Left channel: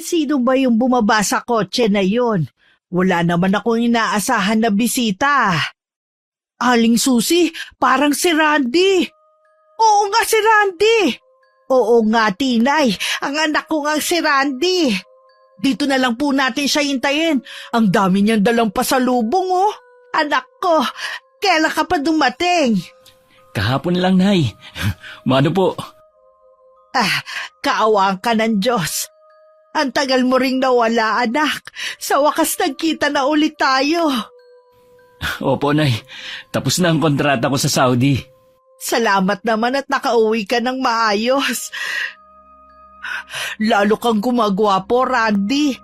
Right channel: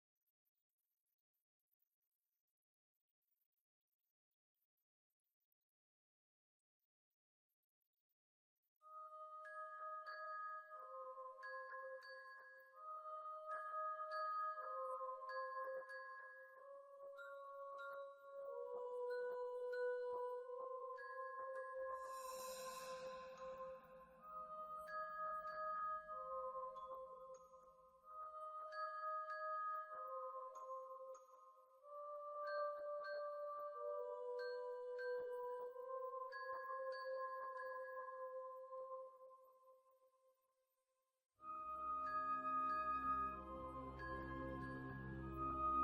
Sino ba yung bumaba sa kotse na yon? Wala naman akong inaasahan na bisita. Aling Susi, parang si Randy. Oo nga si Randy. Oo nga, Tinay. Ang anak ko nga si Randy. Dito na lang po natin siya hintayin. Ang dami niyang dalang pasalubong, oh. Anak ko, kailan ka pa dumating? Kahapon lang, Nay. Mano po? Kaawaan ka ng Diyos. Ang tagal mo ring nawala, anak. Sa wakas nagkita na ulit tayo. Opo, Nay. Tapos na ang kontrata ko sa Saudi. Salamat naman at nakauwi ka ng maayos. Lalo kang gumagwapo, Randy.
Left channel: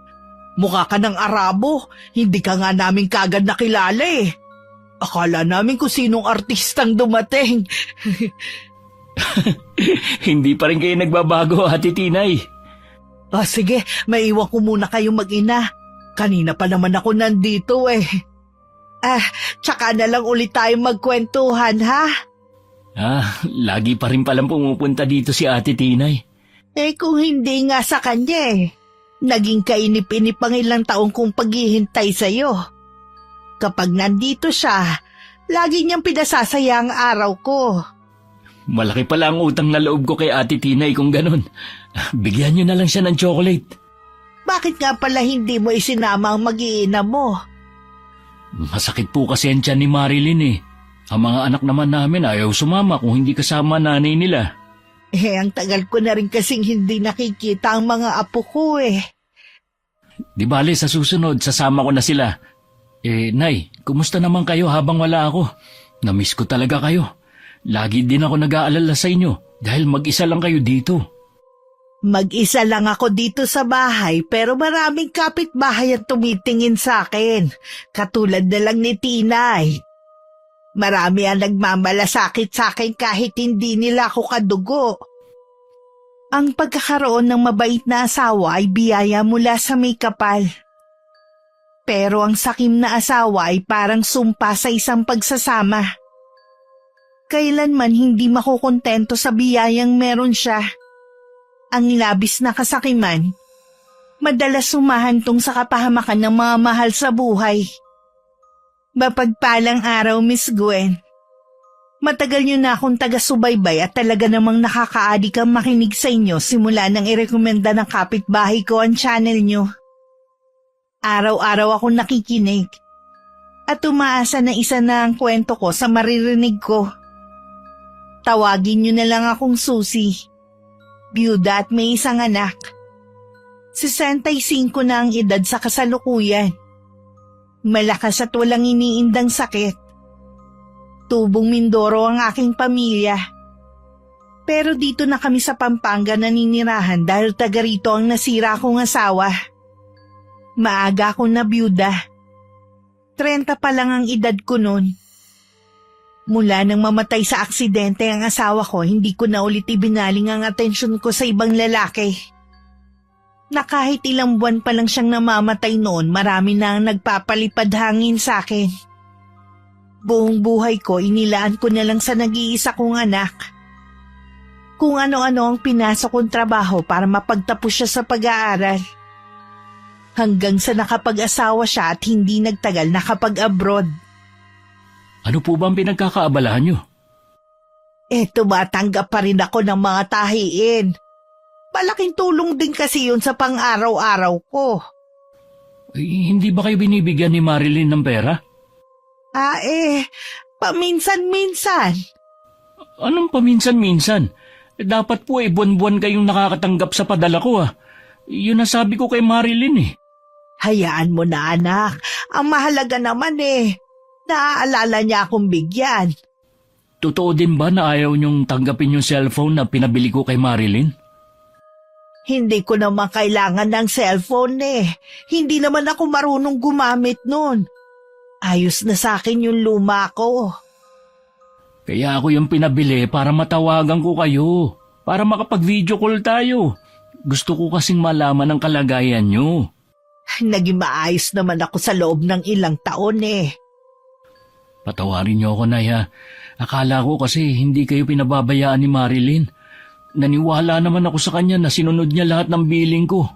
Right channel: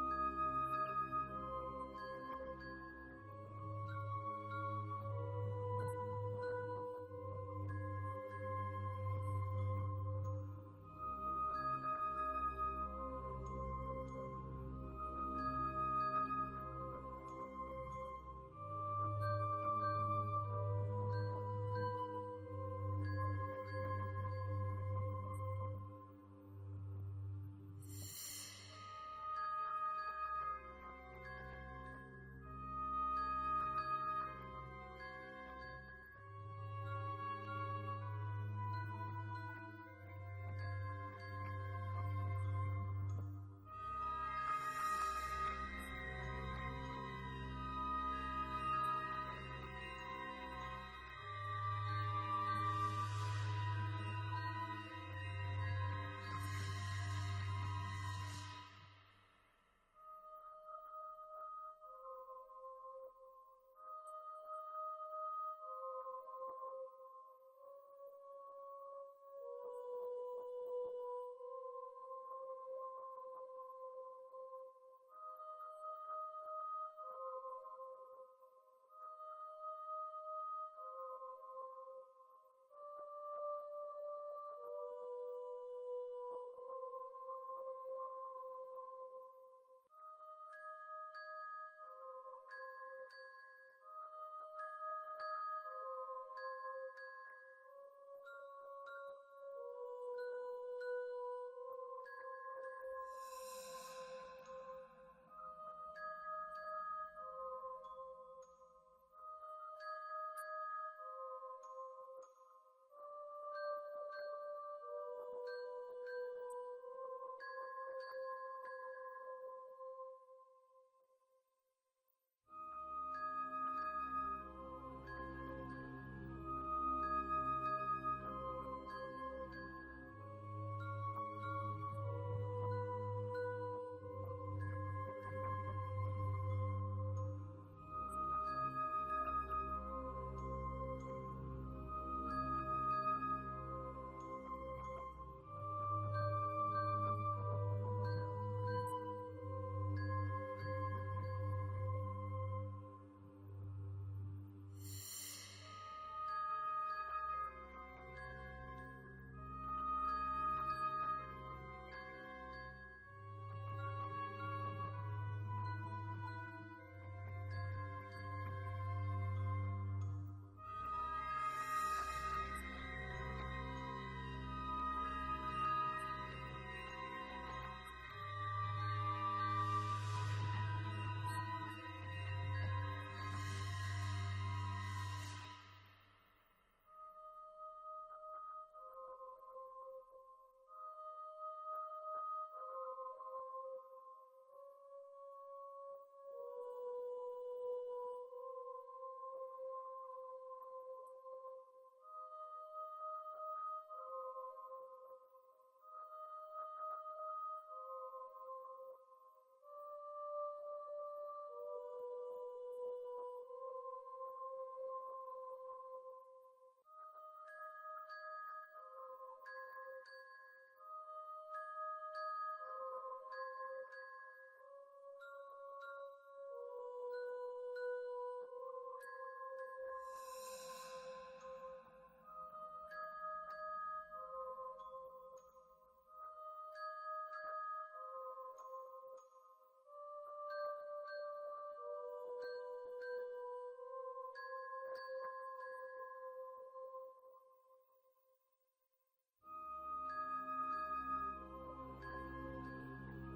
Mukha ka ng Arabo. Hindi ka nga namin kagad nakilala eh. Akala namin kung sinong artistang dumating. Hindi pa rin kayo nagbabago, Ate Tinay. Sige, maiwan ko muna kayong mag-ina. Kanina pa naman ako nandito eh. Tsaka na lang ulit tayong magkwentuhan, ha? Lagi pa rin palang pumupunta dito si Ate Tinay. Kung hindi nga sa kanya eh. Naging kainip-inip ang ilang taong kong paghihintay sa'yo. Kapag nandito siya, lagi niyang pinasasaya ang araw ko. Malaki pala ang utang na loob ko kay Ate Tinay kung ganon. Bigyan niyo na lang siya ng chocolate. Bakit nga pala hindi mo isinama ang mag-iina mo? Masakit po kasi ang tiyan ni Marilyn eh. Ang mga anak naman namin ayaw sumama kung hindi kasama nanay nila. Ang tagal ko na rin kasing hindi nakikita ang mga apo ko eh. Di bale, sa susunod, sasama ko na sila. Nay, kumusta naman kayo habang wala ako? Namiss ko talaga kayo. Lagi din ako nag-aalala sa inyo dahil mag-isa lang kayo dito. Mag-isa lang ako dito sa bahay pero maraming kapitbahay ang tumitingin sa akin. Katulad na lang ni Tinay. Marami ang nagmamalasakit sa akin kahit hindi nila ako kadugo. Ang pagkakaroon ng mabait na asawa ay biyaya mula sa may kapal. Pero ang sakim na asawa ay parang sumpa sa isang pagsasama. Kailanman hindi makukontento sa biyayang meron siya. Ang labis na kasakiman, madalas sumahantong sa kapahamakan ng mga mahal sa buhay. Mapagpalang araw, Miss Gwen. Matagal niyo na akong taga-subaybay at talaga namang nakakaadik ang makinig sa inyo simula nang irekomenda ng kapitbahay ko ang channel niyo. Araw-araw akong nakikinig at umaasa na isa na ang kwento ko sa maririnig ko. Tawagin niyo na lang akong Susi. Byuda at may isang anak. 65 na ang edad sa kasalukuyan. Malakas at walang iniindang sakit. Tubong Mindoro ang aking pamilya. Pero dito na kami sa Pampanga naninirahan dahil taga rito ang nasira akong asawa. Maaga akong nabyuda. 30 pa lang ang edad ko noon. Mula nang mamatay sa aksidente ang asawa ko, hindi ko na ulit ibinaling ang atensyon ko sa ibang lalaki. Na kahit ilang buwan pa lang siyang namamatay noon, marami na ang nagpapalipad hangin sa akin. Buong buhay ko, inilaan ko na lang sa nag-iisa kong anak. Kung ano-ano ang pinasok kong trabaho para mapagtapos siya sa pag-aaral. Hanggang sa nakapag-asawa siya at hindi nagtagal nakapag-abroad. Ano po ba ang pinagkakaabalahan niyo? Tumatanggap pa rin ako ng mga tahiin. Malaking tulong din kasi yun sa pang-araw-araw ko. Hindi ba kayo binibigyan ni Marilyn ng pera? Paminsan-minsan. Anong paminsan-minsan? Dapat po buwan-buwan kayong nakakatanggap sa padala ko Yun ang sabi ko kay Marilyn Hayaan mo na anak. Ang mahalaga naman naaalala niya akong bigyan. Totoo din ba na ayaw niyong tanggapin yung cellphone na pinabili ko kay Marilyn? Hindi ko naman kailangan ng cellphone Hindi naman ako marunong gumamit nun. Ayos na sa akin yung luma ko. Kaya ako yung pinabili para matawagan ko kayo. Para makapag-video call tayo. Gusto ko kasing malaman ang kalagayan niyo. Naging maayos naman ako sa loob ng ilang taon Patawarin niyo ako, Nay. Akala ko kasi hindi kayo pinababayaan ni Marilyn. Naniwala naman ako sa kanya na sinunod niya lahat ng billing ko.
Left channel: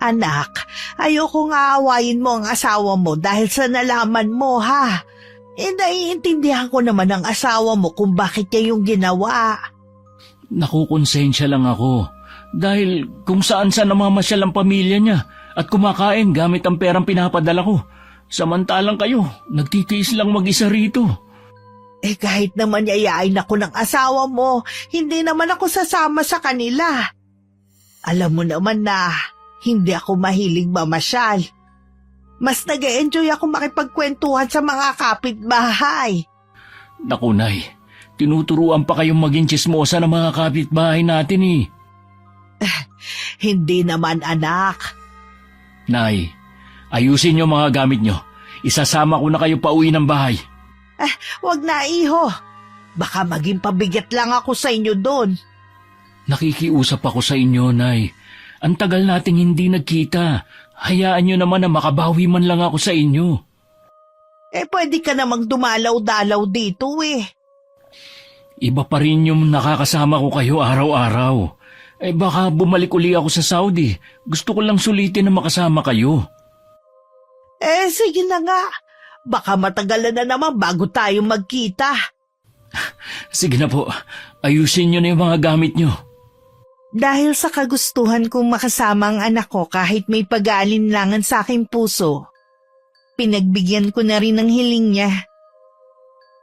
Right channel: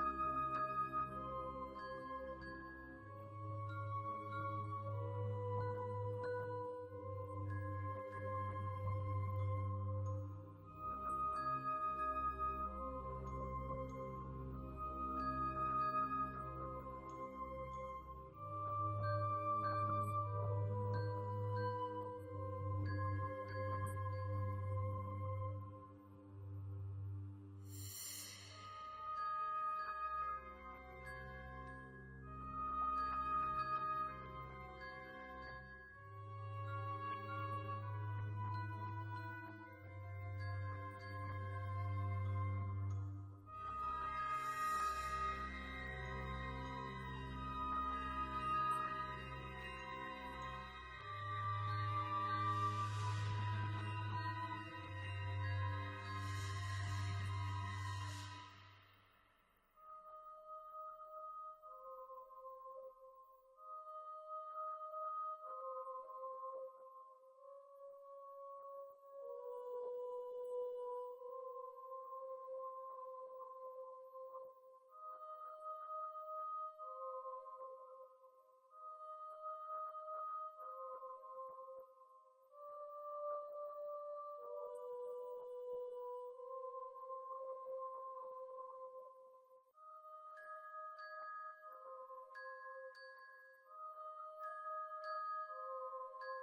Anak, ayokong aawayin mo ang asawa mo dahil sa nalaman mo, ha? Naiintindihan ko naman ang asawa mo kung bakit niya yung ginawa. Nakukonsensya lang ako. Dahil kung saan-saan namamasyal ang pamilya niya at kumakain gamit ang perang pinapadala ko. Samantalang kayo, nagtitiis lang mag-isa rito. Kahit naman yayain ako ng asawa mo, hindi naman ako sasama sa kanila. Alam mo naman na hindi ako mahilig mamasyal. Mas nag-e-enjoy ako makipagkwentuhan sa mga kapitbahay. Naku, Nay, tinuturuan pa kayong maging tsismosa ng mga kapitbahay natin eh. Hindi naman, anak. Nay, ayusin niyo mga gamit niyo. Isasama ko na kayo pauwi ng bahay. Wag na, iho. Baka maging pabigat lang ako sa inyo doon. Nakikiusap ako sa inyo, Nay. Ang tagal nating hindi nagkita. Hayaan niyo naman na makabawi man lang ako sa inyo. Pwede ka namang dumalaw-dalaw dito eh. Iba pa rin yung nakakasama ko kayo araw-araw. Baka bumalik uli ako sa Saudi. Gusto ko lang sulitin na makasama kayo. Sige na nga. Baka matagalan na naman bago tayo magkita. Sige na po, ayusin niyo na yung mga gamit niyo. Dahil sa kagustuhan kong makasama ang anak ko kahit may pag-aalinlangan sa aking puso, pinagbigyan ko na rin ang hiling niya.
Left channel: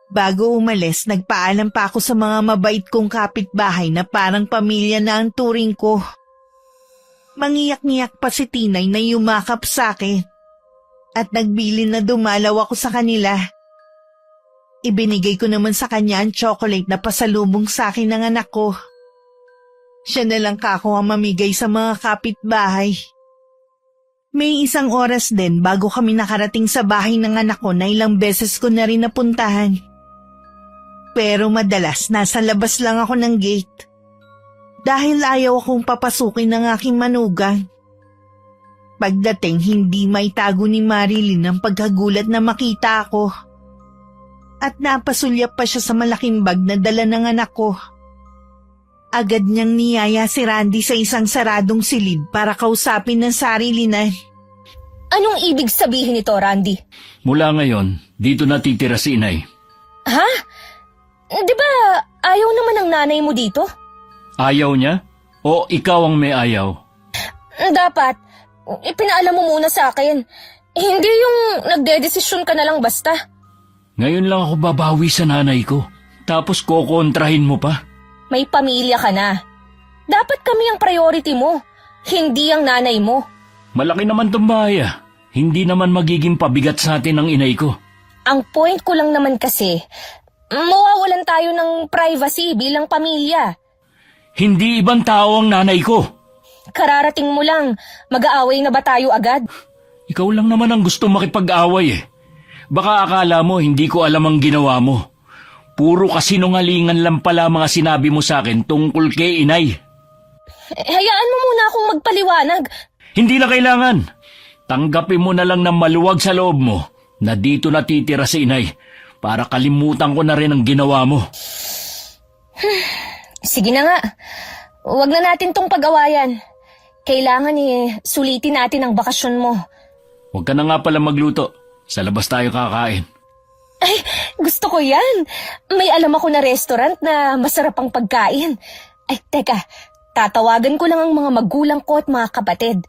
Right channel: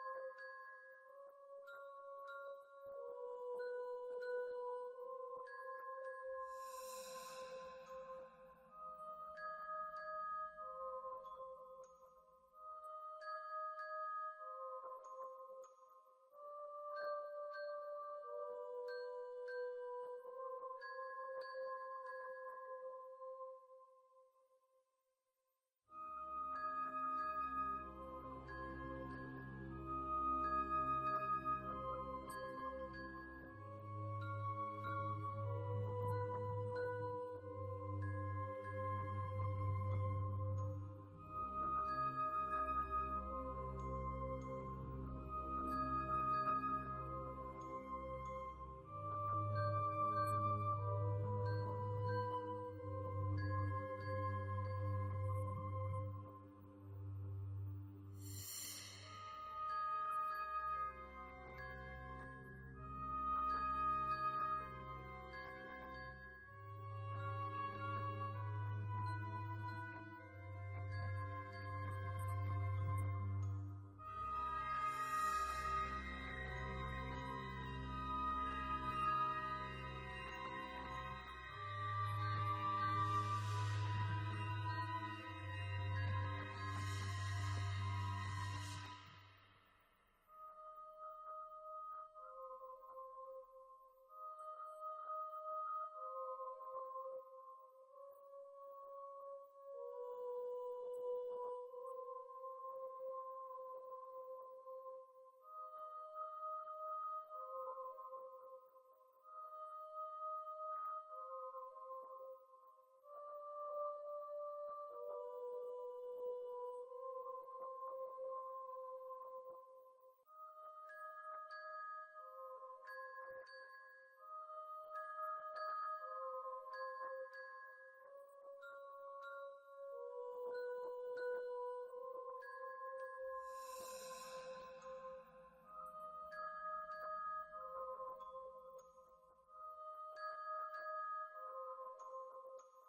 Bago umalis, nagpaalam pa ako sa mga mabait kong kapitbahay na parang pamilya na ang turing ko. Mangiyak-ngiyak pa si Tinay na yumakap sa akin at nagbilin na dumalaw ako sa kanila. Ibinigay ko naman sa kanya ang chocolate na pasalubong sa akin ng anak ko. Siya na lang kako ang mamigay sa mga kapitbahay. May isang oras din bago kami nakarating sa bahay ng anak ko na ilang beses ko na rin napuntahan. Pero madalas nasa labas lang ako ng gate. Dahil ayaw akong papasukin ng aking manugang. Pagdating hindi maitago ni Marilyn ang pagkagulat na makita ako. At napasulyap pa siya sa malaking bag na dala ng anak ko. Agad niyang niyaya si Randy sa isang saradong silid para kausapin ng sarili na. Anong ibig sabihin nito, Randy? Mula ngayon, dito natitira si Inay. Ha? Di ba ayaw naman ng nanay mo dito? Ayaw niya? O ikaw ang may ayaw? Dapat, ipinaalam mo muna sa akin. Hindi yung nagdedesisyon ka na lang basta. Ngayon lang ako babawi sa nanay ko. Tapos kokontrahin mo pa? May pamilya ka na. Dapat kami ang priority mo, hindi ang nanay mo. Malaki naman tong bahay ah. Hindi naman magiging pabigat sa atin ang inay ko. Ang point ko lang naman kasi, mawawalan tayo ng privacy bilang pamilya. Hindi ibang tao ang nanay ko. Kararating mo lang, mag-aaway na ba tayo agad? Ikaw lang naman ang gusto makipag-away eh. Baka akala mo hindi ko alam ang ginawa mo. Puro kasinungalingan lang pala mga sinabi mo sa akin tungkol kay Inay. Hayaan mo muna akong magpaliwanag. Hindi na kailangan. Tanggapin mo na lang ng maluwag sa loob mo na dito natitira si Inay para kalimutan ko na rin ang ginawa mo. Sige na nga. Huwag na natin tong pag-awayan. Kailangan sulitin natin ang bakasyon mo. Huwag ka na nga pala magluto. Sa labas tayo kakain. Ay, gusto ko yan. May alam ako na restaurant na masarap ang pagkain. Ay, teka. Tatawagan ko lang ang mga magulang ko at mga kapatid.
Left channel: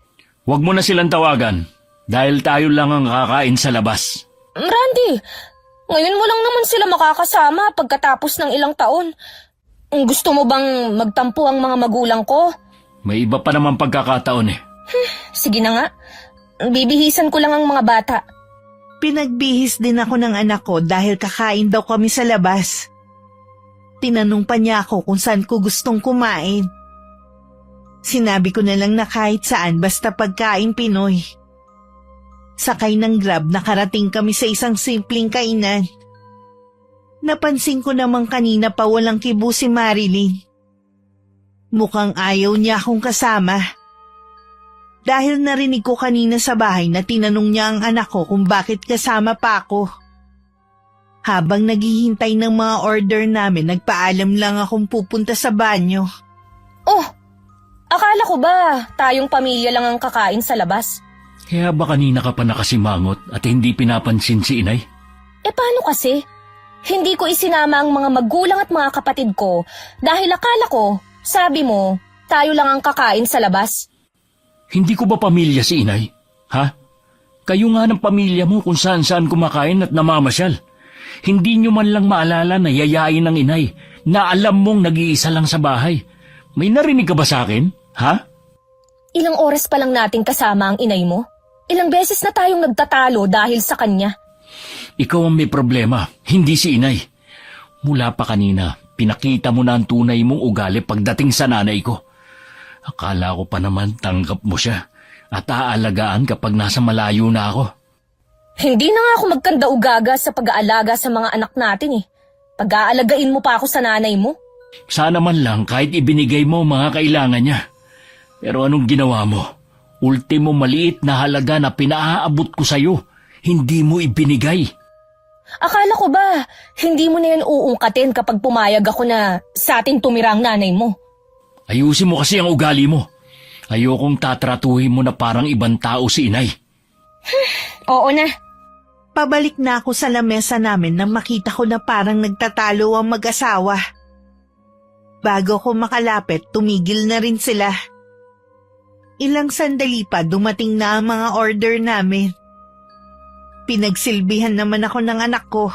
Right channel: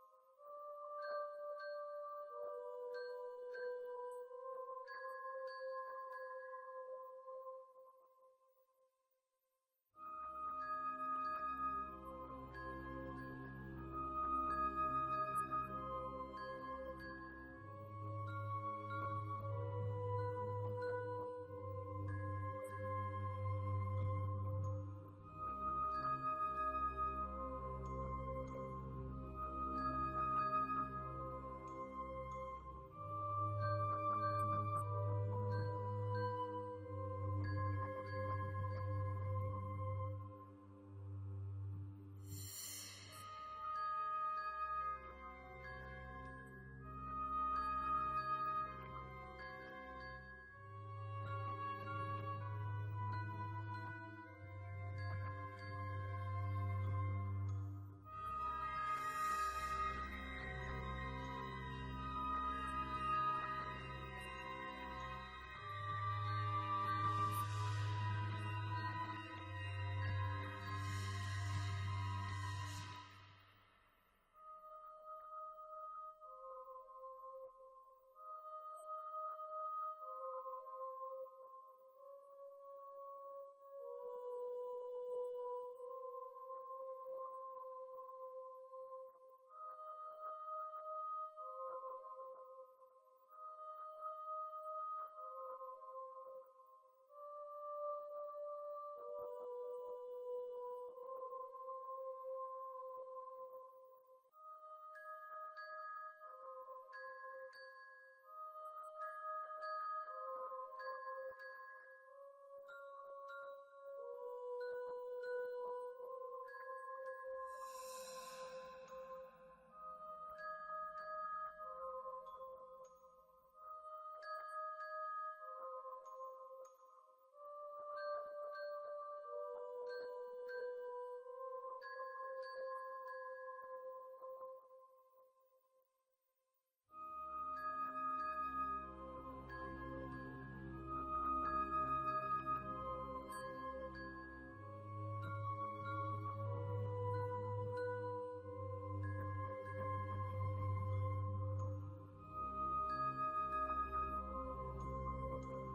Huwag mo na silang tawagan dahil tayo lang ang kakain sa labas. Randy, ngayon mo lang naman sila makakasama pagkatapos ng ilang taon. Gusto mo bang magtampo ang mga magulang ko? May iba pa naman pagkakataon eh. Sige na nga. Bibihisan ko lang ang mga bata. Pinagbihis din ako ng anak ko dahil kakain daw kami sa labas. Tinanong pa niya ako kung saan ko gustong kumain. Sinabi ko na lang na kahit saan basta pagkain Pinoy. Sakay ng Grab nakarating kami sa isang simpleng kainan. Napansin ko namang kanina pa walang kibo si Marilyn. Mukhang ayaw niya akong kasama. Dahil narinig ko kanina sa bahay na tinanong niya ang anak ko kung bakit kasama pa ako. Habang naghihintay ng mga order namin, nagpaalam lang akong pupunta sa banyo. Oh, akala Akala ko ba tayong pamilya lang ang kakain sa labas? Kaya ba kanina ka pa nakasimangot at hindi pinapansin si inay? Paano kasi? Hindi ko isinama ang mga magulang at mga kapatid ko dahil akala ko, sabi mo, tayo lang ang kakain sa labas. Hindi ko ba pamilya si inay? Ha? Kayo nga ng pamilya mo kung saan-saan kumakain at namamasyal. Hindi nyo man lang maalala na yayain ng inay na alam mong nag-iisa lang sa bahay. May narinig ka ba sa akin? Ha? Ilang oras pa lang nating kasama ang inay mo? Ilang beses na tayong nagtatalo dahil sa kanya. Ikaw ang may problema, hindi si inay. Mula pa kanina, pinakita mo na ang tunay mong ugali pagdating sa nanay ko. Akala ko pa naman tanggap mo siya at aalagaan kapag nasa malayo na ako. Hindi na nga ako magkanda-ugaga sa pag-aalaga sa mga anak natin eh. Pag-aalagain mo pa ako sa nanay mo. Sana man lang kahit ibinigay mo mga kailangan niya. Pero anong ginawa mo? Ultimo maliit na halaga na pinaaabot ko sa'yo, hindi mo ibinigay. Akala ko ba, hindi mo na yan uungkatin kapag pumayag ako na sa atin tumira ang nanay mo? Ayusin mo kasi ang ugali mo. Ayokong tatratuhin mo na parang ibang tao si inay. Oo na. Pabalik na ako sa lamesa namin nang makita ko na parang nagtatalo ang mag-asawa. Bago ko makalapit, tumigil na rin sila. Ilang sandali pa dumating na ang mga order namin. Pinagsilbihan naman ako ng anak ko.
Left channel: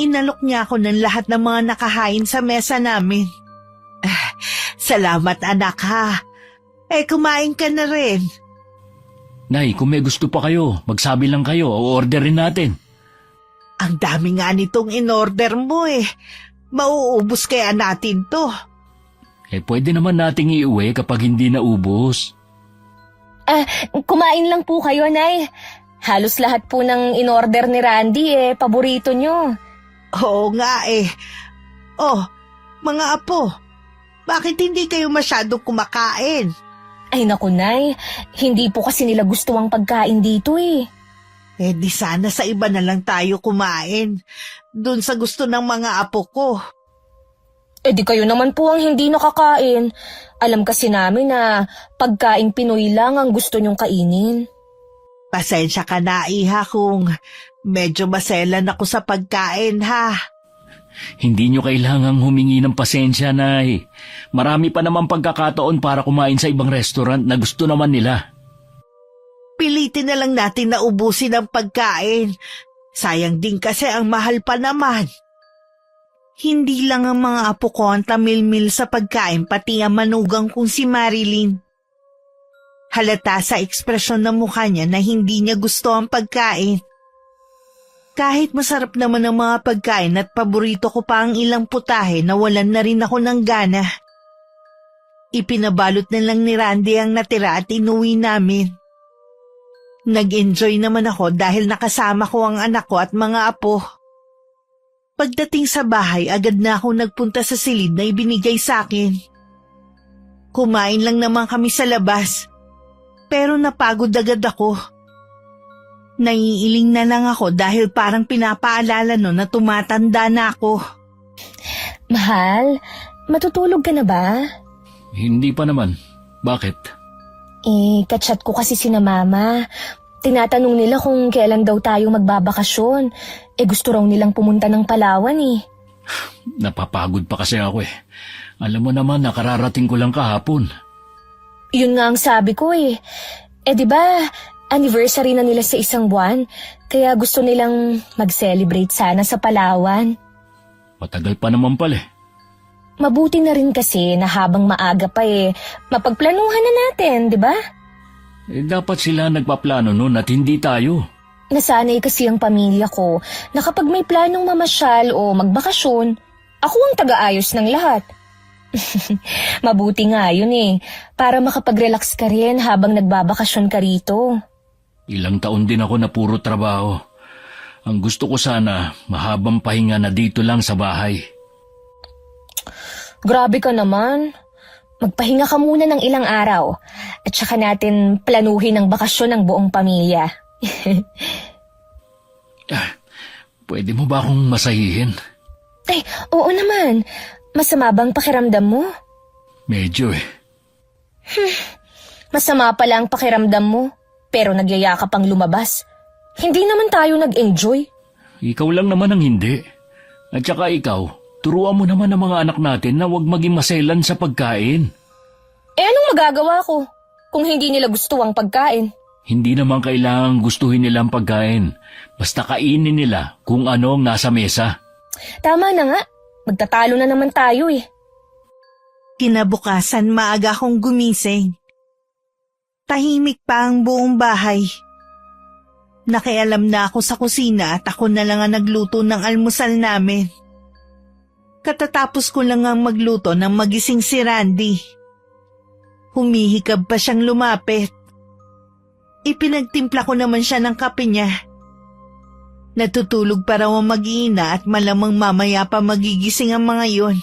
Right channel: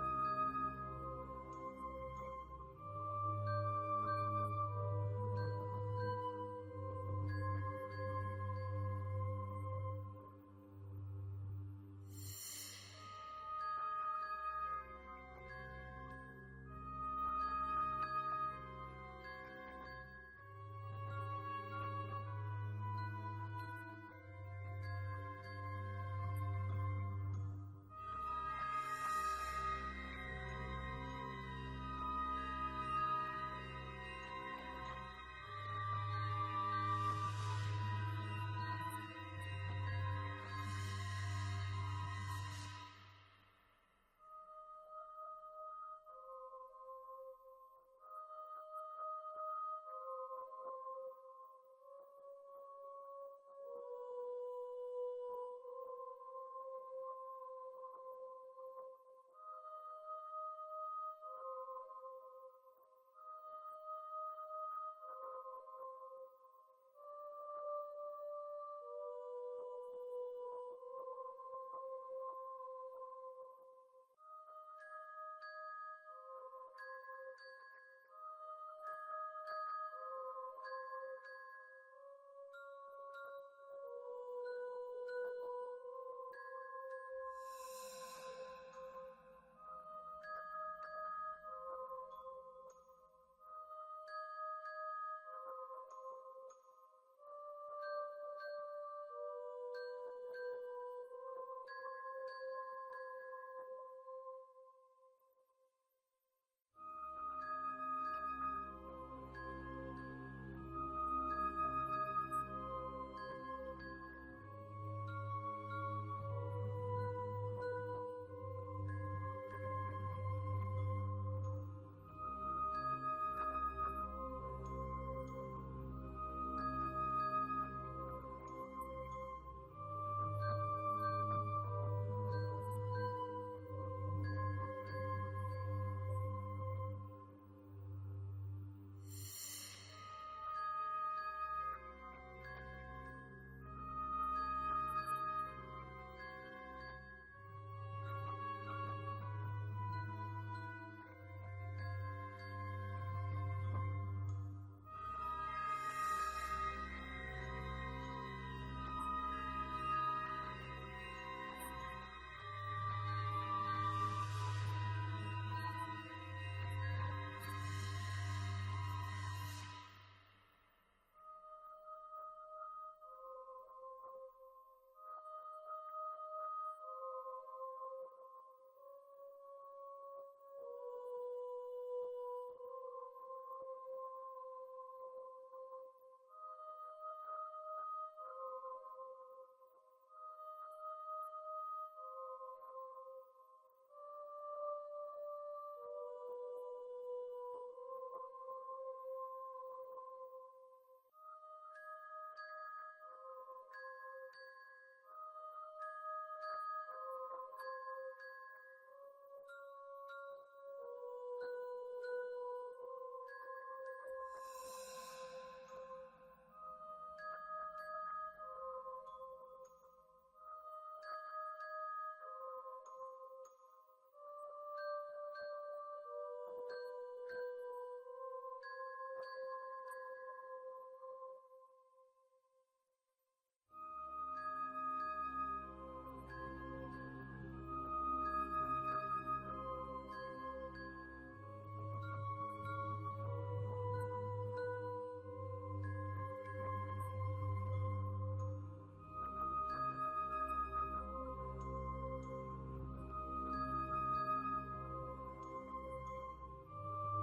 Inalok niya ako ng lahat ng mga nakahain sa mesa namin. Salamat anak ha. Kumain ka na rin. Nay, kung may gusto pa kayo, magsabi lang kayo o orderin natin. Ang dami nga nitong in-order mo eh. Mauubos kaya natin to. Pwede naman nating iuwi kapag hindi naubos. Kumain lang po kayo, Nay. Halos lahat po ng in-order ni Randy paborito nyo. Oo nga eh. Oh, mga apo, bakit hindi kayo masyadong kumakain? Ay naku, Nay. Hindi po kasi nila gusto ang pagkain dito eh. Di sana sa iba na lang tayo kumain. Doon sa gusto ng mga apo ko. Di kayo naman po ang hindi nakakain. Alam kasi namin na pagkain Pinoy lang ang gusto nyong kainin. Pasensya ka na, iha, kung medyo maselan ako sa pagkain, ha? Hindi nyo kailangang humingi ng pasensya, Nay. Marami pa naman pagkakataon para kumain sa ibang restaurant na gusto naman nila. Pilitin na lang natin na ubusin ang pagkain. Sayang din kasi ang mahal pa naman. Hindi lang ang mga apo ko ang tamilmil sa pagkain, pati ang manugang kong si Marilyn. Halata sa ekspresyon ng mukha niya na hindi niya gusto ang pagkain. Kahit masarap naman ang mga pagkain at paborito ko pa ang ilang putahe, nawalan na rin ako ng gana. Ipinabalot na lang ni Randy ang natira at inuwi namin. Nag-enjoy naman ako dahil nakasama ko ang anak ko at mga apo. Pagdating sa bahay, agad na ako nagpunta sa silid na ibinigay sa akin. Kumain lang naman kami sa labas, pero napagod agad ako. Naiiling na lang ako dahil parang pinapaalala no na tumatanda na ako. Mahal, matutulog ka na ba? Hindi pa naman. Bakit? Kachat ko kasi sina mama. Tinatanong nila kung kailan daw tayo magbabakasyon. Gusto raw nilang pumunta ng Palawan eh. Napapagod pa kasi ako eh. Alam mo naman, nakararating ko lang kahapon. Yun nga ang sabi ko eh. Di ba, anniversary na nila sa isang buwan, kaya gusto nilang mag-celebrate sana sa Palawan. Matagal pa naman pala eh. Mabuti na rin kasi na habang maaga pa mapagplanuhan na natin, di ba? Dapat sila nagpaplano nun at hindi tayo. Nasanay kasi ang pamilya ko na kapag may planong mamasyal o magbakasyon, ako ang taga-ayos ng lahat. Mabuti nga yun para makapag-relax ka rin habang nagbabakasyon ka rito. Ilang taon din ako na puro trabaho. Ang gusto ko sana, mahabang pahinga na dito lang sa bahay. Grabe ka naman. Magpahinga ka muna ng ilang araw at saka natin planuhin ang bakasyon ng buong pamilya. Pwede mo ba akong masahihin? Oo naman. Masama bang pakiramdam mo? Medyo Masama pala ang pakiramdam mo, pero nagyaya ka pang lumabas. Hindi naman tayo nag-enjoy. Ikaw lang naman ang hindi. At saka ikaw, turuan mo naman ang mga anak natin na huwag maging maselan sa pagkain. Eh anong magagawa ko kung hindi nila gusto ang pagkain? Hindi naman kailangang gustuhin nila ang pagkain. Basta kainin nila kung ano ang nasa mesa. Tama na nga, magtatalo na naman tayo eh. Kinabukasan maaga akong gumising. Tahimik pa ang buong bahay. Nakialam na ako sa kusina at ako na lang ang nagluto ng almusal namin. Katatapos ko lang ang magluto nang magising si Randy. Humihikab pa siyang lumapit. Ipinagtimpla ko naman siya ng kape niya. Natutulog pa raw ang mag-iina at malamang mamaya pa magigising ang mga yon.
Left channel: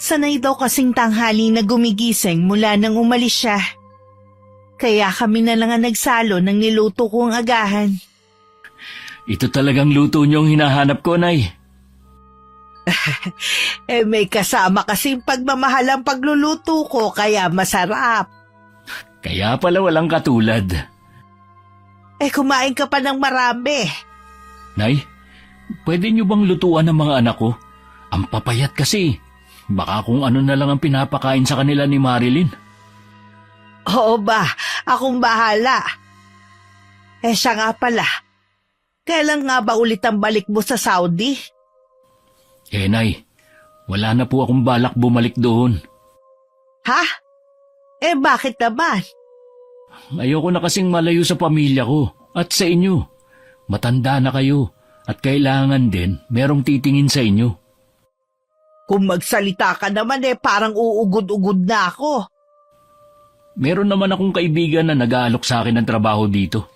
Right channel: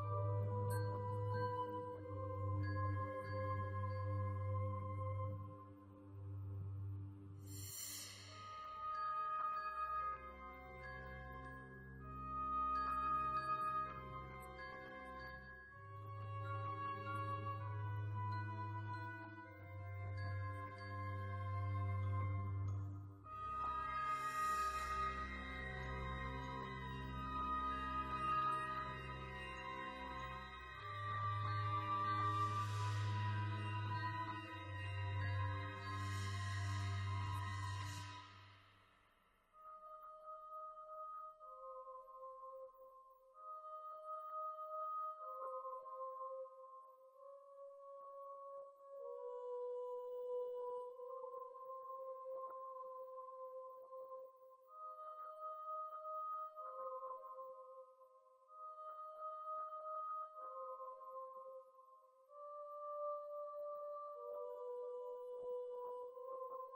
Sanay daw kasing tanghali na gumigising mula nang umalis siya. Kaya kami na lang ang nagsalo ng niluto kong agahan. Ito talagang luto niyong hinahanap ko, Nay. May kasama kasing pagmamahal ang pagluluto ko kaya masarap. Kaya pala walang katulad. Kumain ka pa ng marami. Nay, pwede niyo bang lutuan ng mga anak ko? Ang papayat kasi. Baka kung ano na lang ang pinapakain sa kanila ni Marilyn. Oo ba, akong bahala. Siya nga pala. Kailan nga ba ulit ang balik mo sa Saudi? Nay, wala na po akong balak bumalik doon. Ha? Bakit naman? Ayoko na kasing malayo sa pamilya ko at sa inyo. Matanda na kayo at kailangan din merong titingin sa inyo. Kung magsalita ka naman parang uugod-ugod na ako. Meron naman akong kaibigan na nag-aalok sa akin ng trabaho dito.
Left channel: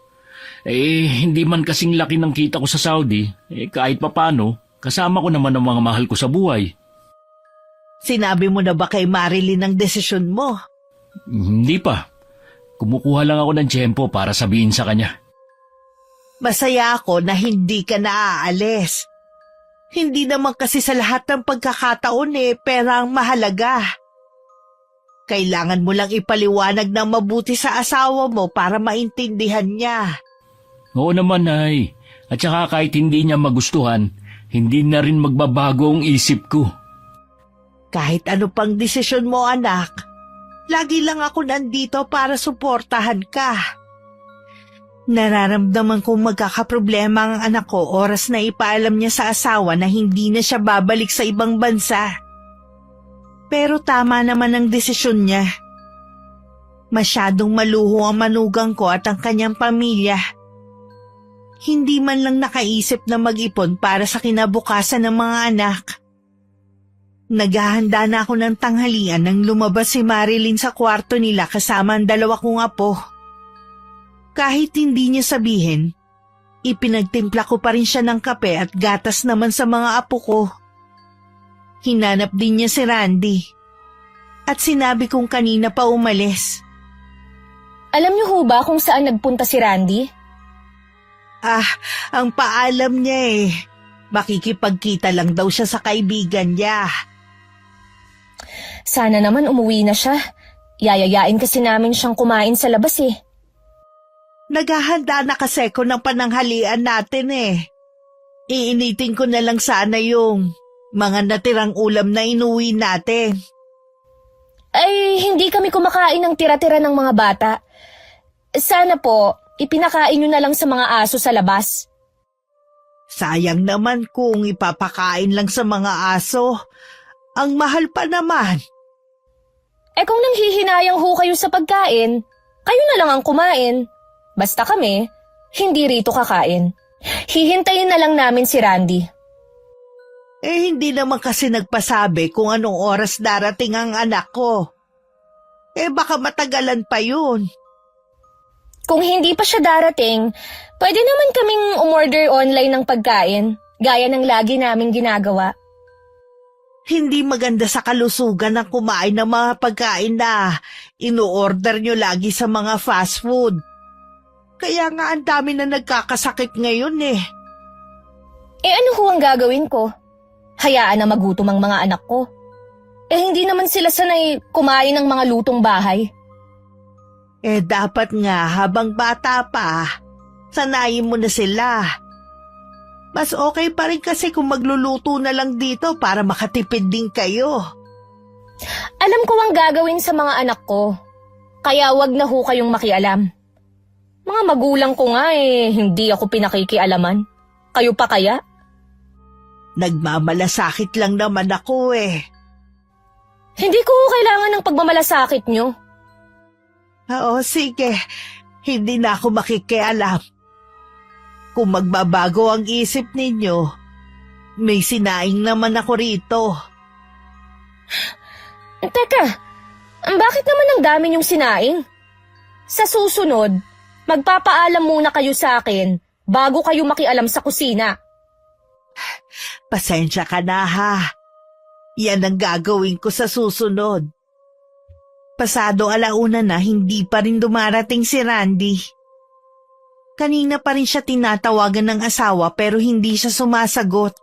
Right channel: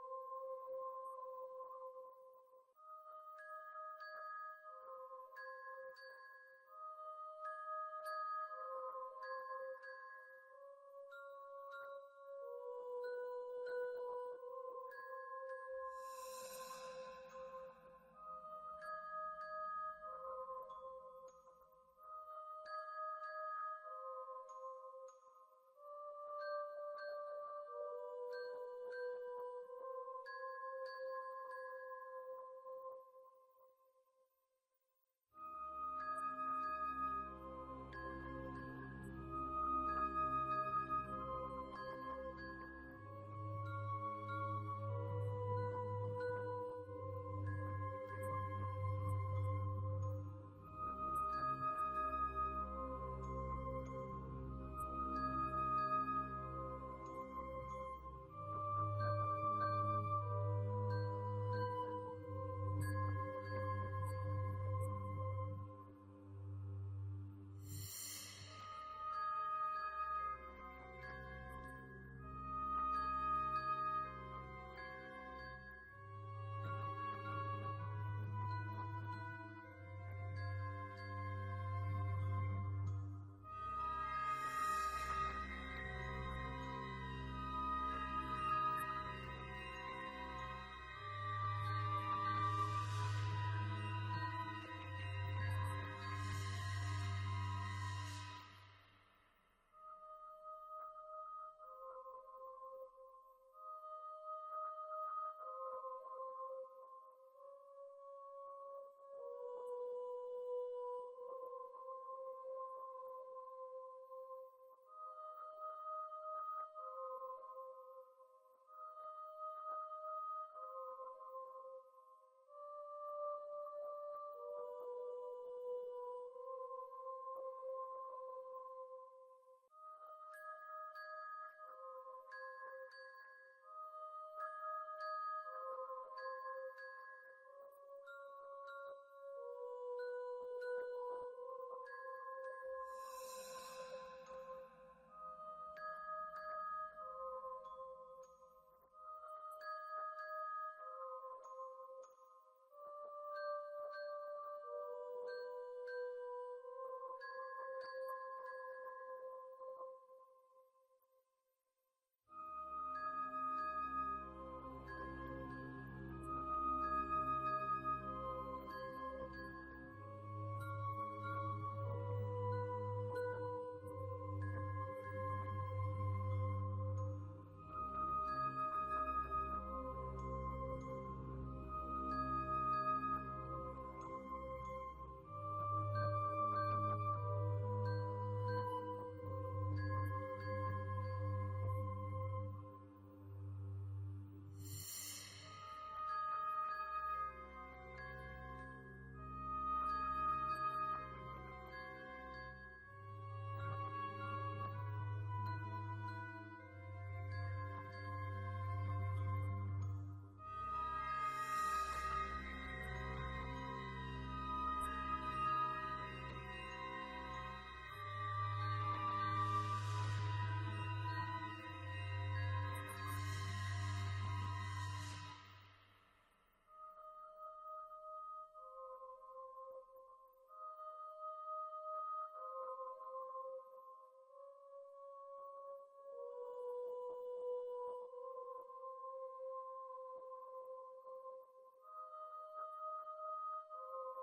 Hindi man kasing laki ng kita ko sa Saudi, kahit papano, kasama ko naman ang mga mahal ko sa buhay. Sinabi mo na ba kay Marilyn ang desisyon mo? Hindi pa. Kumukuha lang ako ng tiyempo para sabihin sa kanya. Masaya ako na hindi ka naaalis. Hindi naman kasi sa lahat ng pagkakataon pera ang mahalaga. Kailangan mo lang ipaliwanag ng mabuti sa asawa mo para maintindihan niya. Oo naman, Nay. At saka kahit hindi niya magustuhan, hindi na rin magbabago ang isip ko. Kahit ano pang desisyon mo, anak, lagi lang ako nandito para suportahan ka. Nararamdaman kong magkakaproblema ang anak ko oras na ipaalam niya sa asawa na hindi na siya babalik sa ibang bansa. Pero tama naman ang desisyon niya. Masyadong maluho ang manugang ko at ang kanyang pamilya. Hindi man lang nakaisip na mag-ipon para sa kinabukasan ng mga anak. Naghahanda na ako ng tanghalian nang lumabas si Marilyn sa kwarto nila kasama ang dalawa kong apo. Kahit hindi niya sabihin, ipinagtimpla ko pa rin siya ng kape at gatas naman sa mga apo ko. Hinanap din niya si Randy. At sinabi kong kanina pa umalis. Alam niyo ho ba kung saan nagpunta si Randy? Ang paalam niya makikipagkita lang daw siya sa kaibigan niya. Sana naman umuwi na siya. Yayayain kasi namin siyang kumain sa labas Naghahanda na kasi ko ng pananghalian natin Iinitin ko na lang sana yung mga natirang ulam na inuwi natin. Ay, hindi kami kumakain ng tira-tira ng mga bata. Sana po, ipinakain nyo na lang sa mga aso sa labas. Sayang naman kung ipapakain lang sa mga aso. Ang mahal pa naman. Kung nanghihinayang ho kayo sa pagkain, kayo na lang ang kumain. Basta kami, hindi rito kakain. Hihintayin na lang namin si Randy. Hindi naman kasi nagpasabi kung anong oras darating ang anak ko. Baka matagalan pa yun. Kung hindi pa siya darating, pwede naman kaming umorder online ng pagkain, gaya ng lagi naming ginagawa. Hindi maganda sa kalusugan ang kumain ng mga pagkain na ino-order nyo lagi sa mga fast food. Kaya nga ang dami na nagkakasakit ngayon Ano ho ang gagawin ko? Hayaan na magutom ang mga anak ko. Hindi naman sila sanay kumain ng mga lutong bahay. Dapat nga habang bata pa, sanayin mo na sila. Mas okay pa rin kasi kung magluluto na lang dito para makatipid din kayo. Alam ko ang gagawin sa mga anak ko, kaya wag na ho kayong makialam. Mga magulang ko nga hindi ako pinakikialaman. Kayo pa kaya? Nagmamalasakit lang naman ako Hindi ko kailangan ng pagmamalasakit nyo. Oo, sige. Hindi na ako makikialam. Kung magbabago ang isip ninyo, may sinaing naman ako rito. Teka, bakit naman ang dami niyong sinaing? Sa susunod, magpapaalam muna kayo sa akin bago kayo makialam sa kusina. Pasensya ka na ha. Yan ang gagawin ko sa susunod. Pasado alauna na hindi pa rin dumarating si Randy. Kanina pa rin siya tinatawagan ng asawa pero hindi siya sumasagot.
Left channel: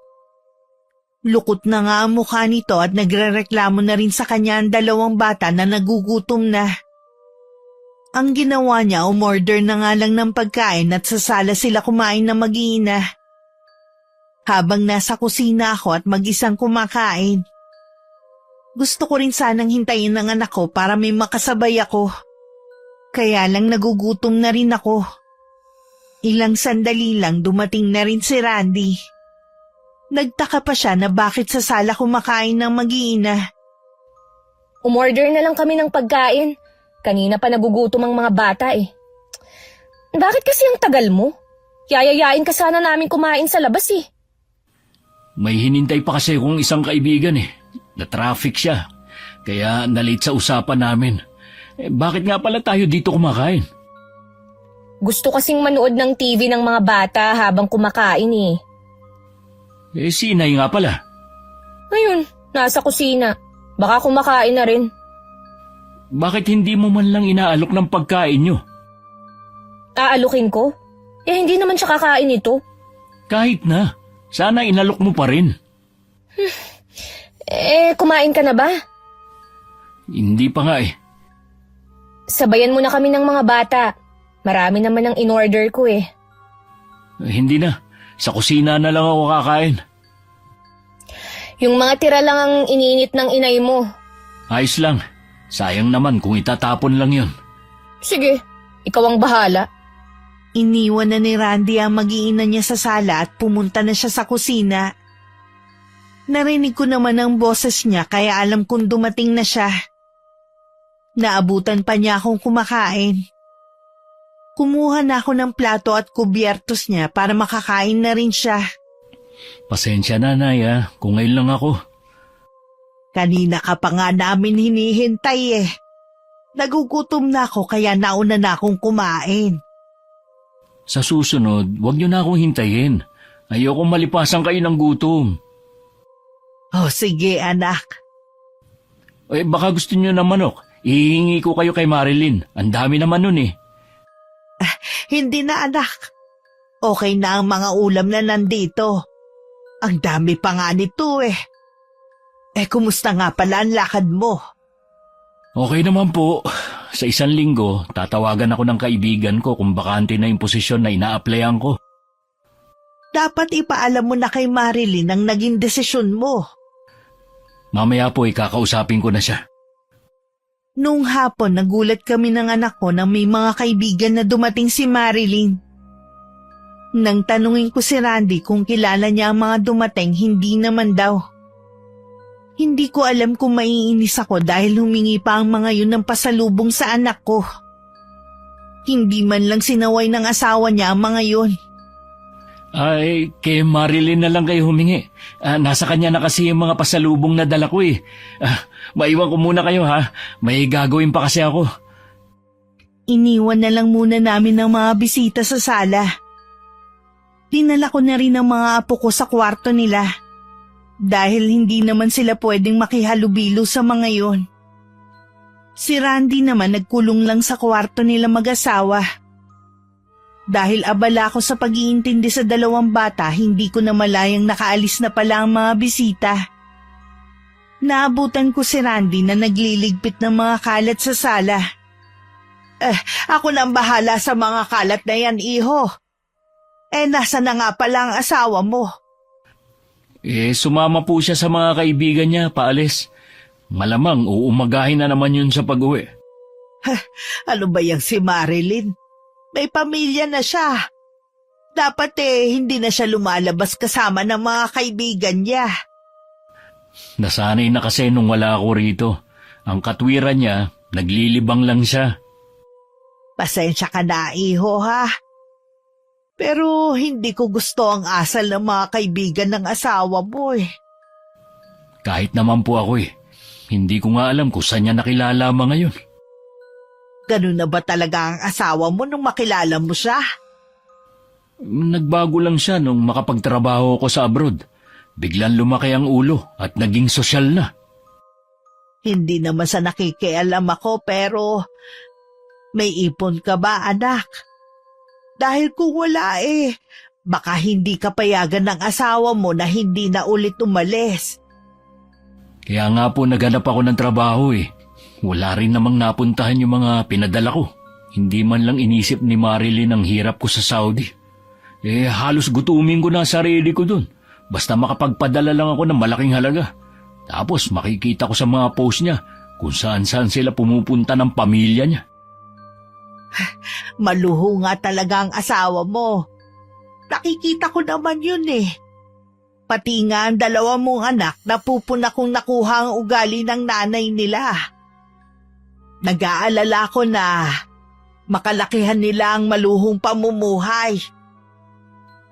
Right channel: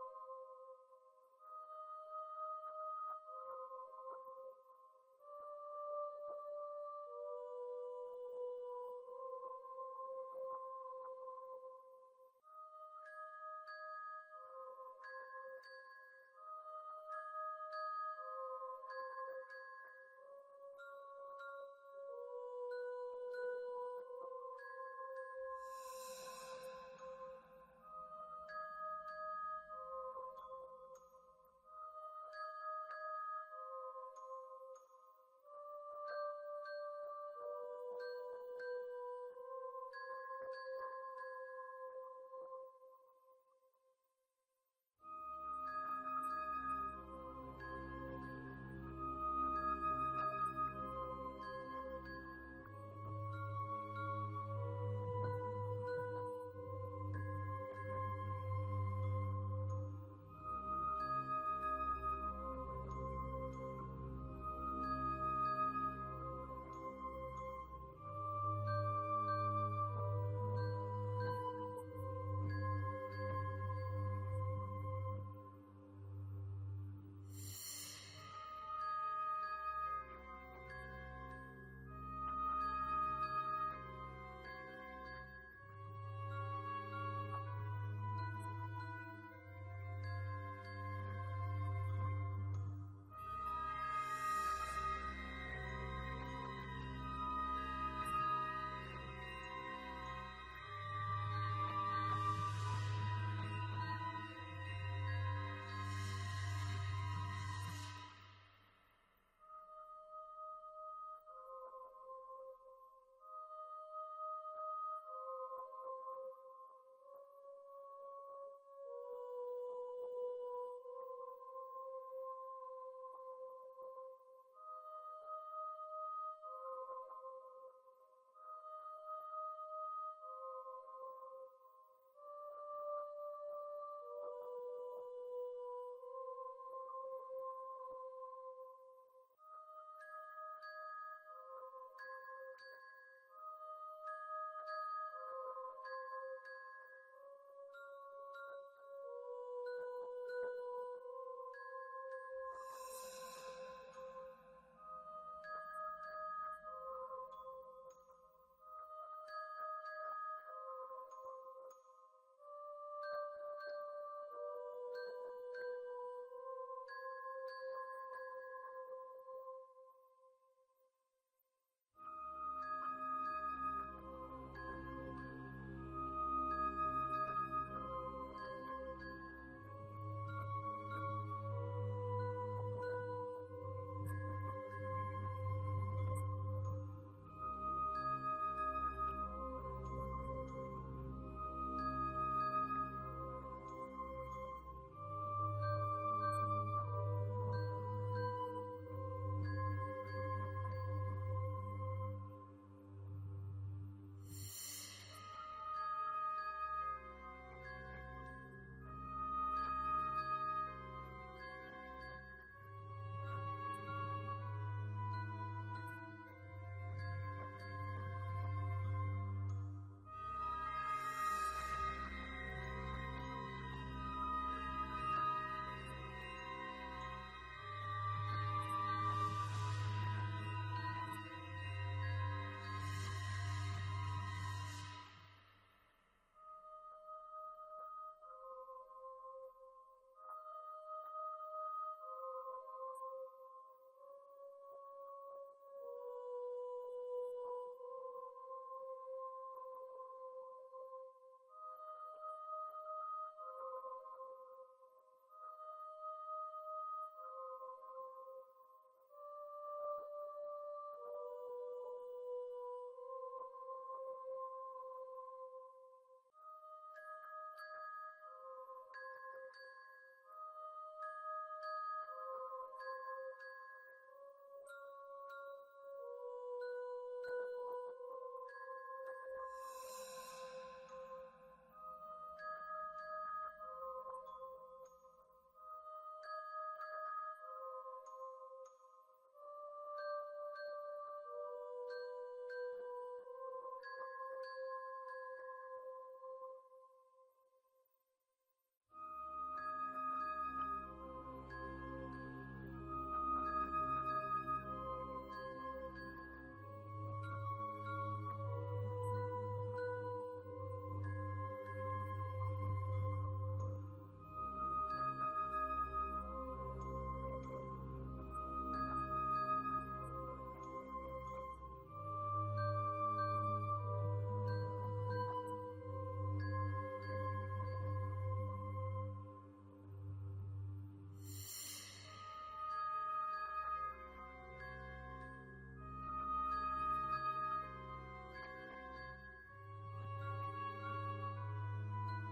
Lukot na nga ang mukha nito at nagrereklamo na rin sa kanya ang dalawang bata na nagugutom na. Ang ginawa niya, umorder na nga lang ng pagkain at sa sala sila kumain na mag-iina. Habang nasa kusina ako at mag-isang kumakain. Gusto ko rin sanang hintayin ng anak ko para may makasabay ako. Kaya lang nagugutom na rin ako. Ilang sandali lang dumating na rin si Randy. Nagtaka pa siya na bakit sa sala kumakain ng mag-iina. Umorder na lang kami ng pagkain. Kanina pa nagugutom ang mga bata Bakit kasi ang tagal mo? Yayayain ka sana namin kumain sa labas May hinintay pa kasi akong isang kaibigan Na-traffic siya. Kaya nalate sa usapan namin. Bakit nga pala tayo dito kumakain? Gusto kasing manood ng TV ng mga bata habang kumakain Si Inay nga pala. Ngayon, nasa kusina. Baka kumakain na rin. Bakit hindi mo man lang inaalok ng pagkain nyo? Aalukin ko? Hindi naman siya kakain ito. Kahit na. Sana inalok mo pa rin. Kumain ka na ba? Hindi pa nga Sabayan mo na kami ng mga bata. Marami naman ang in-order ko Hindi na. Sa kusina na lang ako kakain. Yung mga tira lang ang iniinit ng inay mo. Ayos lang. Sayang naman kung itatapon lang yun. Sige, ikaw ang bahala. Iniwan na ni Randy ang mag-iina niya sa sala at pumunta na siya sa kusina. Narinig ko naman ang boses niya kaya alam kong dumating na siya. Naabutan pa niya akong kumakain. Kumuha na ako ng plato at kubyertos niya para makakain na rin siya. Pasensya na, Nay, kung ngayon lang ako. Kanina ka pa nga namin hinihintay Nagugutom na ako kaya nauna na akong kumain. Sa susunod, huwag niyo na akong hintayin. Ayokong malipasan kayo ng gutom. Oh, sige anak. Baka gusto niyo ng manok. Ihingi ko kayo kay Marilyn. Ang dami naman nun Hindi na anak. Okay na ang mga ulam na nandito. Ang dami pa nga nito kumusta nga pala ang lakad mo? Okay naman po. Sa 1 linggo, tatawagan ako ng kaibigan ko kung bakante na yung posisyon na ina-applyan ko. Dapat ipaalam mo na kay Marilyn ang naging desisyon mo. Mamaya po kakausapin ko na siya. Noong hapon, nagulat kami ng anak ko na may mga kaibigan na dumating si Marilyn. Nang tanungin ko si Randy kung kilala niya ang mga dumating, hindi naman daw. Hindi ko alam kung maiinis ako dahil humingi pa ang mga yun ng pasalubong sa anak ko. Hindi man lang sinaway ng asawa niya ang mga yun. Kay Marilyn na lang kayo humingi. Nasa kanya na kasi yung mga pasalubong na dala ko maiwan ko muna kayo May gagawin pa kasi ako. Iniwan na lang muna namin ng mga bisita sa sala. Dinala ko na rin ang mga apo ko sa kwarto nila. Dahil hindi naman sila pwedeng makihalubilo sa mga yon. Si Randy naman nagkulong lang sa kwarto nila mag-asawa. Dahil abala ako sa pag-iintindi sa dalawang bata, hindi ko na malayang nakaalis na pala ang mga bisita. Naabutan ko si Randy na nagliligpit ng mga kalat sa sala. Ako na ang bahala sa mga kalat na yan, iho. Nasa na nga pala ang asawa mo? Sumama po siya sa mga kaibigan niya, paalis. Malamang uumagahin na naman yun sa pag-uwi. Ano ba yung si Marilyn? May pamilya na siya. Dapat hindi na siya lumalabas kasama ng mga kaibigan niya. Nasanay na kasi nung wala ako rito. Ang katwiran niya, naglilibang lang siya. Pasensya ka na, iho, ha? Pero hindi ko gusto ang asal ng mga kaibigan ng asawa mo Kahit naman po ako Hindi ko nga alam kung saan niya nakilala ngayon. Ganun na ba talaga ang asawa mo nung makilala mo siya? Nagbago lang siya nung makapagtrabaho ko sa abroad. Biglang lumaki ang ulo at naging sosyal na. Hindi naman sa nakikialam ako pero may ipon ka ba, anak? Dahil kung wala baka hindi ka payagan ng asawa mo na hindi na ulit umalis. Kaya nga po naghanap ako ng trabaho Wala rin namang napuntahan yung mga pinadala ko. Hindi man lang inisip ni Marilyn ang hirap ko sa Saudi. Halos gutumin ko na sarili ko dun. Basta makapagpadala lang ako ng malaking halaga. Tapos makikita ko sa mga post niya kung saan-saan sila pumupunta ng pamilya niya. Maluho nga talaga ang asawa mo. Nakikita ko naman yun Pati nga ang dalawa mong anak napupuna kong nakuha ang ugali ng nanay nila. Nag-aalala ko na makalakihan nila ang maluhong pamumuhay.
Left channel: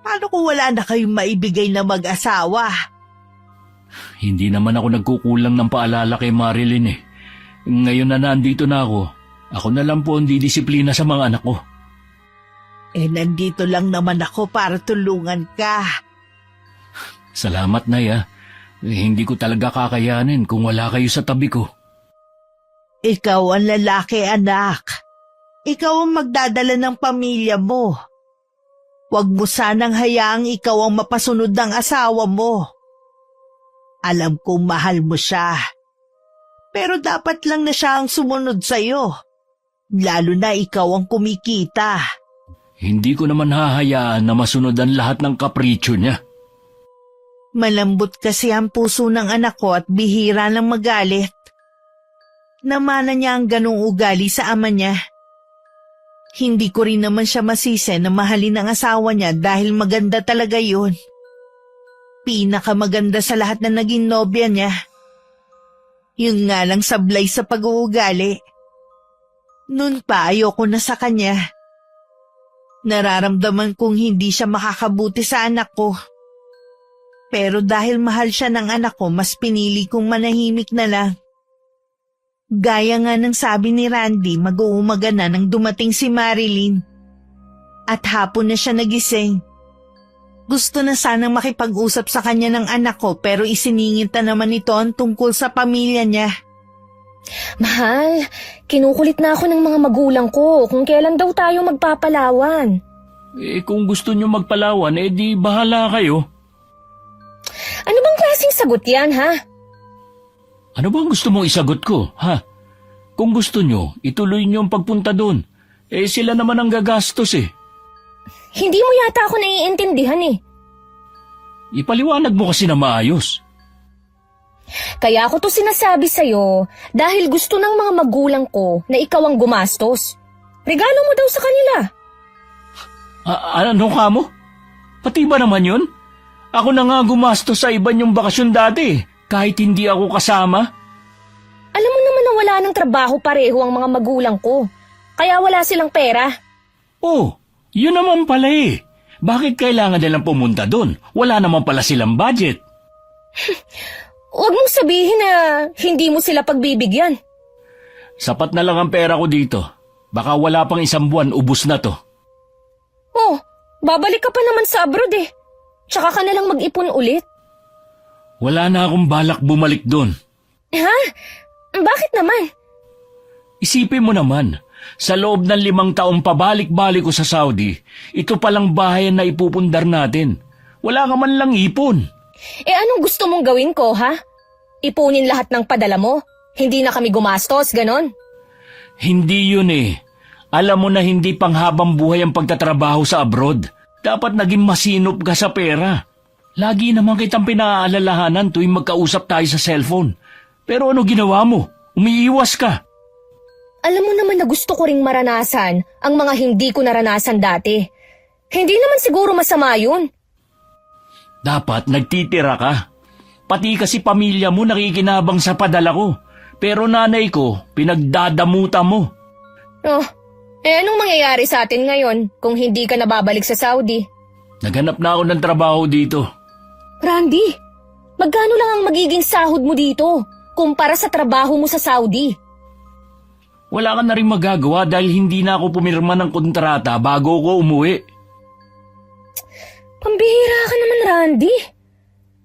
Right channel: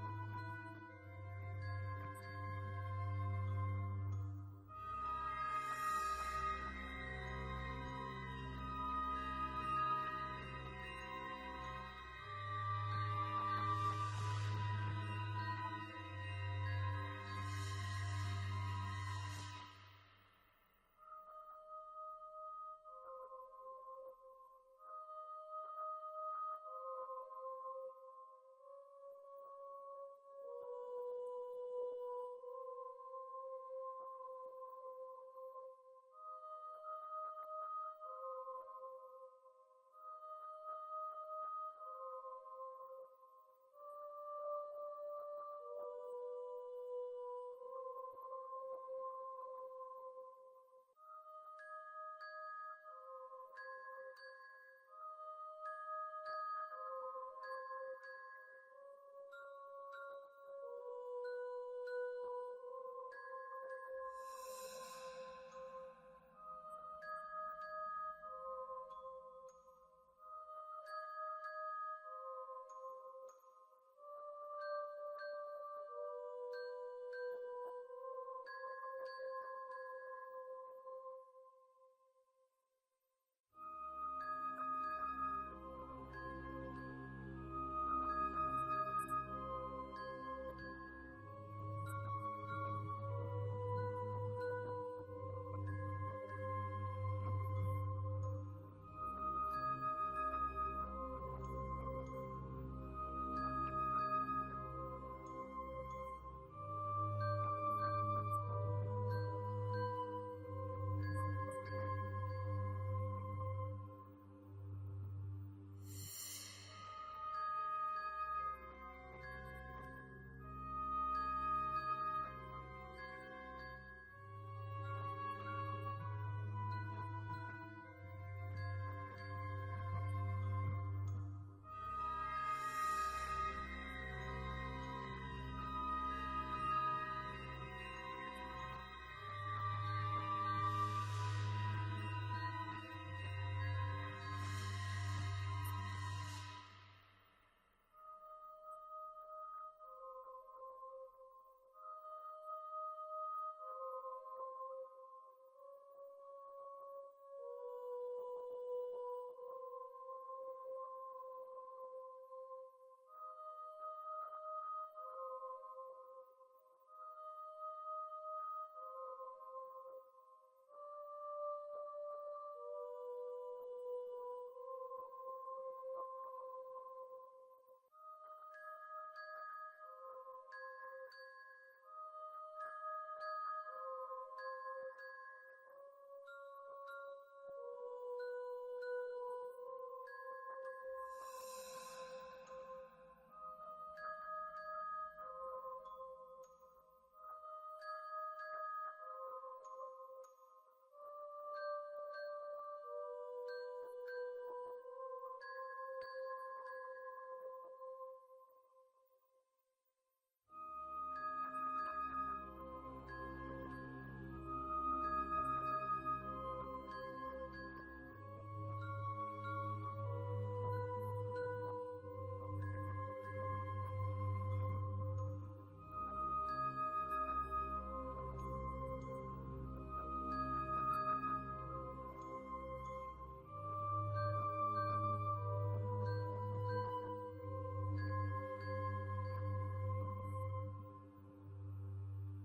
Paano kung wala na kayong maibigay na mag-asawa? Hindi naman ako nagkukulang ng paalala kay Marilyn Ngayon na nandito na ako na lang po ang didisiplina sa mga anak ko. Nandito lang naman ako para tulungan ka. Salamat, Nay. Hindi ko talaga kakayanin kung wala kayo sa tabi ko. Ikaw ang lalaki, anak. Ikaw ang magdadala ng pamilya mo. Huwag mo sanang hayaang ikaw ang mapasunod ng asawa mo. Alam kong mahal mo siya. Pero dapat lang na siya ang sumunod sa'yo. Lalo na ikaw ang kumikita. Hindi ko naman hahayaan na masunod ang lahat ng kapritsyo niya. Malambot kasi ang puso ng anak ko at bihira ng magalit. Namana niya ang ganong ugali sa ama niya. Hindi ko rin naman siya masisi na mahalin ang asawa niya dahil maganda talaga yun. Pinakamaganda sa lahat na naging nobya niya. Yun nga lang sablay sa pag-uugali. Noon pa ayoko na sa kanya. Nararamdaman kong hindi siya makakabuti sa anak ko. Pero dahil mahal siya ng anak ko, mas pinili kong manahimik na lang. Gaya nga ng sabi ni Randy, mag-uumaga na nang dumating si Marilyn. At hapon na siya nagising. Gusto na sanang makipag-usap sa kanya ng anak ko pero isiningit na naman ito ang tungkol sa pamilya niya. Mahal, kinukulit na ako ng mga magulang ko kung kailan daw tayo magpapalawan. Kung gusto niyo magpalawan, di bahala kayo. Ano bang klaseng sagot yan, ha? Ano bang gusto mong isagot ko, ha? Kung gusto niyo, ituloy niyo ang pagpunta doon. Sila naman ang gagastos Hindi mo yata ako naiintindihan Ipaliwanag mo kasi na maayos. Kaya ako to sinasabi sa'yo dahil gusto ng mga magulang ko na ikaw ang gumastos. Regalo mo daw sa kanila. Ano ka mo? Pati ba naman yun? Ako na nga gumastos sa iba niyong bakasyon dati, kahit hindi ako kasama. Alam mo naman na wala ng trabaho pareho ang mga magulang ko. Kaya wala silang pera. Oh, yun naman pala Bakit kailangan nilang pumunta doon? Wala naman pala silang budget. Huwag mong sabihin na hindi mo sila pagbibigyan. Sapat na lang ang pera ko dito. Baka wala pang 1 buwan, ubos na to. Oh, babalik ka pa naman sa abroad Tsaka ka nalang mag-ipon ulit. Wala na akong balak bumalik doon. Ha? Bakit naman? Isipin mo naman, sa loob ng 5 taong pabalik-balik ko sa Saudi, ito palang bahayan na ipupundar natin. Wala ka man lang ipon. Anong gusto mong gawin ko, ha? Ipunin lahat ng padala mo. Hindi na kami gumastos, ganon. Hindi yun eh. Alam mo na hindi panghabang buhay ang pagtatrabaho sa abroad. Dapat naging masinop ka sa pera. Lagi naman kitang pinaalalahanan tuwing magkausap tayo sa cellphone. Pero ano ginawa mo? Umiiwas ka. Alam mo naman na gusto ko ring maranasan ang mga hindi ko naranasan dati. Hindi naman siguro masama yun. Dapat nagtitira ka. Pati kasi pamilya mo nakikinabang sa padala ko. Pero nanay ko, pinagdadamutan mo. Oh, anong mangyayari sa atin ngayon kung hindi ka nababalik sa Saudi? Naghanap na ako ng trabaho dito. Randy, magkano lang ang magiging sahod mo dito kumpara sa trabaho mo sa Saudi? Wala ka na rin magagawa dahil hindi na ako pumirma ng kontrata bago ko umuwi. Pambihira ka naman, Randy.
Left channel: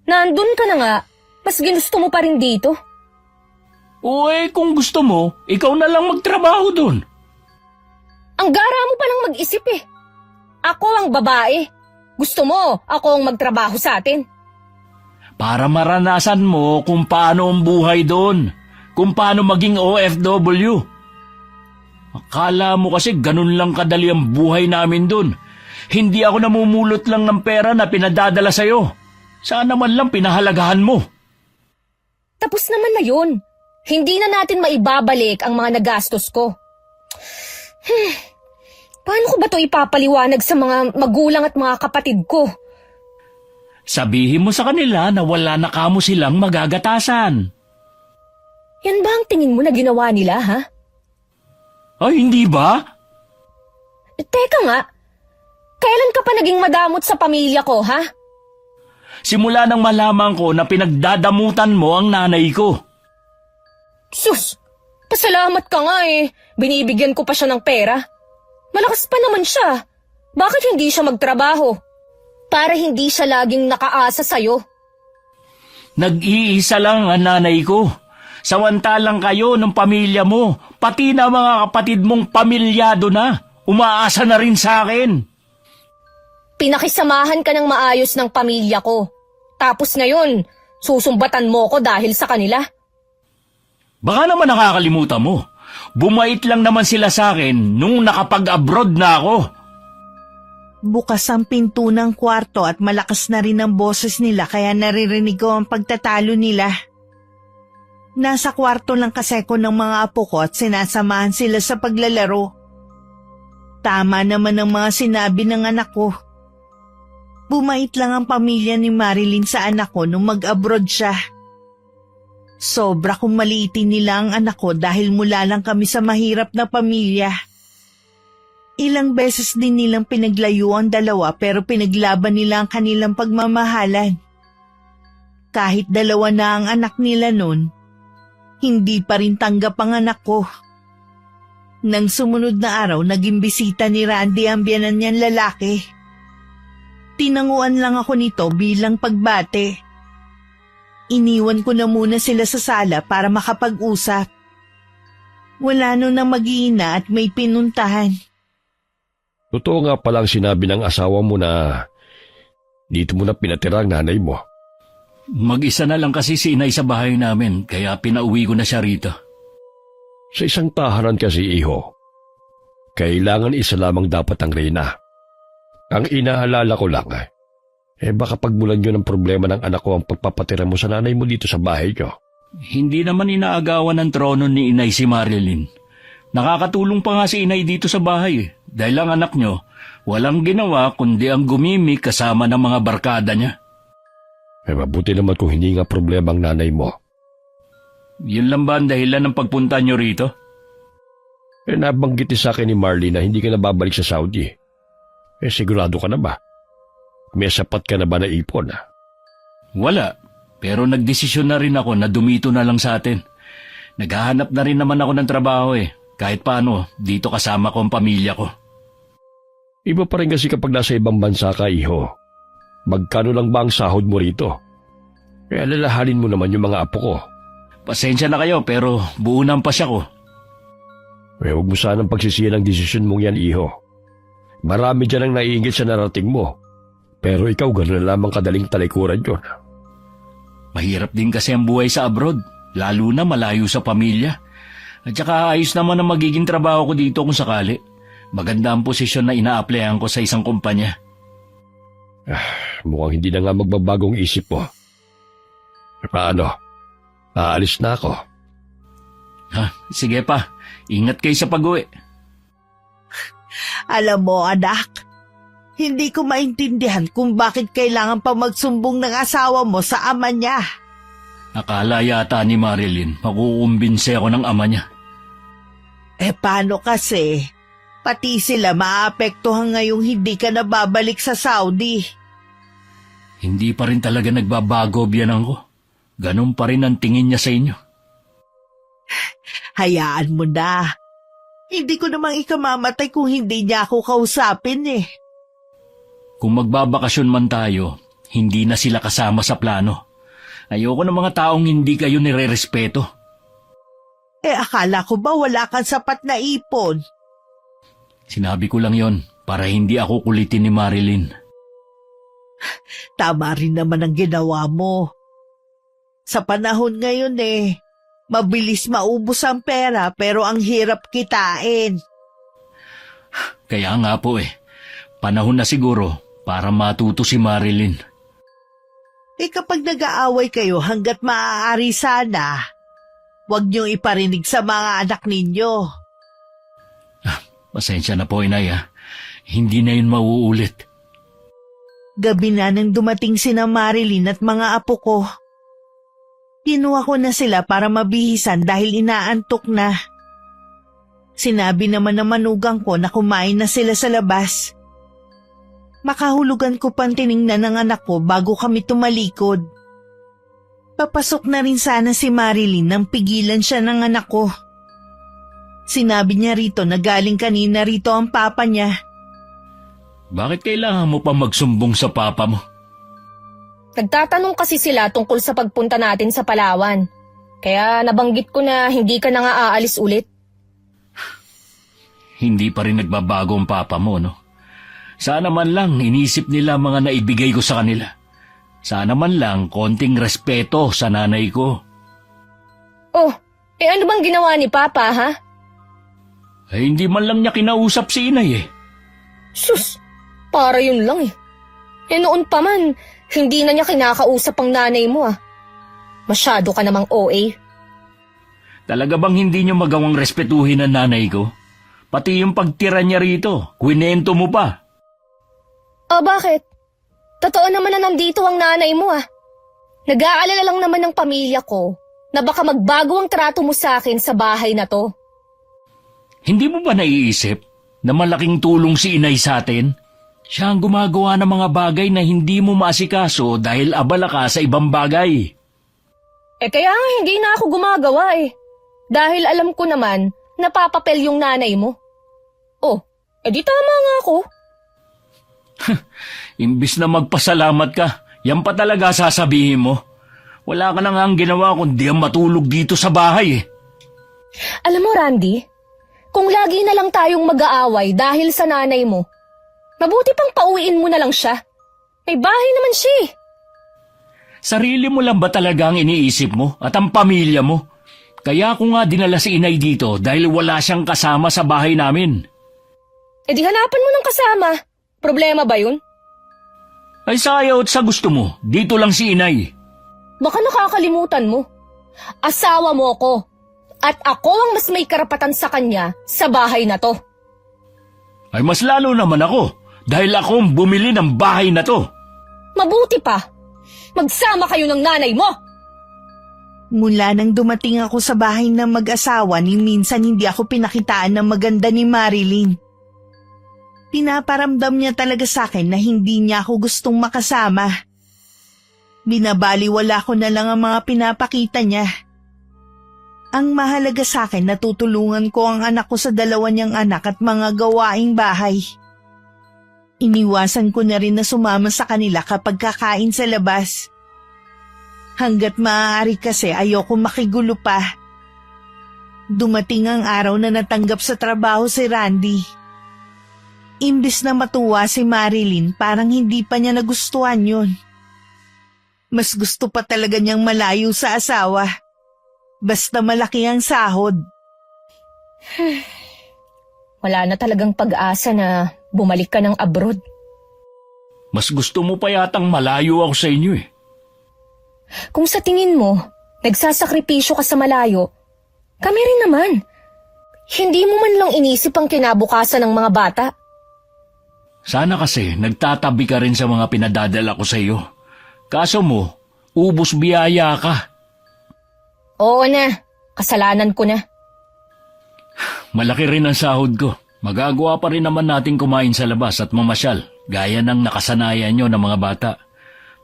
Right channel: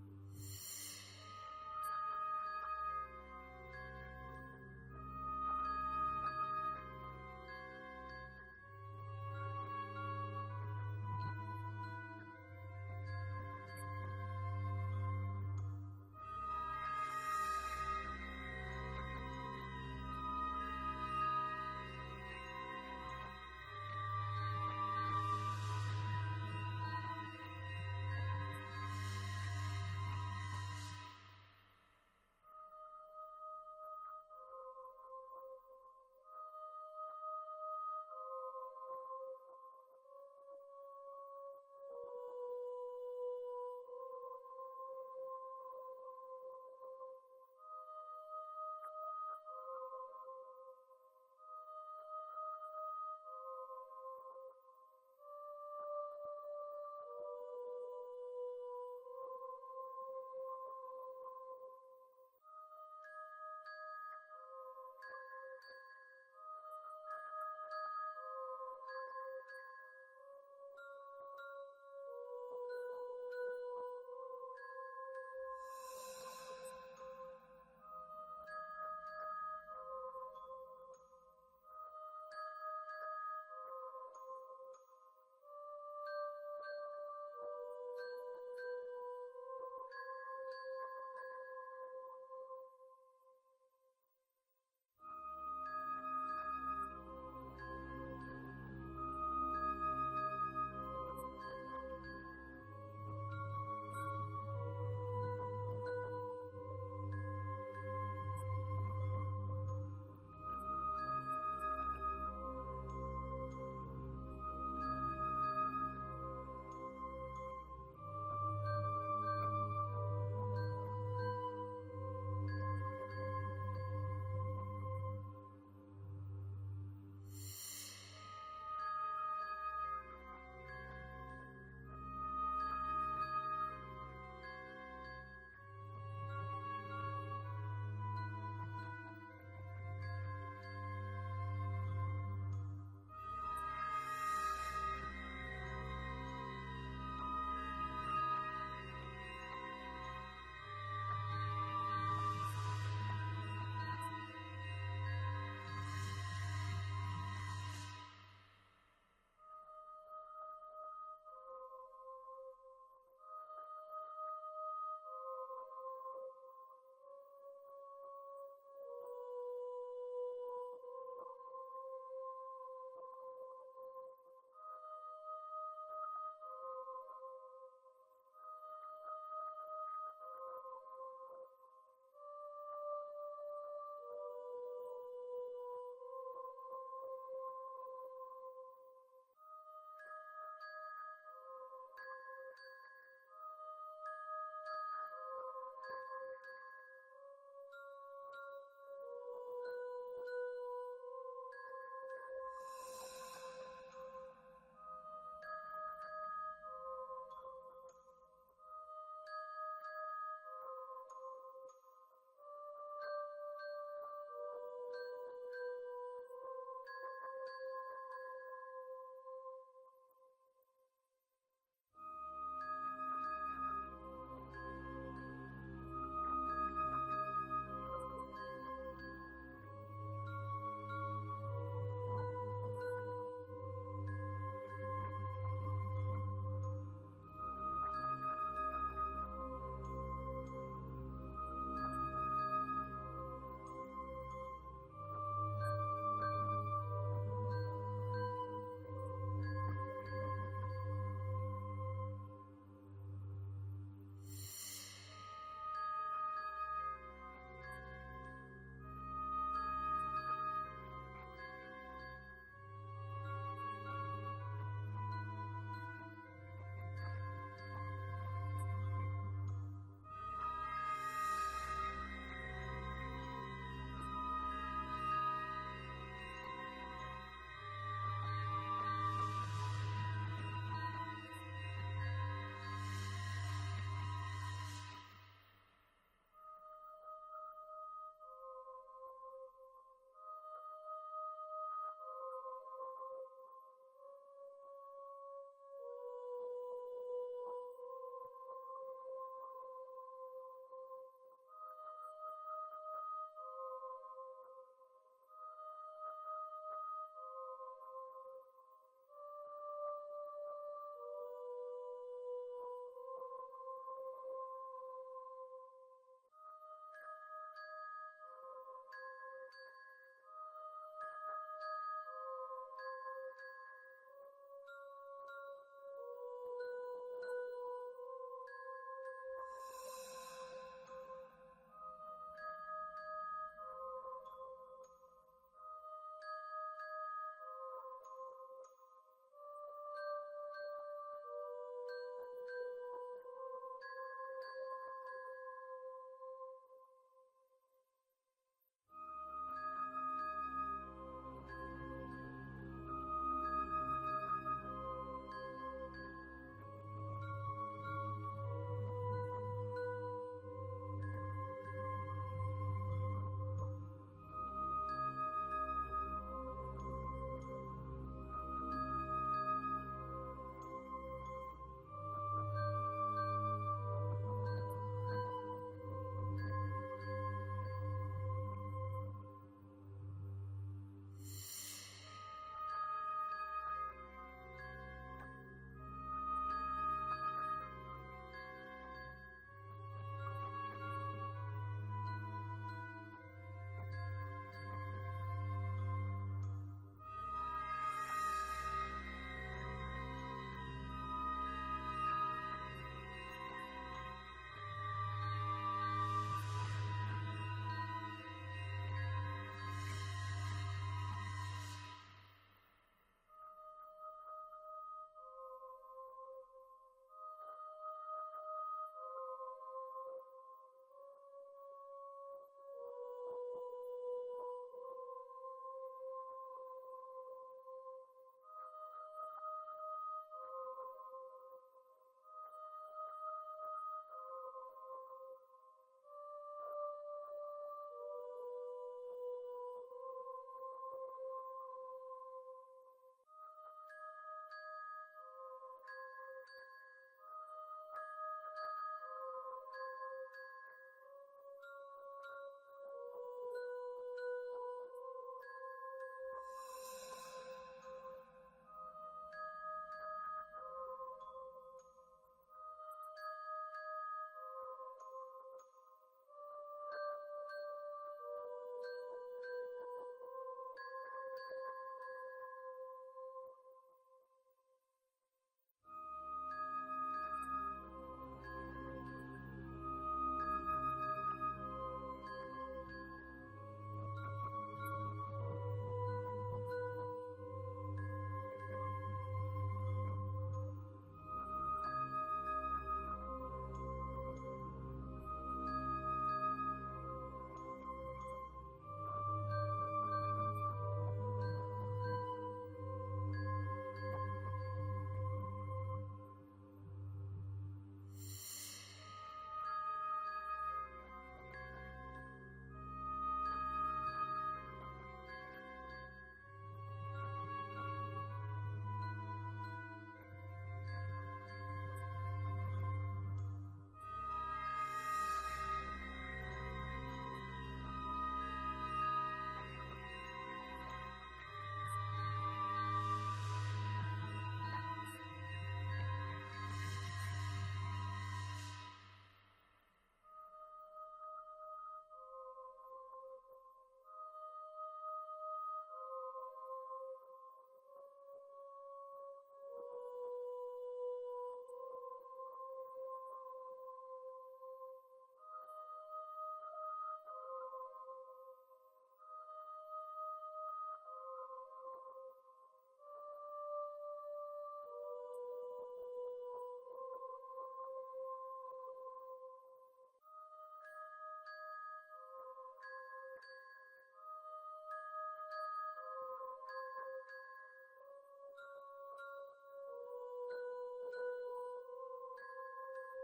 Nandun ka na nga, mas ginusto mo pa rin dito. Kung gusto mo, ikaw na lang magtrabaho doon. Ang gara mo palang mag-isip eh. Ako ang babae. Gusto mo, ako ang magtrabaho sa atin. Para maranasan mo kung paano ang buhay doon. Kung paano maging OFW. Akala mo kasi ganun lang kadali ang buhay namin doon. Hindi ako namumulot lang ng pera na pinadadala sa'yo. Sana man lang pinahalagahan mo. Tapos naman na yun. Hindi na natin maibabalik ang mga nagastos ko. Paano ko ba ito ipapaliwanag sa mga magulang at mga kapatid ko? Sabihin mo sa kanila na wala na kamo silang magagatasan. Yan ba ang tingin mo na ginawa nila, ha? Ay, hindi ba? Teka nga, kailan ka pa naging madamot sa pamilya ko, ha? Simula nang malaman ko na pinagdadamutan mo ang nanay ko. Sus, pasalamat ka nga eh. Binibigyan ko pa siya ng pera. Malakas pa naman siya. Bakit hindi siya magtrabaho? Para hindi siya laging nakaasa sa'yo. Nag-iisa lang ang nanay ko. Samantalang kayo ng pamilya mo, pati na mga kapatid mong pamilyado na, umaasa na rin sa akin. Pinakisamahan ka ng maayos ng pamilya ko. Tapos ngayon, susumbatan mo ko dahil sa kanila. Baka naman nakakalimutan mo. Bumait lang naman sila sa akin nung nakapag-abroad na ako. Bukas ang pinto ng kwarto at malakas na rin ang boses nila kaya naririnig ko ang pagtatalo nila. Nasa kwarto lang kasi ko ng mga apo ko at sinasamahan sila sa paglalaro. Tama naman ang mga sinabi ng anak ko. Bumait lang ang pamilya ni Marilyn sa anak ko nung mag-abroad siya. Sobra kong maliitin nila ang anak ko dahil mula lang kami sa mahirap na pamilya. Ilang beses din nilang pinaglayo ang dalawa pero pinaglaban nila ang kanilang pagmamahalan. Kahit dalawa na ang anak nila noon, hindi pa rin tanggap ang anak ko. Nang sumunod na araw, naging bisita ni Randy ang biyanan niyang lalaki. Tinanguan lang ako nito bilang pagbate. Iniwan ko na muna sila sa sala para makapag-usap. Wala nun na mag-iina at may pinuntahan. Totoo nga palang sinabi ng asawa mo na dito mo na pinatira ang nanay mo. Mag-isa na lang kasi si inay sa bahay namin, kaya pinauwi ko na siya rito. Sa isang tahanan kasi, iho, kailangan isa lamang dapat ang reyna. Ang inaalala ko lang, baka pagmulan nyo ng problema ng anak ko ang pagpapatira mo sa nanay mo dito sa bahay nyo. Hindi naman inaagawan ng trono ni inay si Marilyn. Nakakatulong pa nga si inay dito sa bahay dahil ang anak nyo walang ginawa kundi ang gumimik kasama ng mga barkada niya. Mabuti naman kung hindi nga problema ang nanay mo. Yun lang ba ang dahilan ng pagpunta nyo rito? Nabanggit sa akin ni Marley na hindi ka na babalik sa Saudi. Sigurado ka na ba? May sapat ka na ba na ipon? Wala, pero nagdesisyon na rin ako na dumito na lang sa atin. Naghahanap na rin naman ako ng trabaho kahit paano dito kasama ko ang pamilya ko. Iba pa rin kasi kapag nasa ibang bansa ka, iho. Magkano lang ba ang sahod mo rito? Alalahanin mo naman yung mga apo ko. Pasensya na kayo pero buo na ang pasya ko. Huwag mo sanang pagsisiyan ang desisyon mong yan, iho. Marami dyan ang naiingit sa narating mo. Pero ikaw gano'n na lamang kadaling talikuran yun. Mahirap din kasi ang buhay sa abroad, lalo na malayo sa pamilya. At saka ayos naman ang magiging trabaho ko dito kung sakali. Maganda ang posisyon na ina-applyan ko sa isang kumpanya. Mukhang hindi na nga magbabagong isip mo. Paano? Aalis na ako. Sige pa, ingat kayo sa pag-uwi. Alam mo, anak, hindi ko maintindihan kung bakit kailangan pa magsumbong ng asawa mo sa ama niya. Akala yata ni Marilyn, makukumbinse ako ng ama niya. Paano kasi? Pati sila maapektuhan ngayong hindi ka nababalik sa Saudi. Hindi pa rin talaga nagbabago biyanang ko. Ganun pa rin ang tingin niya sa inyo. Hayaan mo na. Hindi ko namang ikamamatay kung hindi niya ako kausapin eh. Kung magbabakasyon man tayo, hindi na sila kasama sa plano. Ayoko ng mga taong hindi kayo nire-respeto. Akala ko ba wala kang sapat na ipon? Sinabi ko lang yon para hindi ako kulitin ni Marilyn. Tama rin naman ang ginawa mo. Sa panahon ngayon mabilis maubos ang pera pero ang hirap kitain. Kaya nga po panahon na siguro para matuto si Marilyn. Kapag nag-aaway kayo hanggat maaari sana, huwag niyong iparinig sa mga anak ninyo. Pasensya na po, Inay. Hindi na yun mauulit. Gabi na nang dumating sina Marilyn at mga apo ko. Kinuha ko na sila para mabihisan dahil inaantok na. Sinabi naman ng manugang ko na kumain na sila sa labas. Makahulugan ko pang tiningnan ng anak ko bago kami tumalikod. Papasok na rin sana si Marilyn nang pigilan siya ng anak ko. Sinabi niya rito na galing kanina rito ang papa niya. Bakit kailangan mo pa magsumbong sa papa mo? Nagtatanong kasi sila tungkol sa pagpunta natin sa Palawan. Kaya nabanggit ko na hindi ka na nga aalis ulit. Hindi pa rin nagbabago ang papa mo, no? Sana man lang inisip nila mga naibigay ko sa kanila. Sana man lang konting respeto sa nanay ko. Oh, ano bang ginawa ni Papa, ha? Hindi man lang niya kinausap si Inay Sus, para yun lang noon pa man, hindi na niya kinakausap ang nanay mo Masyado ka namang OA. Talaga bang hindi niyo magawang respetuhin ang nanay ko? Pati yung pagtira niya rito, kwinento mo pa. Bakit? Totoo naman na nandito ang nanay mo Nag-aalala lang naman ng pamilya ko na baka magbago ang trato mo sa akin sa bahay na to. Hindi mo ba naiisip na malaking tulong si Inay sa atin? Siya ang gumagawa ng mga bagay na hindi mo maasikaso dahil abala ka sa ibang bagay. Kaya hindi na ako gumagawa Dahil alam ko naman na papapel yung nanay mo. Di tama nga ako. Imbis na magpasalamat ka, yan pa talaga sasabihin mo. Wala ka na nga ang ginawa kundi ang matulog dito sa bahay Alam mo, Randy, kung lagi na lang tayong mag-aaway dahil sa nanay mo, mabuti pang pauwiin mo na lang siya. May bahay naman siya Sarili mo lang ba talaga ang iniisip mo at ang pamilya mo? Kaya ako nga dinala si Inay dito dahil wala siyang kasama sa bahay namin. Di hanapan mo ng kasama. Problema ba yun? Ay sayaw at sa gusto mo, dito lang si Inay. Baka nakakalimutan mo. Asawa mo ko. At ako ang mas may karapatan sa kanya sa bahay na to. Ay mas lalo naman ako dahil ako ang bumili ng bahay na to. Mabuti pa. Magsama kayo ng nanay mo. Mula nang dumating ako sa bahay ng mag-asawa ni minsan hindi ako pinakitaan ng maganda ni Marilyn. Pinaparamdam niya talaga sa akin na hindi niya ako gustong makasama. Binabaliwala ko na lang ang mga pinapakita niya. Ang mahalaga sa akin na tutulungan ko ang anak ko sa dalawa niyang anak at mga gawaing bahay. Iniwasan ko na rin na sumama sa kanila kapag kakain sa labas. Hanggat maaari kasi ayoko makigulo pa. Dumating ang araw na natanggap sa trabaho si Randy. Imbis na matuwa si Marilyn, parang hindi pa niya nagustuhan yun. Mas gusto pa talaga niyang malayo sa asawa. Basta malaki ang sahod. Wala na talagang pag-asa na bumalik ka ng abroad. Mas gusto mo pa yatang malayo ako sa inyo eh. Kung sa tingin mo, nagsasakripisyo ka sa malayo, kami rin naman. Hindi mo man lang inisip ang kinabukasan ng mga bata. Sana kasi nagtatabi ka rin sa mga pinadadala ko sa iyo. Kaso mo, ubos biyaya ka. Oo na, kasalanan ko na. Malaki rin ang sahod ko. Magagawa pa rin naman natin kumain sa labas at mamasyal, gaya ng nakasanayan nyo ng mga bata.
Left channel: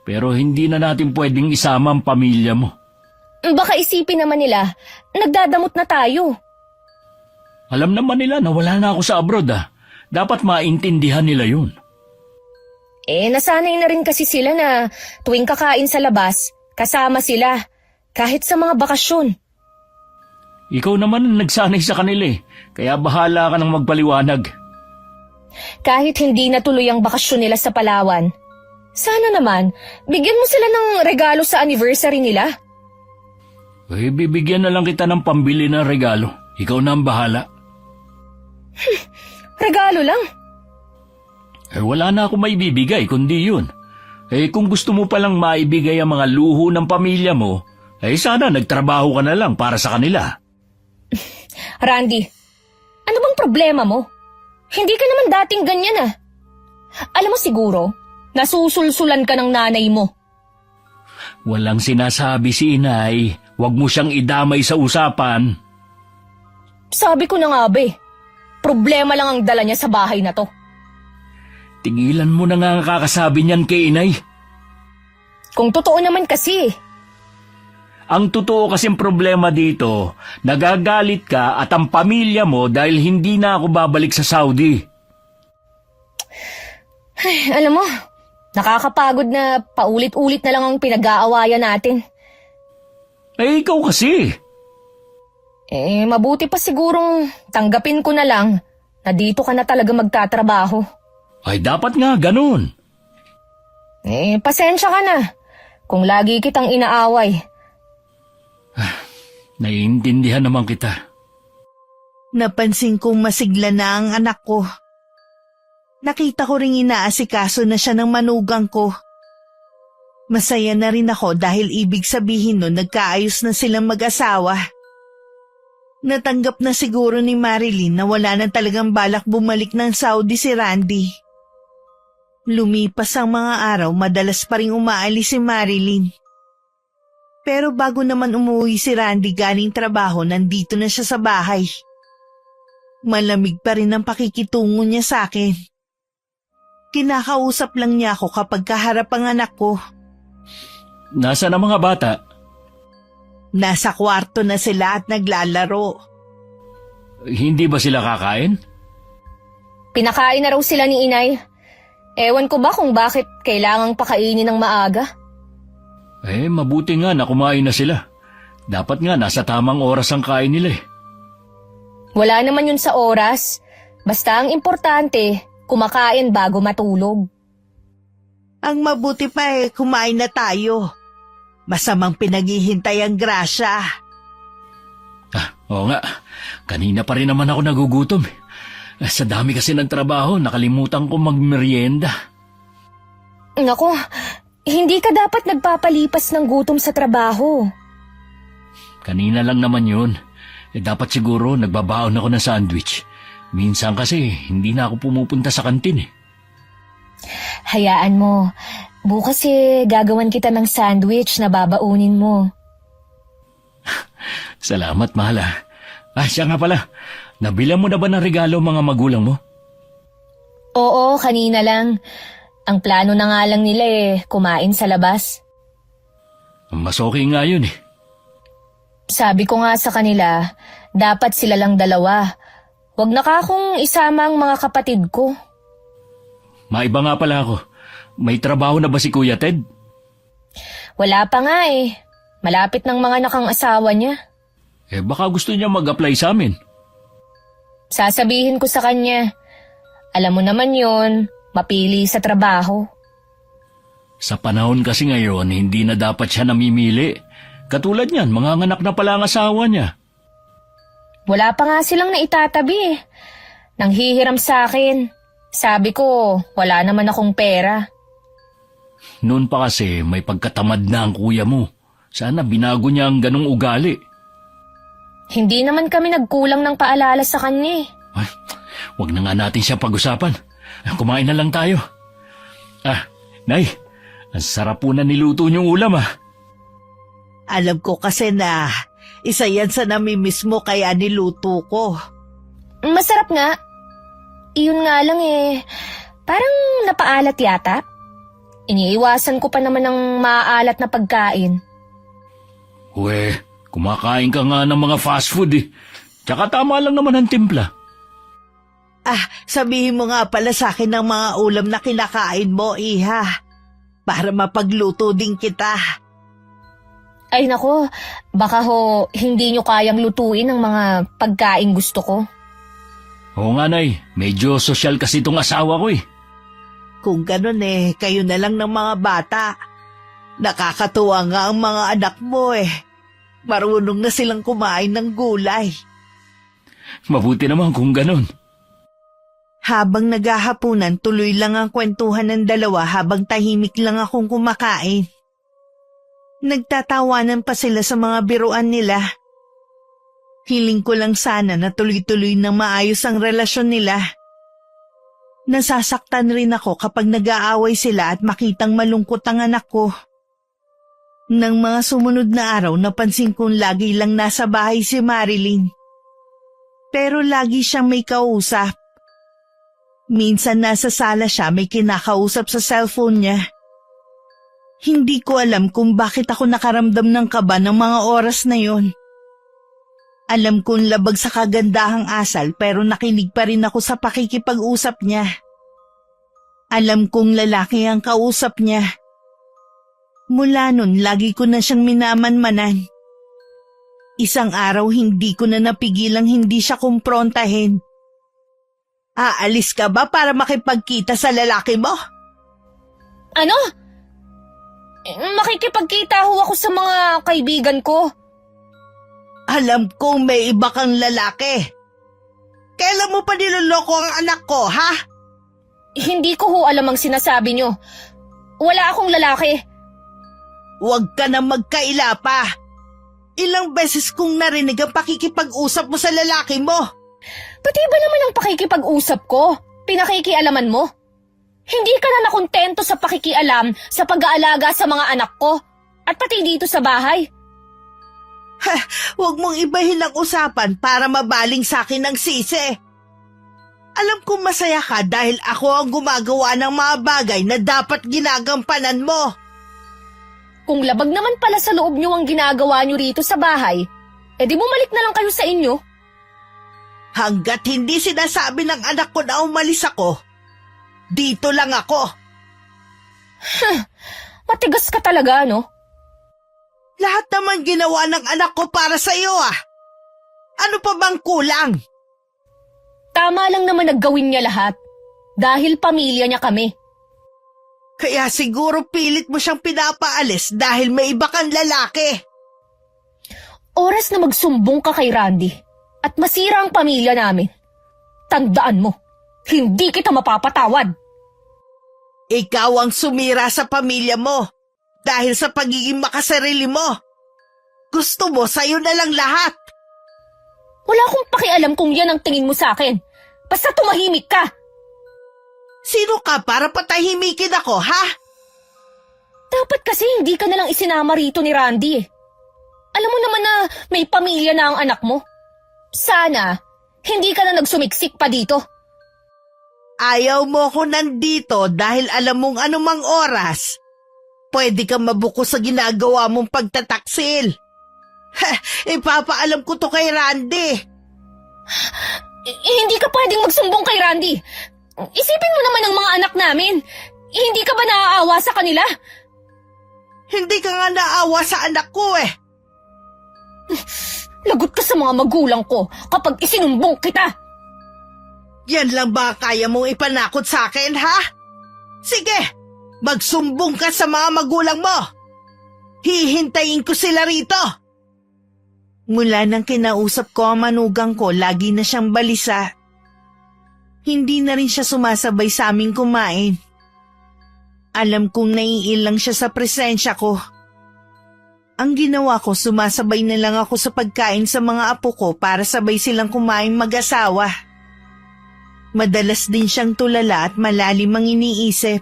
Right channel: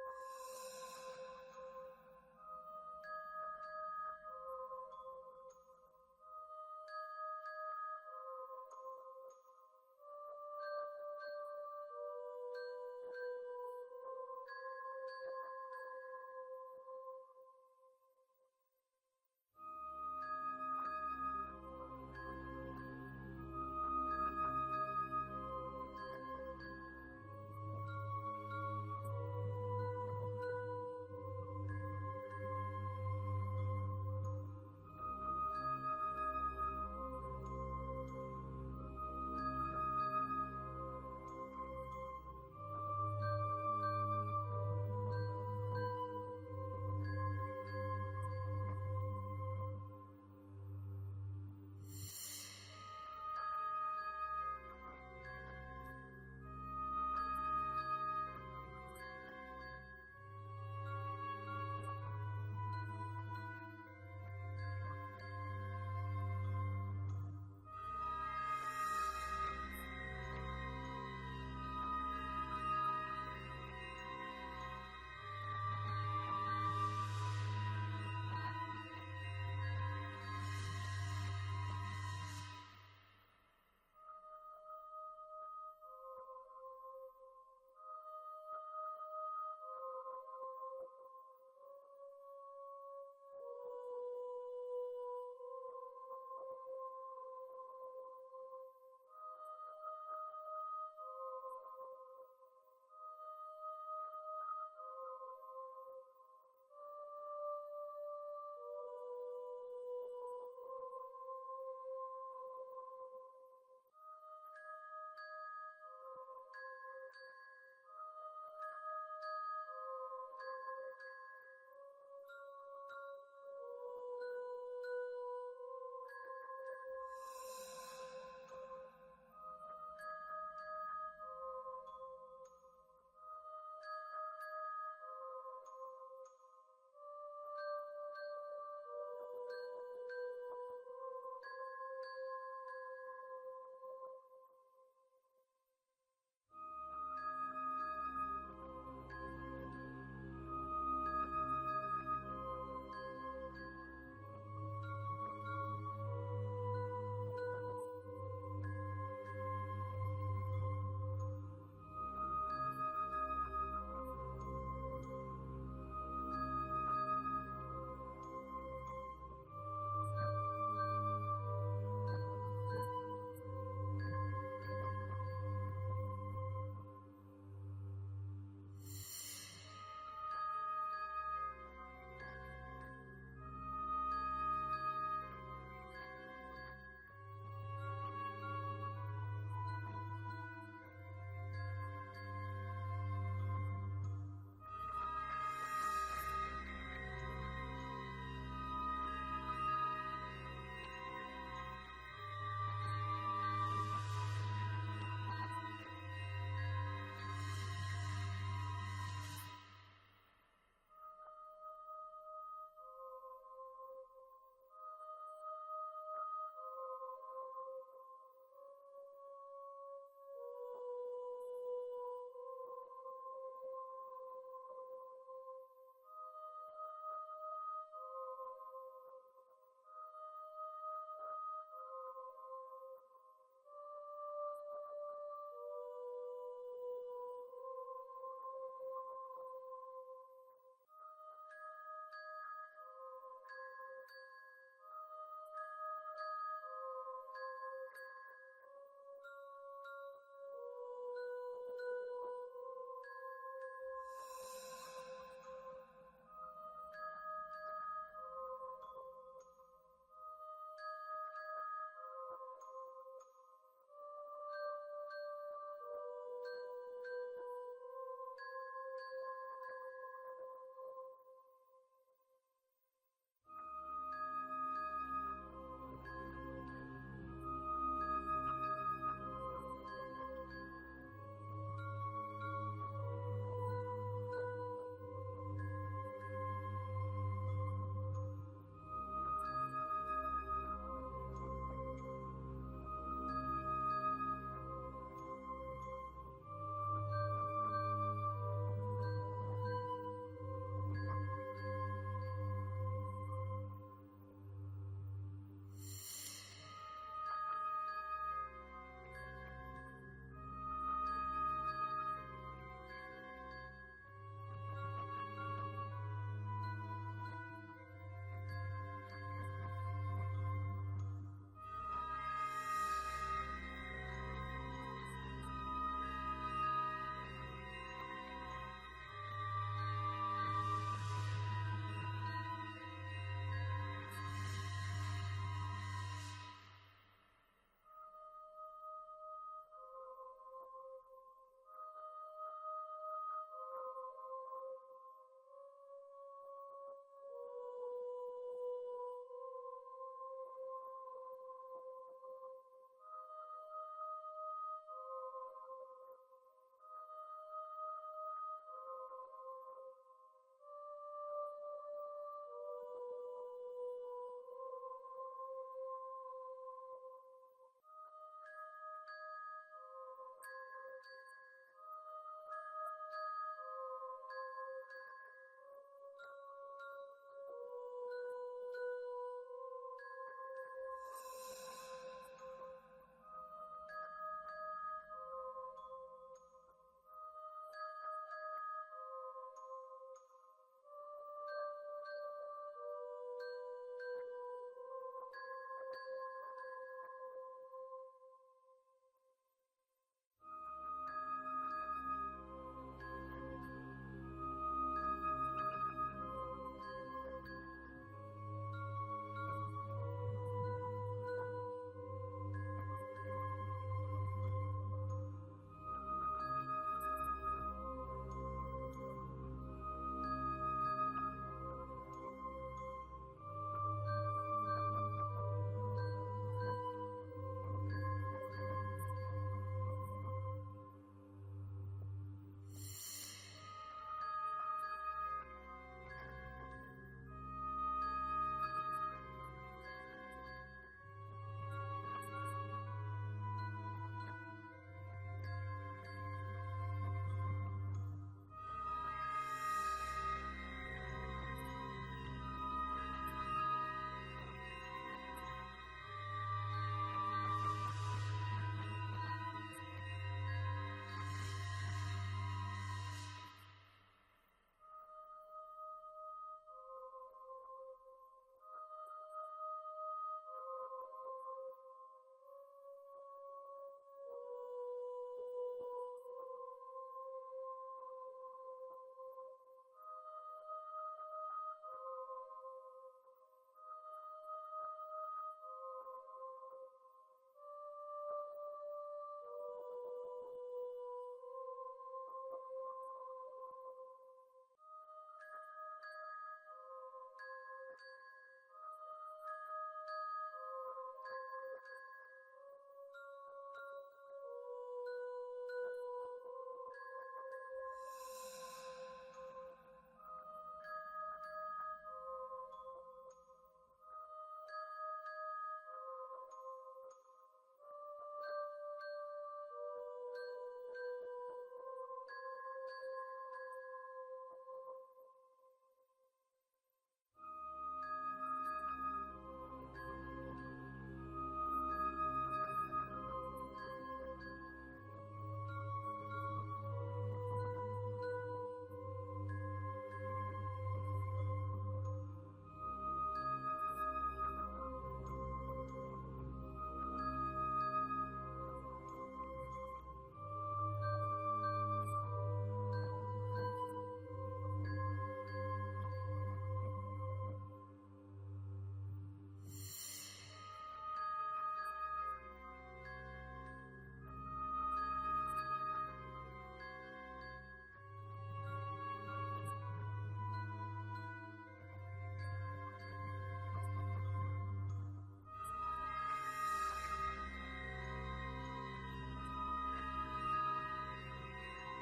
Pero hindi na natin pwedeng isama ang pamilya mo. Baka isipin naman nila, nagdadamot na tayo. Alam naman nila na wala na ako sa abroad Dapat maintindihan nila yun. Nasanay na rin kasi sila na tuwing kakain sa labas, kasama sila, kahit sa mga bakasyon. Ikaw naman ang nagsanay sa kanila kaya bahala ka nang magpaliwanag. Kahit hindi natuloy ang bakasyon nila sa Palawan, sana naman, bigyan mo sila ng regalo sa anniversary nila. Bibigyan na lang kita ng pambili ng regalo. Ikaw na ang bahala. Regalo lang? Wala na ako may bibigay kundi yun. Kung gusto mo palang maibigay ang mga luho ng pamilya mo, sana nagtrabaho ka na lang para sa kanila. Randy, ano bang problema mo? Hindi ka naman dating ganyan Alam mo siguro, nasusulsulan ka ng nanay mo. Walang sinasabi si inay. Huwag mo siyang idamay sa usapan. Sabi ko na nga problema lang ang dala niya sa bahay na to. Tigilan mo na nga ang kakasabi niyan kay inay. Kung totoo naman kasi. Ang totoo kasing problema dito, nagagalit ka at ang pamilya mo dahil hindi na ako babalik sa Saudi. Alam mo, nakakapagod na paulit-ulit na lang ang pinag-aawayan natin. Ikaw kasi. Mabuti pa sigurong tanggapin ko na lang na dito ka na talaga magtatrabaho. Ay dapat nga ganun. Pasensya ka na kung lagi kitang inaaway. Naiintindihan naman kita. Napansin kong masigla na ang anak ko. Nakita ko ring inaasikaso na siya ng manugang ko. Masaya na rin ako dahil ibig sabihin nun nagkaayos na silang mag-asawa. Natanggap na siguro ni Marilyn na wala na talagang balak bumalik ng Saudi si Randy. Lumipas ang mga araw, madalas pa rin umaalis si Marilyn. Pero bago naman umuwi si Randy galing trabaho, nandito na siya sa bahay. Malamig pa rin ang pakikitungo niya sa akin. Kinakausap lang niya ako kapag kaharap ang anak ko. Nasaan ang mga bata? Nasa kwarto na sila at naglalaro. Hindi ba sila kakain? Pinakain na raw sila ni inay. Ewan ko ba kung bakit kailangang pakainin ng maaga? Mabuti nga na kumain na sila. Dapat nga nasa tamang oras ang kain nila Wala naman yun sa oras. Basta ang importante, kumakain bago matulog. Ang mabuti pa kumain na tayo. Masamang pinaghihintay ang grasya. Oo nga. Kanina pa rin naman ako nagugutom. Sa dami kasi ng trabaho, nakalimutan ko magmerienda. Naku, hindi ka dapat nagpapalipas ng gutom sa trabaho. Kanina lang naman yun. Dapat siguro nagbabaon ako ng sandwich. Minsan kasi hindi na ako pumupunta sa kantin Hayaan mo. Bukas gagawan kita ng sandwich na babaunin mo. Salamat, mahal siya nga pala. Nabilang mo na ba ng regalo mga magulang mo? Oo, kanina lang. Ang plano na nga lang nila kumain sa labas. Mas okay nga yun Sabi ko nga sa kanila, dapat sila lang dalawa. Huwag na akong isama ang mga kapatid ko. Maiba nga pala ako. May trabaho na ba si Kuya Ted? Wala pa nga Malapit ng mga nakang asawa niya. Baka gusto niya mag-apply sa amin. Sasabihin ko sa kanya, alam mo naman yon, mapili sa trabaho. Sa panahon kasi ngayon, hindi na dapat siya namimili. Katulad niyan, mga anak na pala ang asawa niya. Wala pa nga silang naitatabi eh. Nanghihiram sa akin. Sabi ko, wala naman akong pera. Noon pa kasi may pagkatamad na ang kuya mo. Sana binago niya ang ganong ugali. Hindi naman kami nagkulang ng paalala sa kanya eh. Ay, wag na nga natin siya pag-usapan. Kumain na lang tayo. Nay, ang sarap po na niluto niyong ulam ah. Alam ko kasi na isa yan sa namimiss mo kaya niluto ko. Masarap nga. Iyon nga lang eh. Parang napaalat yata. Iniiwasan ko pa naman ng maaalat na pagkain. Uwe, kumakain ka nga ng mga fast food eh. Tsaka tama lang naman ang timpla. Sabihin mo nga pala sa akin ng mga ulam na kinakain mo, Iha. Para mapagluto din kita. Ay nako, baka ho hindi nyo kayang lutuin ang mga pagkain gusto ko. Oo nga, Nay. Medyo sosyal kasi itong asawa ko eh. Kung ganun kayo na lang ng mga bata. Nakakatuwa nga ang mga anak mo eh. Marunong na silang kumain ng gulay. Mabuti naman kung ganun. Habang naghahapunan, tuloy lang ang kwentuhan ng dalawa habang tahimik lang akong kumakain. Nagtatawanan pa sila sa mga biruan nila. Hiling ko lang sana na tuloy-tuloy na maayos ang relasyon nila. Nasasaktan rin ako kapag nag-aaway sila at makitang malungkot ang anak ko. Nang mga sumunod na araw, napansin kong lagi lang nasa bahay si Marilyn. Pero lagi siyang may kausap. Minsan nasa sala siya, may kinakausap sa cellphone niya. Hindi ko alam kung bakit ako nakaramdam ng kaba ng mga oras na yon. Alam kong labag sa kagandahang asal pero nakinig pa rin ako sa pakikipag-usap niya. Alam kong lalaki ang kausap niya. Mula nun, lagi ko na siyang minamanmanan. Isang araw hindi ko na napigilang hindi siya kumprontahin. Aalis ka ba para makipagkita sa lalaki mo? Ano? Makikipagkita ho ako sa mga kaibigan ko. Alam kong may iba kang lalaki. Kailan mo pa niloloko ang anak ko, ha? Hindi ko ho alam ang sinasabi nyo. Wala akong lalaki. Huwag ka na magkaila pa. Ilang beses kong narinig ang pakikipag-usap mo sa lalaki mo. Pati ba naman ang pakikipag-usap ko? Pinakikialaman mo? Hindi ka na nakontento sa pakikialam sa pag-aalaga sa mga anak ko at pati dito sa bahay. Huwag mong ibahin ang usapan para mabaling sa akin ng sisi. Alam kong masaya ka dahil ako ang gumagawa ng mga bagay na dapat ginagampanan mo. Kung labag naman pala sa loob nyo ang ginagawa nyo rito sa bahay, edi bumalik na lang kayo sa inyo. Hanggat hindi sinasabi ng anak ko na umalis ako, dito lang ako. Matigas ka talaga, no? Lahat naman ginawa ng anak ko para sa iyo ah. Ano pa bang kulang? Tama lang naman naggawin niya lahat. Dahil pamilya niya kami. Kaya siguro pilit mo siyang pinapaalis dahil may iba kang lalaki. Oras na magsumbong ka kay Randy at masira ang pamilya namin. Tandaan mo, hindi kita mapapatawad. Ikaw ang sumira sa pamilya mo dahil sa pagiging makasarili mo. Gusto mo sa'yo na lang lahat. Wala akong pakialam kung yan ang tingin mo sa akin. Basta tumahimik ka. Sino ka para patahimikin ako, ha? Dapat kasi hindi ka nalang isinama rito ni Randy eh. Alam mo naman na may pamilya na ang anak mo. Sana, hindi ka na nagsumiksik pa dito. Ayaw mo ko nandito dahil alam mong anumang oras. Pwede kang mabuko sa ginagawa mong pagtataksil. Ipapaalam ko to kay Randy. Hindi ka pwedeng magsumbong kay Randy. Isipin mo naman ang mga anak namin. Hindi ka ba naaawa sa kanila? Hindi ka nga naawa sa anak ko eh. Lagot ka sa mga magulang ko kapag isinumbong kita. Yan lang ba kaya mong ipanakot sa akin, ha? Sige, Magsumbong ka sa mga magulang mo! Hihintayin ko sila rito! Mula nang kinausap ko ang manugang ko, lagi na siyang balisa. Hindi na rin siya sumasabay sa aming kumain. Alam kong naiilang siya sa presensya ko. Ang ginawa ko, sumasabay na lang ako sa pagkain sa mga apo ko para sabay silang kumain mag-asawa. Madalas din siyang tulala at malalim ang iniisip.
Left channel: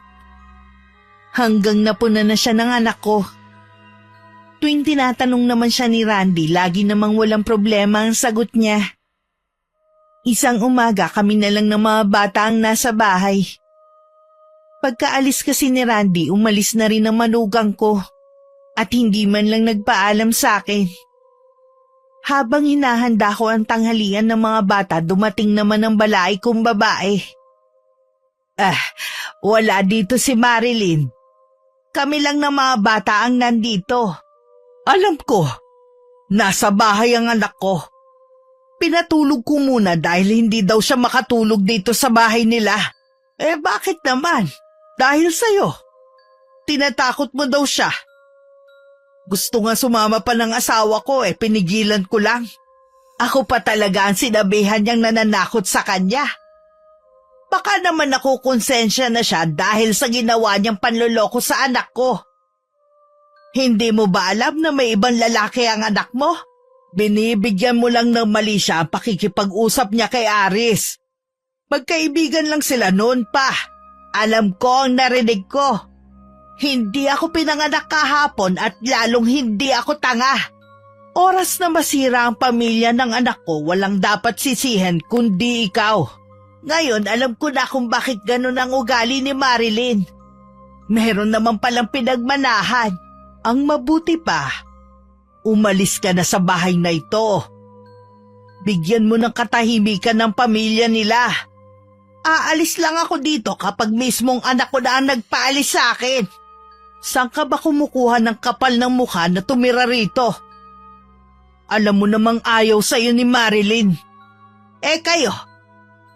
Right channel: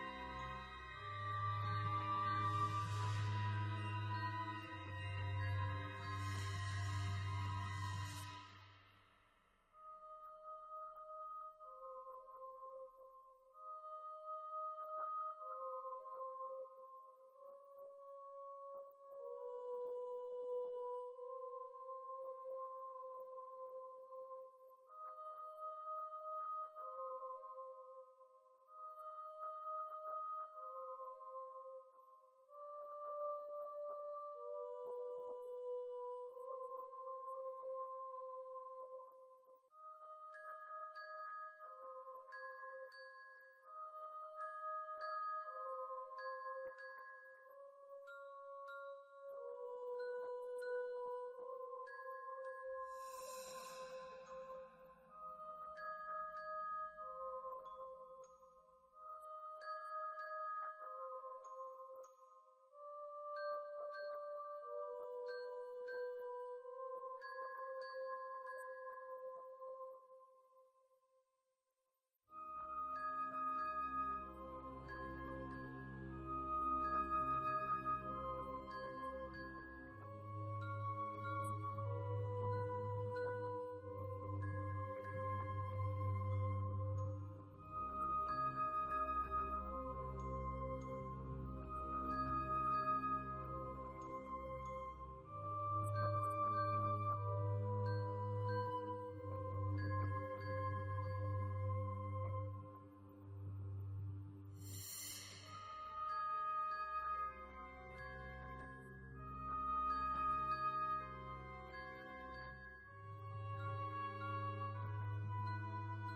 Hanggang napuna na siya ng anak ko. Tuwing tinatanong naman siya ni Randy, lagi namang walang problema ang sagot niya. Isang umaga kami na lang ng mga bata ang nasa bahay. Pagkaalis kasi ni Randy, umalis na rin ang manugang ko at hindi man lang nagpaalam sa akin. Habang hinahanda ko ang tanghalian ng mga bata, dumating naman ang balaay kong babae. Wala dito si Marilyn. Kami lang ng mga bata ang nandito. Alam ko, nasa bahay ang anak ko. Pinatulog ko muna dahil hindi daw siya makatulog dito sa bahay nila. Bakit naman? Dahil sa'yo. Tinatakot mo daw siya. Gusto nga sumama pa ng asawa ko, pinigilan ko lang. Ako pa talaga ang sinabihan niyang nananakot sa kanya. Baka naman ako konsensya na siya dahil sa ginawa niyang panloloko sa anak ko. Hindi mo ba alam na may ibang lalaki ang anak mo? Binibigyan mo lang ng mali siya ang pakikipag-usap niya kay Aris. Magkaibigan lang sila noon pa. Alam ko ang narinig ko. Hindi ako pinanganak kahapon at lalong hindi ako tanga. Oras na masira ang pamilya ng anak ko, walang dapat sisihin kundi ikaw. Ngayon alam ko na kung bakit ganun ang ugali ni Marilyn. Meron naman palang pinagmanahan. Ang mabuti pa, umalis ka na sa bahay na ito. Bigyan mo ng katahimikan ng pamilya nila. Aalis lang ako dito kapag mismong anak ko na ang nagpaalis sa akin. Saan ka ba kumukuha ng kapal ng mukha na tumira rito? Alam mo namang ayaw sa'yo ni Marilyn. Kayo,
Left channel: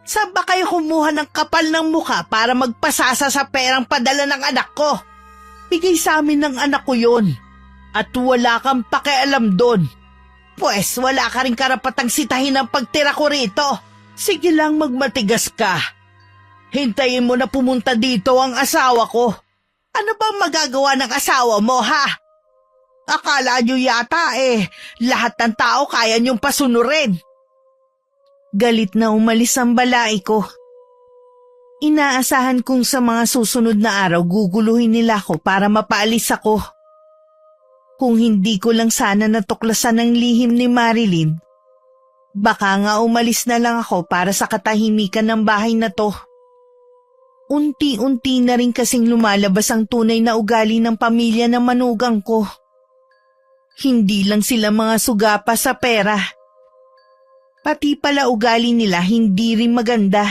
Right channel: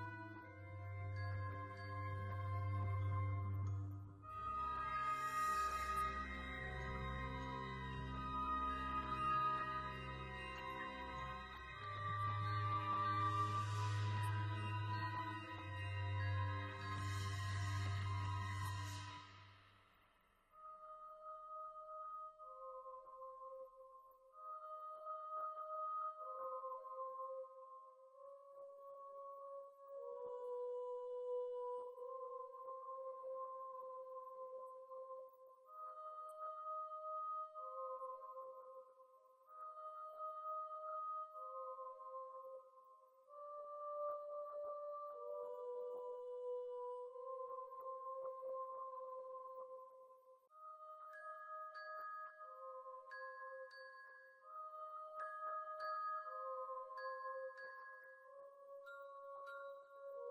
saan ba kayo kumuha ng kapal ng mukha para magpasasa sa perang padala ng anak ko? Bigay sa amin ng anak ko yun. At wala kang pakialam doon. Pwes wala ka rin karapatang sitahin ang pagtira ko rito. Sige lang magmatigas ka. Hintayin mo na pumunta dito ang asawa ko. Ano bang magagawa ng asawa mo, ha? Akala nyo yata lahat ng tao kaya nyong pasunurin. Galit na umalis ang balai ko. Inaasahan kong sa mga susunod na araw guguluhin nila ako para mapaalis ako. Kung hindi ko lang sana natuklasan ang lihim ni Marilyn, baka nga umalis na lang ako para sa katahimikan ng bahay na to. Unti-unti na rin kasing lumalabas ang tunay na ugali ng pamilya ng manugang ko. Hindi lang sila mga sugapa sa pera. Pati pala ugali nila hindi rin maganda.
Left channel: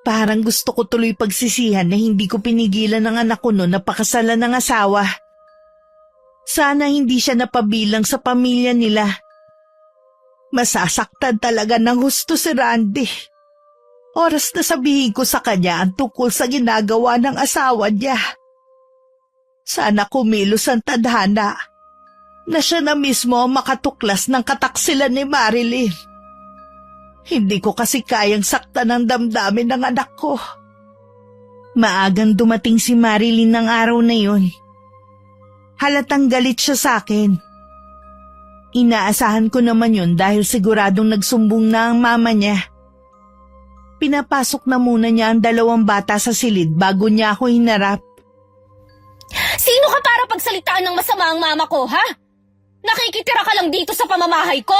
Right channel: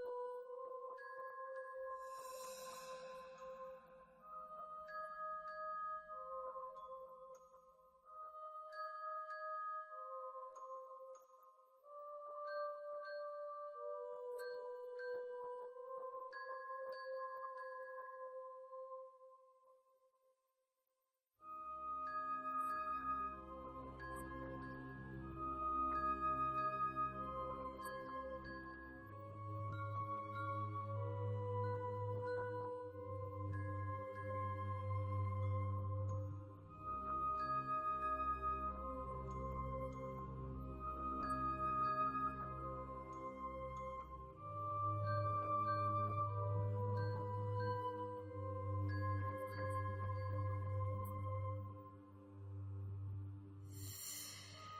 Parang gusto ko tuloy pagsisihan na hindi ko pinigilan ng anak ko noon na pakasalan ng asawa. Sana hindi siya napabilang sa pamilya nila. Masasaktan talaga ng husto si Randy. Oras na sabihin ko sa kanya ang tungkol sa ginagawa ng asawa niya. Sana kumilos ang tadhana na siya na mismo ang makatuklas ng kataksilan ni Marilyn. Hindi ko kasi kayang saktan ang damdamin ng anak ko. Maagang dumating si Marilyn ng araw na yun. Halatang galit siya sa akin. Inaasahan ko naman yun dahil siguradong nagsumbong na ang mama niya. Pinapasok na muna niya ang 2 bata sa silid bago niya ako hinarap. Sino ka para pagsalitaan ng masama ang mama ko, ha? Nakikitira ka lang dito sa pamamahay ko.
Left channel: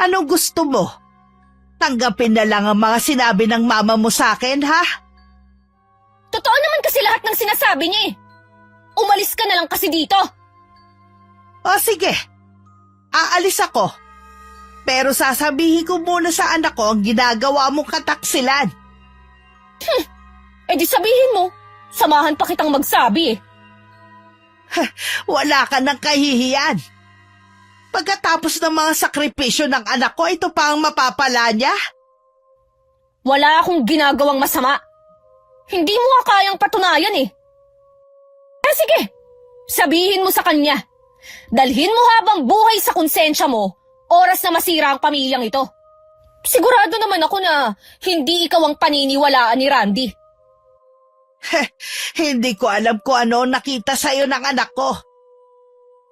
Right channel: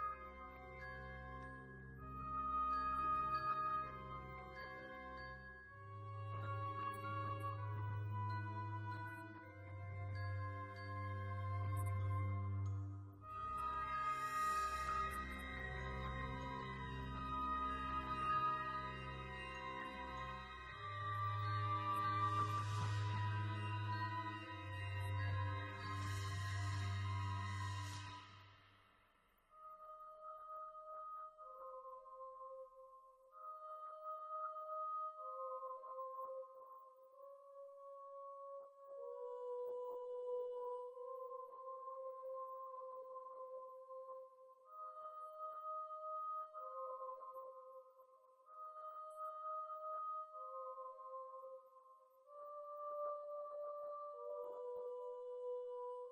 Anong gusto mo? Tanggapin na lang ang mga sinabi ng mama mo sa akin, ha? Totoo naman kasi lahat ng sinasabi niya eh. Umalis ka na lang kasi dito. O sige, aalis ako. Pero sasabihin ko muna sa anak ko ang ginagawa mong kataksilan. Di sabihin mo, samahan pa kitang magsabi eh. Wala ka ng kahihiyan. Pagkatapos ng mga sakripisyo ng anak ko, ito pa ang mapapala niya? Wala akong ginagawang masama. Hindi mo nga kayang patunayan eh. Sige, sabihin mo sa kanya. Dalhin mo habang buhay sa konsensya mo, oras na masira ang pamilyang ito. Sigurado naman ako na hindi ikaw ang paniniwalaan ni Randy. Hindi ko alam kung ano nakita sa'yo ng anak ko.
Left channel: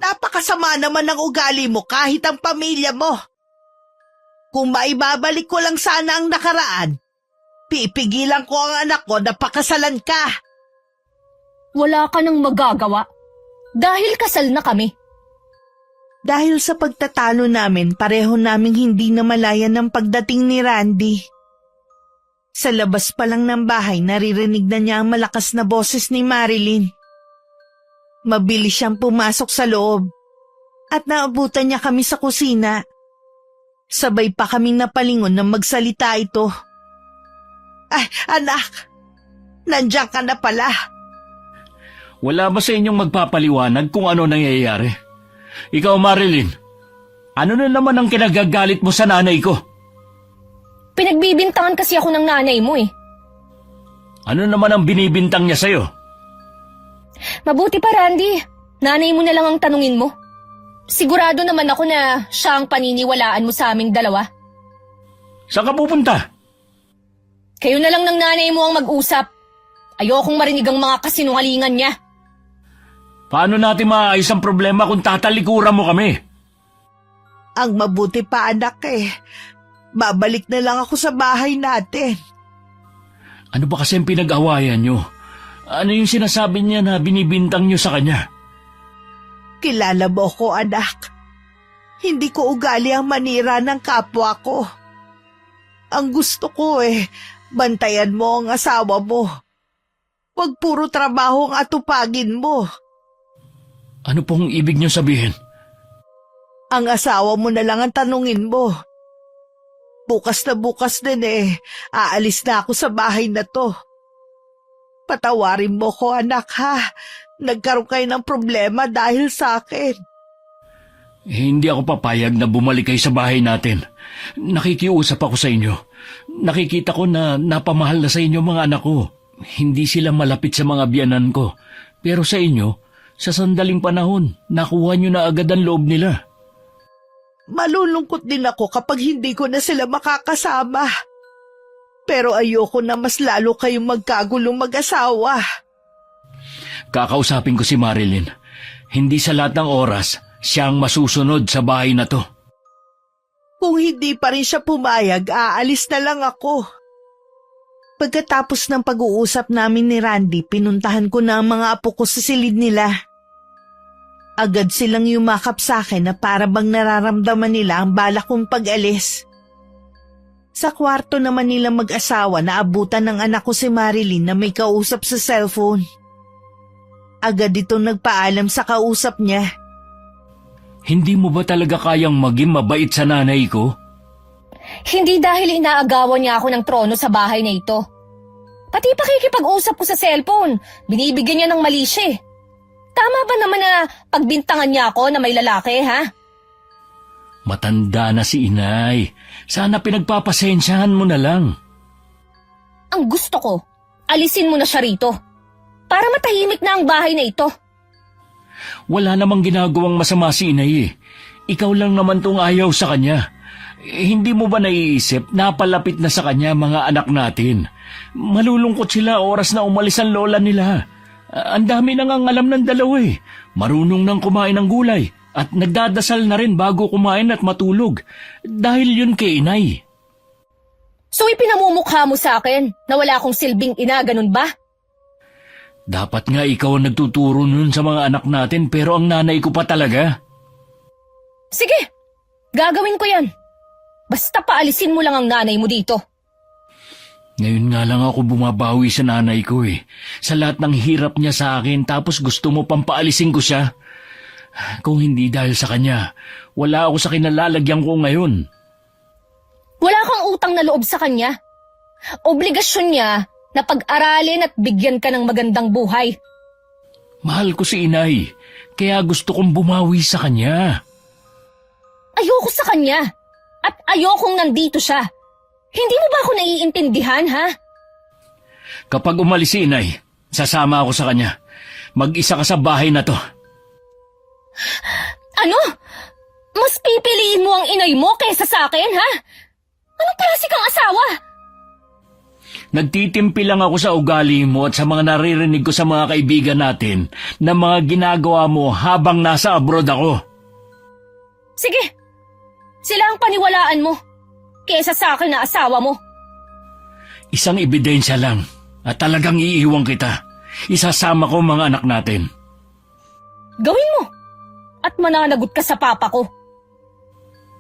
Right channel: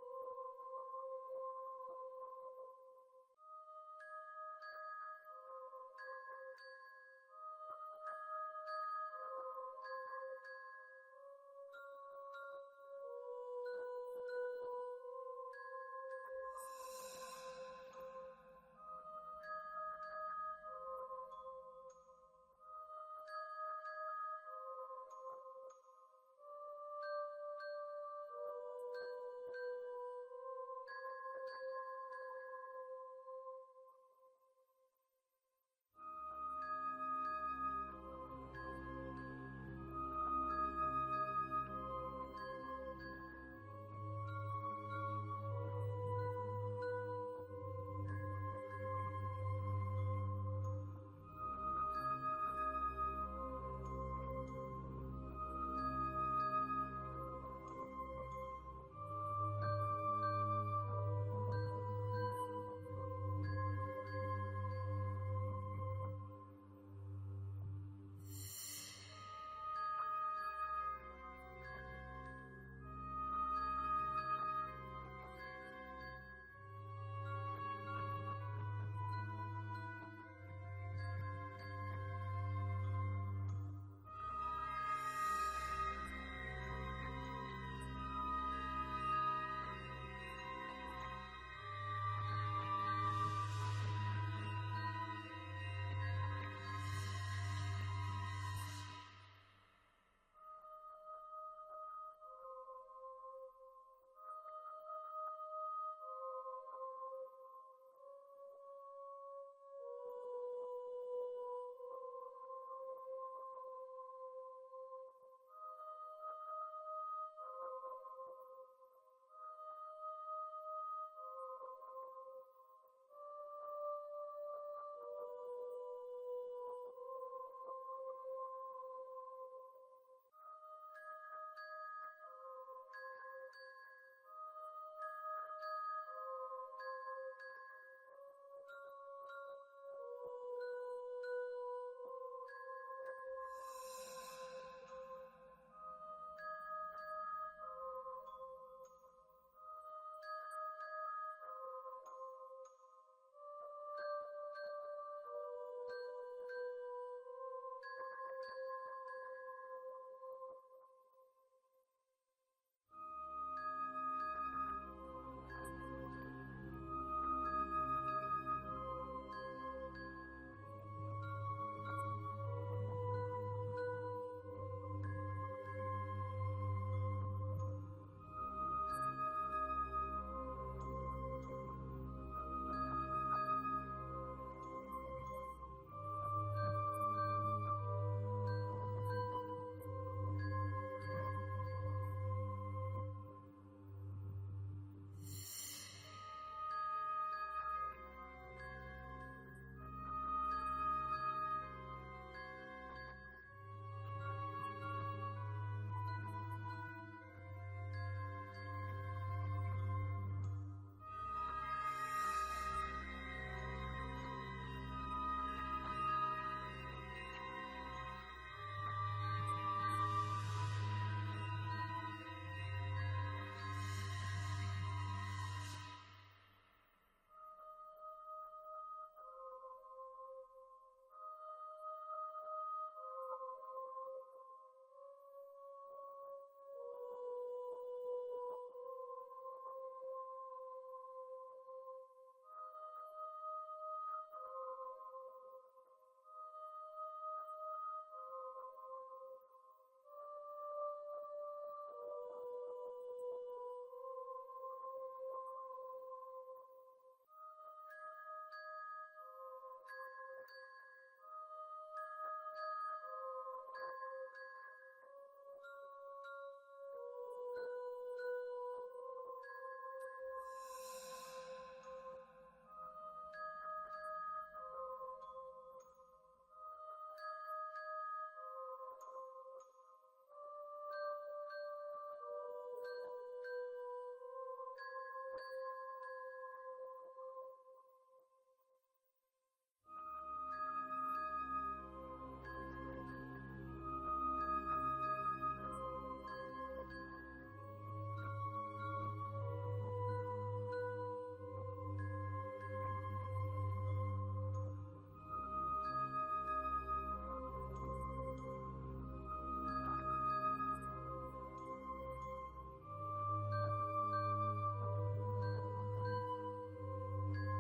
Napakasama naman ng ugali mo kahit ang pamilya mo. Kung maibabalik ko lang sana ang nakaraan, pipigilan ko ang anak ko na pakasalan ka. Wala ka nang magagawa dahil kasal na kami. Dahil sa pagtatalo namin, pareho naming hindi namalayan ng pagdating ni Randy. Sa labas pa lang ng bahay, naririnig na niya ang malakas na boses ni Marilyn. Mabilis siyang pumasok sa loob at naabutan niya kami sa kusina. Sabay pa kaming napalingon na magsalita ito. Ay, anak! Nandiyan ka na pala. Wala ba sa inyong magpapaliwanag kung ano nangyayari? Ikaw, Marilyn, ano na naman ang kinagagalit mo sa nanay ko? Pinagbibintangan kasi ako ng nanay mo eh. Ano naman ang binibintang niya sa'yo? Mabuti pa, Randy. Nanay mo na lang ang tanungin mo. Sigurado naman ako na siya ang paniniwalaan mo sa aming dalawa. Saan ka pupunta? Kayo na lang ng nanay mo ang mag-usap. Ayokong marinig ang mga kasinungalingan niya. Paano natin maayos ang problema kung tatalikuran mo kami? Ang mabuti pa, anak eh. Babalik na lang ako sa bahay natin. Ano ba kasi ang pinag-awayan niyo? Ano yung sinasabi niya na binibintang niyo sa kanya? Kilala mo ko, anak. Hindi ko ugali ang manira ng kapwa ko. Ang gusto ko bantayan mo ang asawa mo. Huwag puro trabaho ang atupagin mo. Ano pong ibig niyo sabihin? Ang asawa mo na lang ang tanungin mo. Bukas din aalis na ako sa bahay na to. Patawarin mo ko, anak, ha? Nagkaroon kayo ng problema dahil sa akin. Hindi ako papayag na bumalik kayo sa bahay natin. Nakikiusap ako sa inyo. Nakikita ko na napamahal na sa inyo mga anak ko. Hindi sila malapit sa mga biyanan ko. Pero sa inyo, sa sandaling panahon, nakuha nyo na agad ang loob nila. Malulungkot din ako kapag hindi ko na sila makakasama. Pero ayoko na mas lalo kayong magkagulong mag-asawa. Kakausapin ko si Marilyn. Hindi sa lahat ng oras, siya ang masusunod sa bahay na to. Kung hindi pa rin siya pumayag, aalis na lang ako. Pagkatapos ng pag-uusap namin ni Randy, pinuntahan ko na ang mga apo ko sa silid nila. Agad silang yumakap sa akin na para bang nararamdaman nila ang balak kong pag-alis. Sa kwarto naman nila mag-asawa, naabutan ng anak ko si Marilyn na may kausap sa cellphone. Agad itong nagpaalam sa kausap niya. Hindi mo ba talaga kayang maging mabait sa nanay ko? Hindi dahil inaagawan niya ako ng trono sa bahay na ito. Pati pakikipag-usap ko sa cellphone, binibigyan niya ng mali siya eh. Tama ba naman na pagbintangan niya ako na may lalaki, ha? Matanda na si inay. Sana pinagpapasensyahan mo na lang. Ang gusto ko, alisin mo na siya rito. Para matahimik na ang bahay na ito. Wala namang ginagawang masama si inay eh. Ikaw lang naman tong ayaw sa kanya. Hindi mo ba naiisip na palapit na sa kanya mga anak natin? Malulungkot sila oras na umalis ang lola nila. Ang dami nang ang alam ng dalawa eh. Marunong nang kumain ng gulay at nagdadasal na rin bago kumain at matulog. Dahil yun kay inay. So ipinamumukha mo sa akin na wala akong silbing ina, ganun ba? Dapat nga ikaw ang nagtuturo nun sa mga anak natin pero ang nanay ko pa talaga. Sige, gagawin ko yan. Basta paalisin mo lang ang nanay mo dito. Ngayon nga lang ako bumabawi sa nanay ko eh. Sa lahat ng hirap niya sa akin tapos gusto mo pang paalisin ko siya. Kung hindi dahil sa kanya, wala ako sa kinalalagyan ko ngayon. Wala kang utang na loob sa kanya. Obligasyon niya na pag-aralin at bigyan ka ng magandang buhay. Mahal ko si inay, kaya gusto kong bumawi sa kanya. Ayoko sa kanya at ayokong nandito siya. Hindi mo ba ako naiintindihan, ha? Kapag umalis si inay, sasama ako sa kanya. Mag-isa ka sa bahay na to. Ano? Mas pipiliin mo ang inay mo kaysa sa akin, ha? Anong klase kang asawa? Nagtitimpi lang ako sa ugali mo at sa mga naririnig ko sa mga kaibigan natin na mga ginagawa mo habang nasa abroad ako. Sige, sila ang paniwalaan mo kaysa sa akin na asawa mo. Isang ebidensya lang at talagang iiwan kita. Isasama ko mga anak natin. Gawin mo at mananagot ka sa papa ko.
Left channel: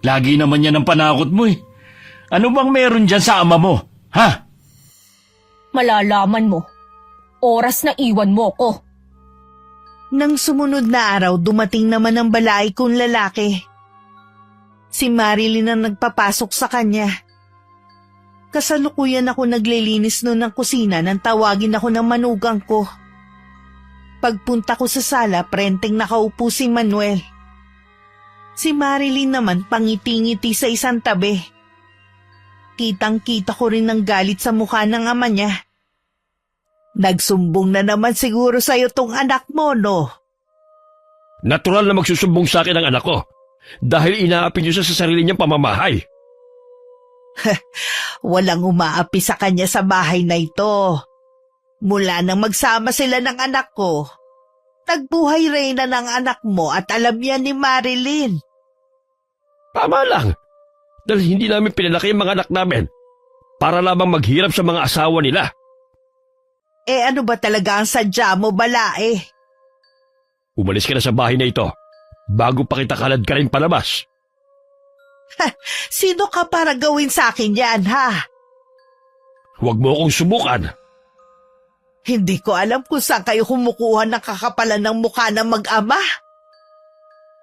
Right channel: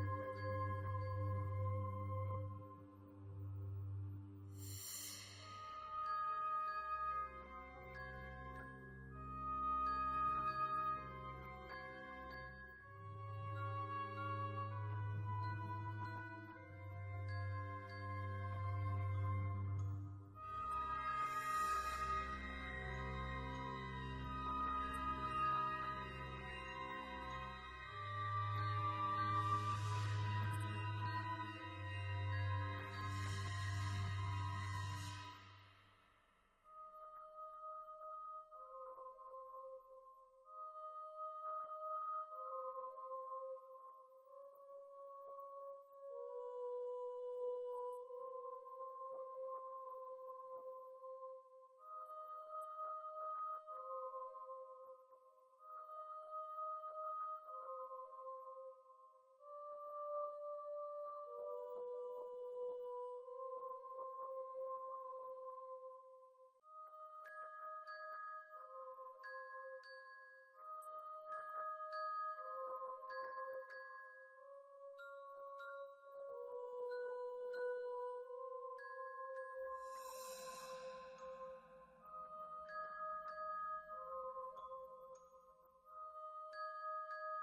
Lagi naman yan ang panakot mo eh. Ano bang meron dyan sa ama mo? Ha? Malalaman mo. Oras na iwan mo ko. Nang sumunod na araw, dumating naman ang balay kong lalaki. Si Marilyn ang nagpapasok sa kanya. Kasalukuyan ako naglilinis noon ng kusina nang tawagin ako ng manugang ko. Pagpunta ko sa sala, prenteng nakaupo si Manuel. Si Marilyn naman pangiti-ngiti sa isang tabi. Kitang-kita ko rin ang galit sa mukha ng ama niya. Nagsumbong na naman siguro sa'yo tong anak mo, no? Natural na magsusumbong sa akin ang anak ko dahil inaapi niyo siya sa sarili niyang pamamahay. Walang umaapi sa kanya sa bahay na ito. Mula nang magsama sila ng anak ko, nagbuhay reyna ng anak mo at alam yan ni Marilyn. Tama lang. Dahil hindi namin pinalaki ang mga anak namin para lamang maghirap sa mga asawa nila. Eh ano ba talaga ang sadya mo, balae? Umalis ka na sa bahay na ito bago pa kita kalad ka rin palabas. Sino ka para gawin sa akin yan, ha? Huwag mo akong subukan. Hindi ko alam kung saan kayo kumukuha ng kakapalan ng mukha ng mag-ama.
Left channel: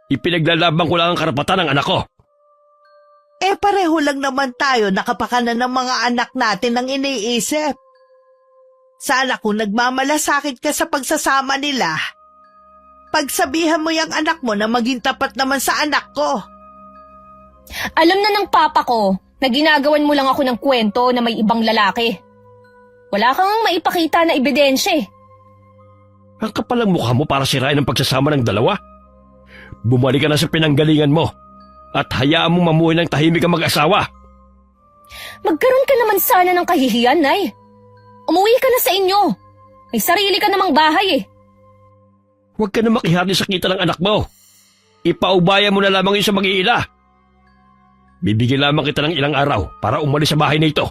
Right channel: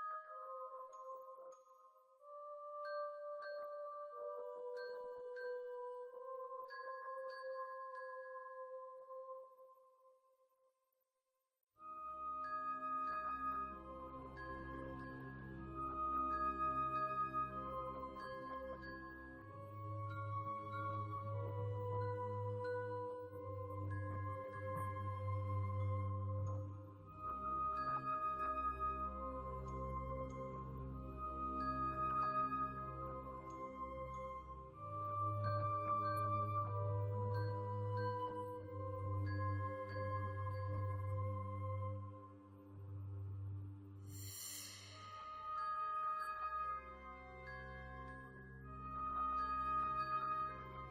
Ipinaglalaban ko lang ang karapatan ng anak ko. Eh pareho lang naman tayo nakapakanan ng mga anak natin ang iniisip. Sana kung nagmamalasakit ka sa pagsasama nila, pagsabihan mo yung anak mo na maging tapat naman sa anak ko. Alam na ng papa ko na ginagawan mo lang ako ng kwento na may ibang lalaki. Wala kang maipakita na ebidensya eh. Ang kapal ang mukha mo para sirain ang pagsasama ng dalawa. Bumalik ka na sa pinanggalingan mo at hayaan mo mamuhay ng tahimik ang mag-asawa. Magkaroon ka naman sana ng kahihiyan, Nay. Umuwi ka na sa inyo. May sarili ka namang bahay eh. Huwag ka na makihati sa kita ng anak mo. Ipaubaya mo na lamang yun sa mag-iila. Bibigyan lamang kita ng ilang araw para umalis sa bahay na ito.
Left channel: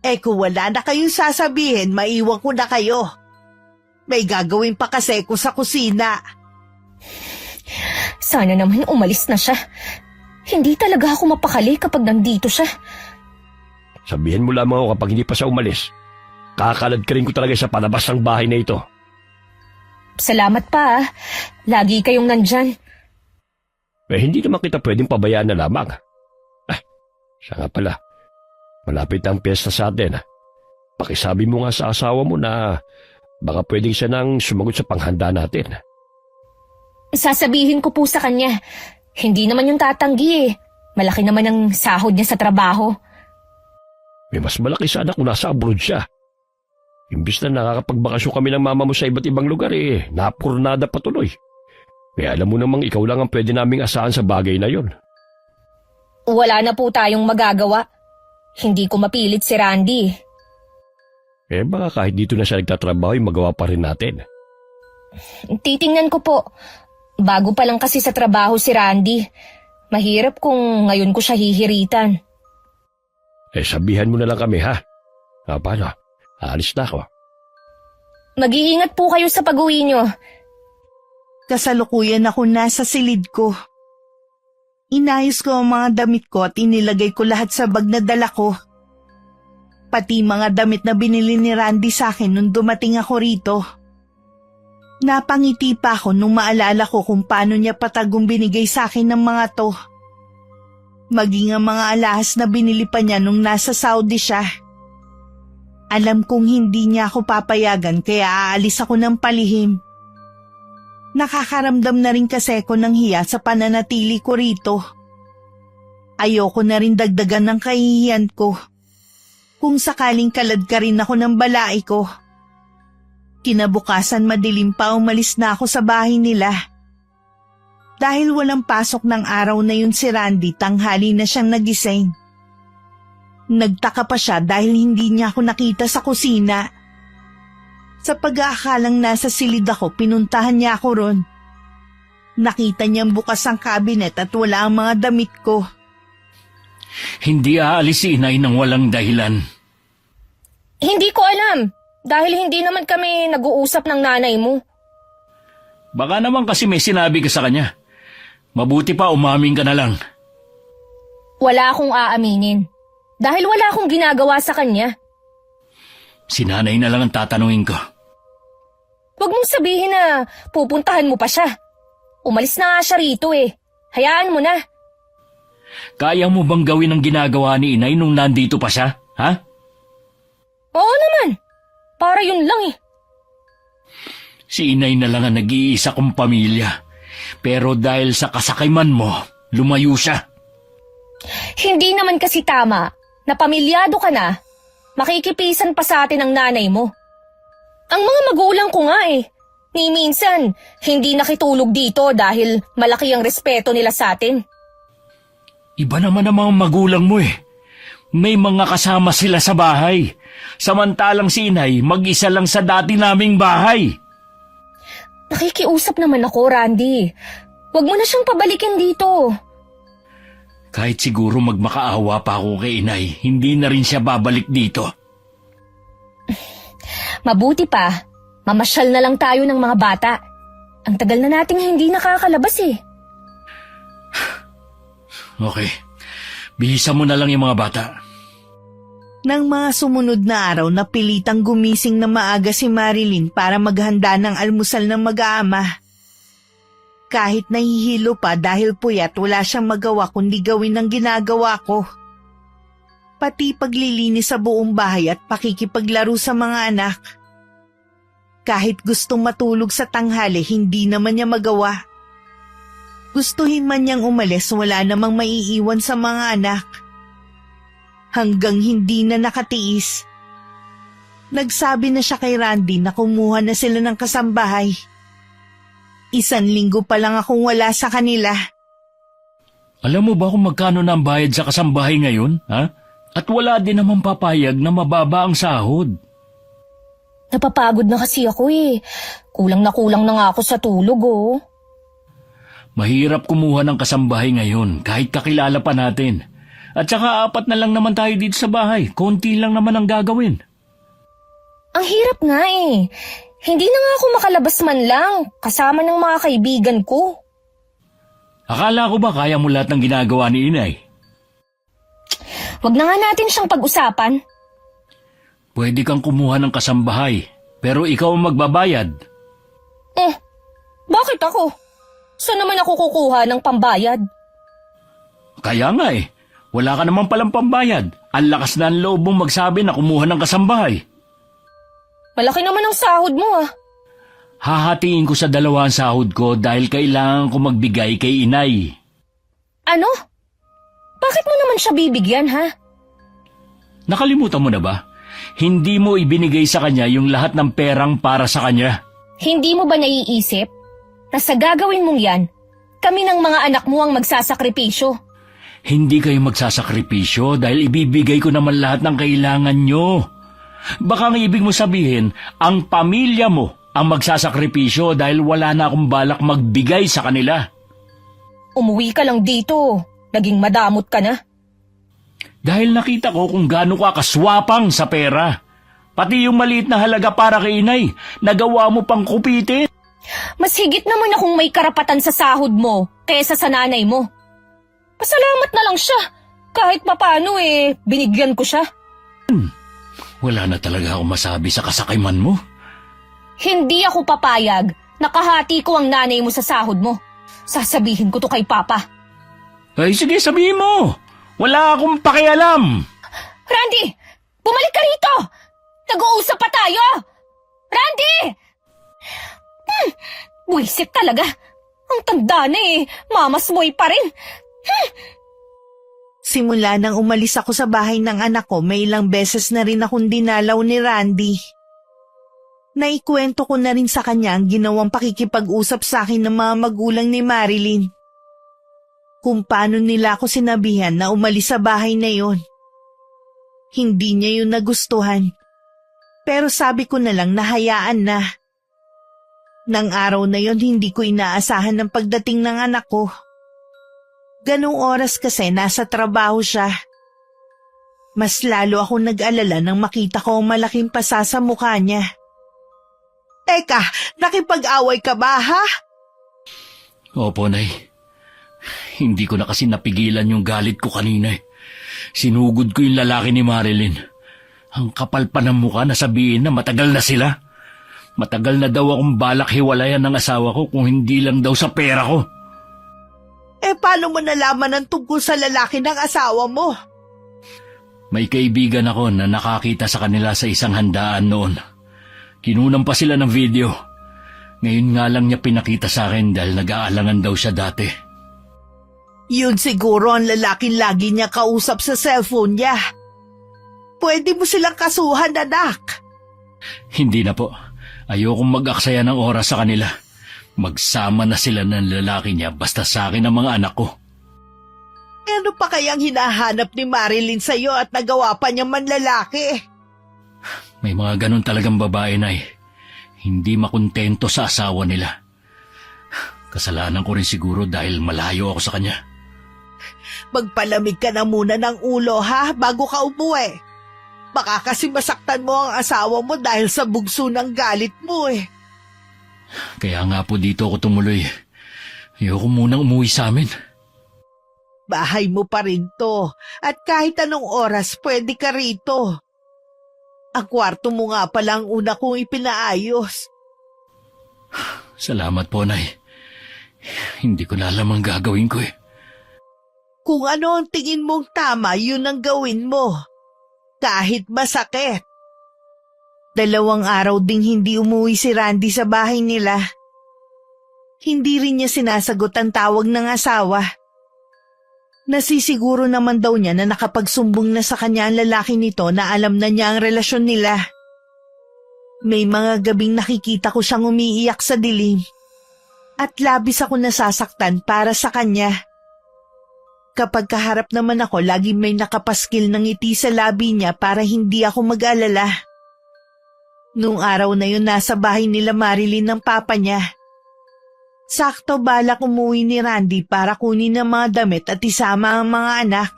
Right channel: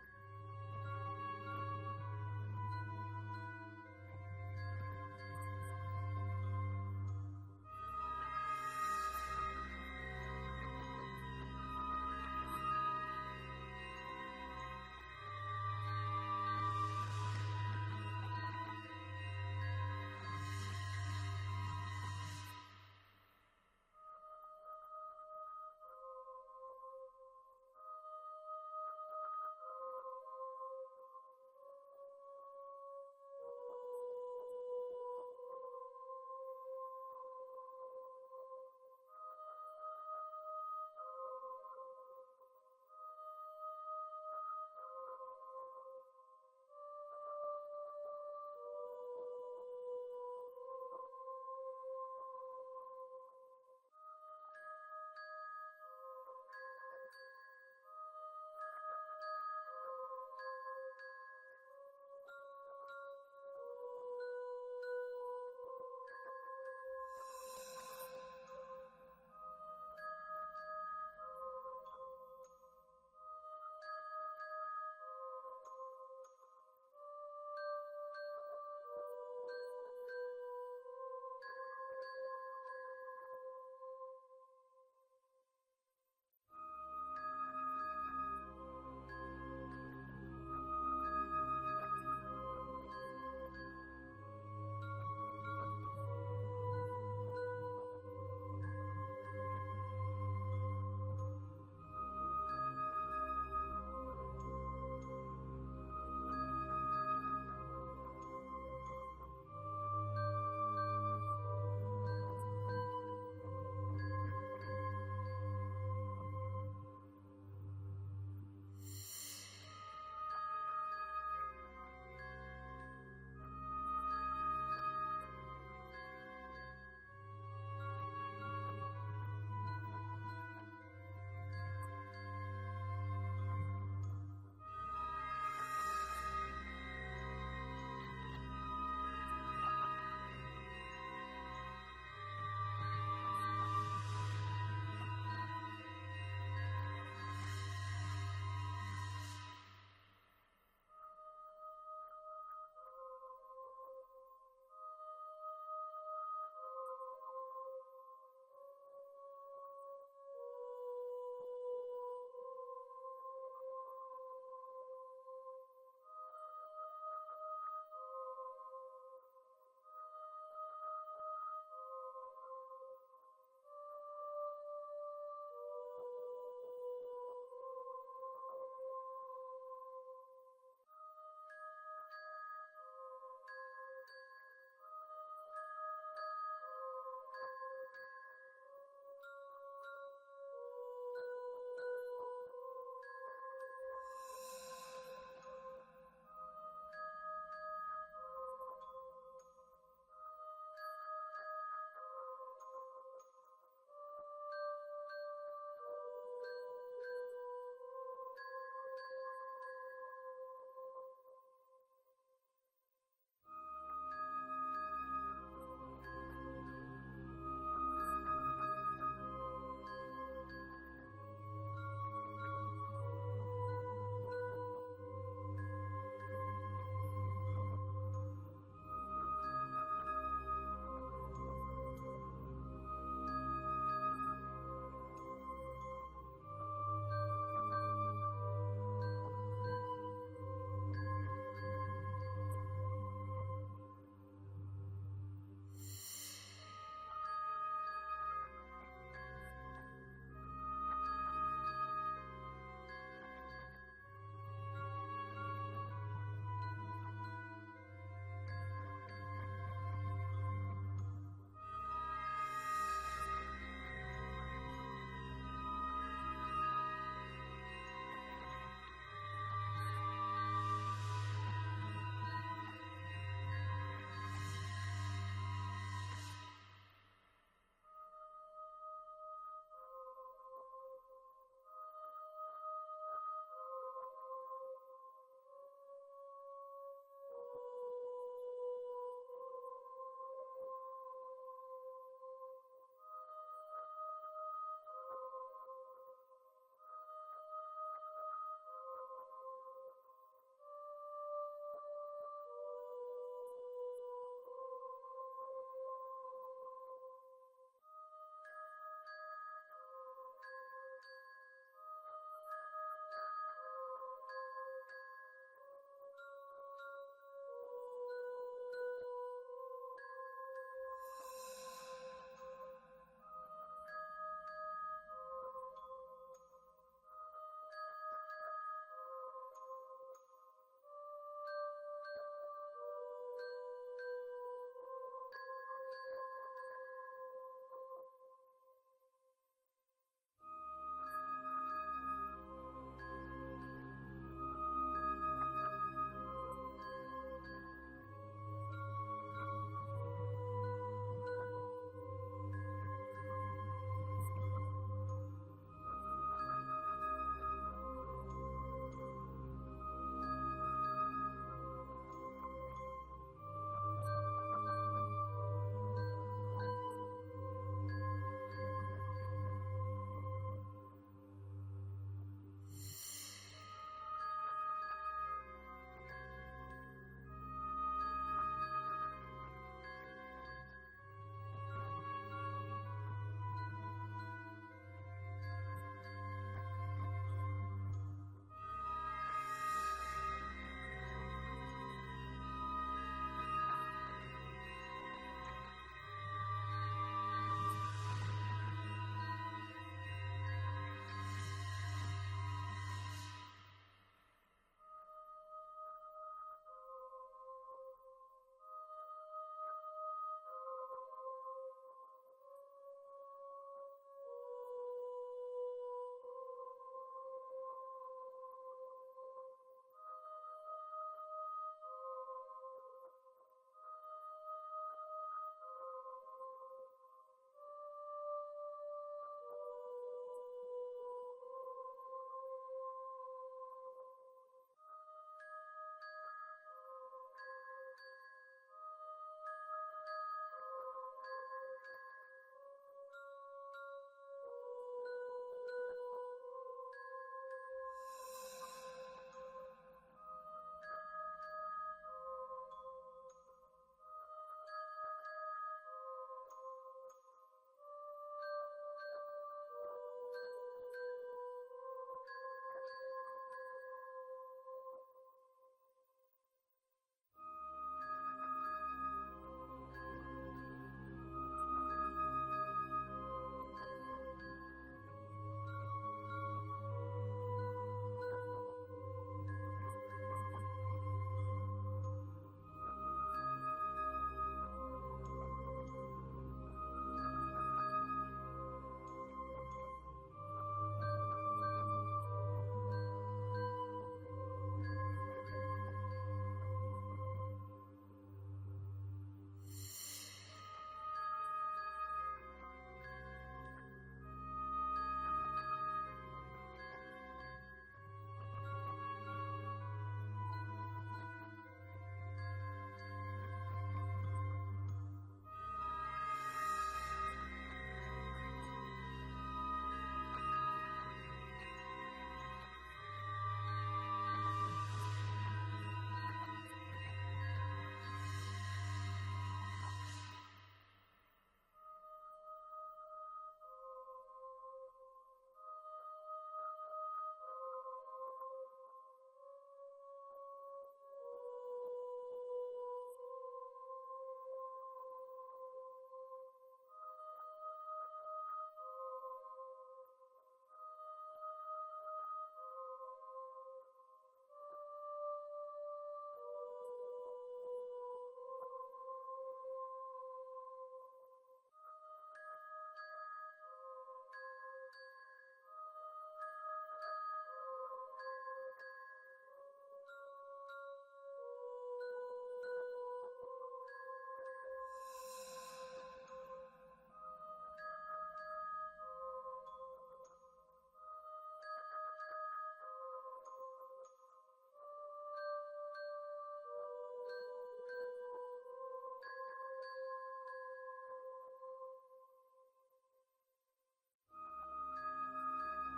Eh kung wala na kayong sasabihin, maiwan ko na kayo. May gagawin pa kasi ko sa kusina. Sana naman umalis na siya. Hindi talaga ako mapakali kapag nandito siya. Sabihin mo lamang ako kapag hindi pa siya umalis. Kakalad ka rin ko talaga sa palabas ng bahay na ito. Salamat pa ah. Lagi kayong nandyan. Eh hindi naman kita pwedeng pabayaan na lamang. Siya nga pala. Malapit ang piyesta sa atin. Pakisabi mo nga sa asawa mo na baka pwedeng siya nang sumagot sa panghanda natin. Sasabihin ko po sa kanya. Hindi naman yung tatanggi eh. Malaki naman ang sahod niya sa trabaho. May mas malaki sana kung nasa abroad siya. Imbis na nakakapagbakasyon kami ng mama mo sa iba't ibang lugar napurnada patuloy. Kaya alam mo namang ikaw lang ang pwede naming asahan sa bagay na yon. Wala na po tayong magagawa. Hindi ko mapilit si Randy. Baka kahit dito na siya nagtatrabaho magawa pa rin natin. Titingnan ko po. Bago pa lang kasi sa trabaho si Randy. Mahirap kung ngayon ko siya hihiritan. Sabihan mo na lang kami ha. Paano? Aalis na ako. Mag-iingat po kayo sa pag-uwi nyo. Kasalukuyan ako nasa silid ko. Inayos ko ang mga damit ko at inilagay ko lahat sa bag na dala ko. Pati mga damit na binili ni Randy sa akin nung dumating ako rito. Napangiti pa ako nung maalala ko kung paano niya patagong binigay sa akin ng mga to. Maging ang mga alahas na binili pa niya nung nasa Saudi siya. Alam kong hindi niya ako papayagan kaya aalis ako ng palihim. Nakakaramdam na rin kasi ako ng hiya sa pananatili ko rito. Ayoko na rin dagdagan ng kahihiyan ko. kung sakaling kalad ka rin ako ng balai ko. Kinabukasan madilim pa umalis na ako sa bahay nila. Dahil walang pasok ng araw na yun si Randy, tanghali na siyang nagising. Nagtaka pa siya dahil hindi niya ako nakita sa kusina. Sa pag-aakalang nasa silid ako, pinuntahan niya ako ron. Nakita niyang bukas ang kabinet at wala ang mga damit ko. Hindi aalis si inay ng walang dahilan. Hindi ko alam. Dahil hindi naman kami nag-uusap ng nanay mo. Baka naman kasi may sinabi ka sa kanya. Mabuti pa umamin ka na lang. Wala akong aaminin. Dahil wala akong ginagawa sa kanya. Si nanay na lang ang tatanungin ko. Huwag mong sabihin na pupuntahan mo pa siya. Umalis na nga siya rito eh. Hayaan mo na. Kaya mo bang gawin ang ginagawa ni inay nung nandito pa siya? Ha? Oo naman. Para yun lang eh. Si inay na lang ang nag-iisa kong pamilya. Pero dahil sa kasakayman mo, lumayo siya. Hindi naman kasi tama na pamilyado ka na, makikipisan pa sa atin ang nanay mo. Ang mga magulang ko nga eh, ni minsan hindi nakitulog dito dahil malaki ang respeto nila sa atin. Iba naman ang mga magulang mo eh. May mga kasama sila sa bahay. Samantalang si inay mag-isa lang sa dati naming bahay. Nakikiusap naman ako, Randy. Huwag mo na siyang pabalikin dito. Kahit siguro magmakaawa pa ako kay inay, hindi na rin siya babalik dito. Mabuti pa, mamasyal na lang tayo ng mga bata. Ang tagal na nating hindi nakakalabas eh. Okay, bihisa mo na lang yung mga bata. Nang mga sumunod na araw, napilitang gumising na maaga si Marilyn para maghanda ng almusal ng mag-aama. Kahit nahihilo pa dahil puyat, wala siyang magawa kundi gawin ang ginagawa ko. Pati paglilinis sa buong bahay at pakikipaglaro sa mga anak. Kahit gustong matulog sa tanghali, hindi naman niya magawa. Gustuhin man niyang umalis, wala namang maiiwan sa mga anak. Hanggang hindi na nakatiis. Nagsabi na siya kay Randy na kumuha na sila ng kasambahay. 1 linggo pa lang akong wala sa kanila. Alam mo ba kung magkano na ang bayad sa kasambahay ngayon, ha? At wala din naman papayag na mababa ang sahod. Napapagod na kasi ako eh. Kulang na nga ako sa tulog oh. Mahirap kumuha ng kasambahay ngayon kahit kakilala pa natin. At saka 4 na lang naman tayo dito sa bahay. Konti lang naman ang gagawin. Ang hirap nga eh. Hindi na nga ako makalabas man lang kasama ng mga kaibigan ko. Akala ko ba kaya mo lahat ng ginagawa ni inay? Wag na nga natin siyang pag-usapan. Pwede kang kumuha ng kasambahay, pero ikaw ang magbabayad. Bakit ako? Saan naman ako kukuha ng pambayad? Kaya nga eh, wala ka naman palang pambayad. Ang lakas na ang loob mong magsabi na kumuha ng kasambahay. Malaki naman ang sahod mo ah. Hahatiin ko sa 2 ang sahod ko dahil kailangan ko magbigay kay inay. Ano? Bakit mo naman siya bibigyan ha? Nakalimutan mo na ba? Hindi mo ibinigay sa kanya yung lahat ng perang para sa kanya. Hindi mo ba naiisip na sa gagawin mong yan, kami ng mga anak mo ang magsasakripisyo? Hindi kayo magsasakripisyo dahil ibibigay ko naman lahat ng kailangan nyo. Baka ang ibig mo sabihin, ang pamilya mo ang magsasakripisyo dahil wala na akong balak magbigay sa kanila. Umuwi ka lang dito. Naging madamot ka na. Dahil nakita ko kung gaano ka kaswapang sa pera. Pati yung maliit na halaga para kay inay, nagawa mo pang kupitin. Mas higit naman akong may karapatan sa sahod mo kaysa sa nanay mo. Pasalamat na lang siya. Kahit papano binigyan ko siya. Wala na talaga akong masabi sa kasakayman mo. Hindi ako papayag. Nakahati ko ang nanay mo sa sahod mo. Sasabihin ko to kay Papa. Ay sige, sabihin mo. Wala akong pakialam. Randy! Bumalik ka rito! Nag-uusap pa tayo! Randy! Buisit talaga. Ang tanda na mamasmoy pa rin. Simula nang umalis ako sa bahay ng anak ko, may ilang beses na rin akong dinalaw ni Randy. Naikwento ko na rin sa kanya ang ginawang pakikipag-usap sa akin ng mga magulang ni Marilyn. Kung paano nila ako sinabihan na umalis sa bahay na yon. Hindi niya yun nagustuhan. Pero sabi ko na lang nahayaan na. Nang araw na yon hindi ko inaasahan ng pagdating ng anak ko. Ganong oras kasi nasa trabaho siya. Mas lalo ako nag-alala nang makita ko ang malaking pasa sa mukha niya. Teka, nakipag-away ka ba ha? Opo, Nay. Hindi ko na kasi napigilan yung galit ko kanina eh. Sinugod ko yung lalaki ni Marilyn. Ang kapal pa ng mukha na sabihin na matagal na sila. Matagal na daw akong balak hiwalayan ng asawa ko kung hindi lang daw sa pera ko. Paano mo nalaman ang tungkol sa lalaki ng asawa mo? May kaibigan ako na nakakita sa kanila sa isang handaan noon. Kinunan pa sila ng video. Ngayon nga lang niya pinakita sa akin dahil nag-aalangan daw siya dati. Yun siguro ang lalaking lagi niya kausap sa cellphone niya. Pwede mo silang kasuhan, anak. Hindi na po. Ayokong mag-aksaya ng oras sa kanila. Magsama na sila ng lalaki niya basta sa akin ang mga anak ko. Ano pa kayang hinahanap ni Marilyn sa'yo at nagawa pa niya manlalaki? May mga ganun talagang babae, Nay. Hindi makontento sa asawa nila. Kasalanan ko rin siguro dahil malayo ako sa kanya. Magpalamig ka na muna ng ulo ha bago ka umuwi. Baka kasi masaktan mo ang asawa mo dahil sa bugso ng galit mo eh. Kaya nga po dito ako tumuloy. Ayoko munang umuwi sa amin. Bahay mo pa rin to at kahit anong oras pwede ka rito. Ang kwarto mo nga pala ang una kong ipinaayos. Salamat po, Nay. Hindi ko na alam ang gagawin ko eh. Kung ano ang tingin mong tama, yun ang gawin mo. Kahit masakit. 2 araw ding hindi umuwi si Randy sa bahay nila. Hindi rin niya sinasagot ang tawag ng asawa. Nasisiguro naman daw niya na nakapagsumbong na sa kanya ang lalaki nito na alam na niya ang relasyon nila. May mga gabing nakikita ko siyang umiiyak sa dilim. At labis ako nasasaktan para sa kanya. Kapag kaharap naman ako, lagi may nakapaskil ng ngiti sa labi niya para hindi ako mag-alala. Nung araw na yun, nasa bahay nila Marilyn ng papa niya. Sakto balak umuwi ni Randy para kunin ang mga damit at isama ang mga anak.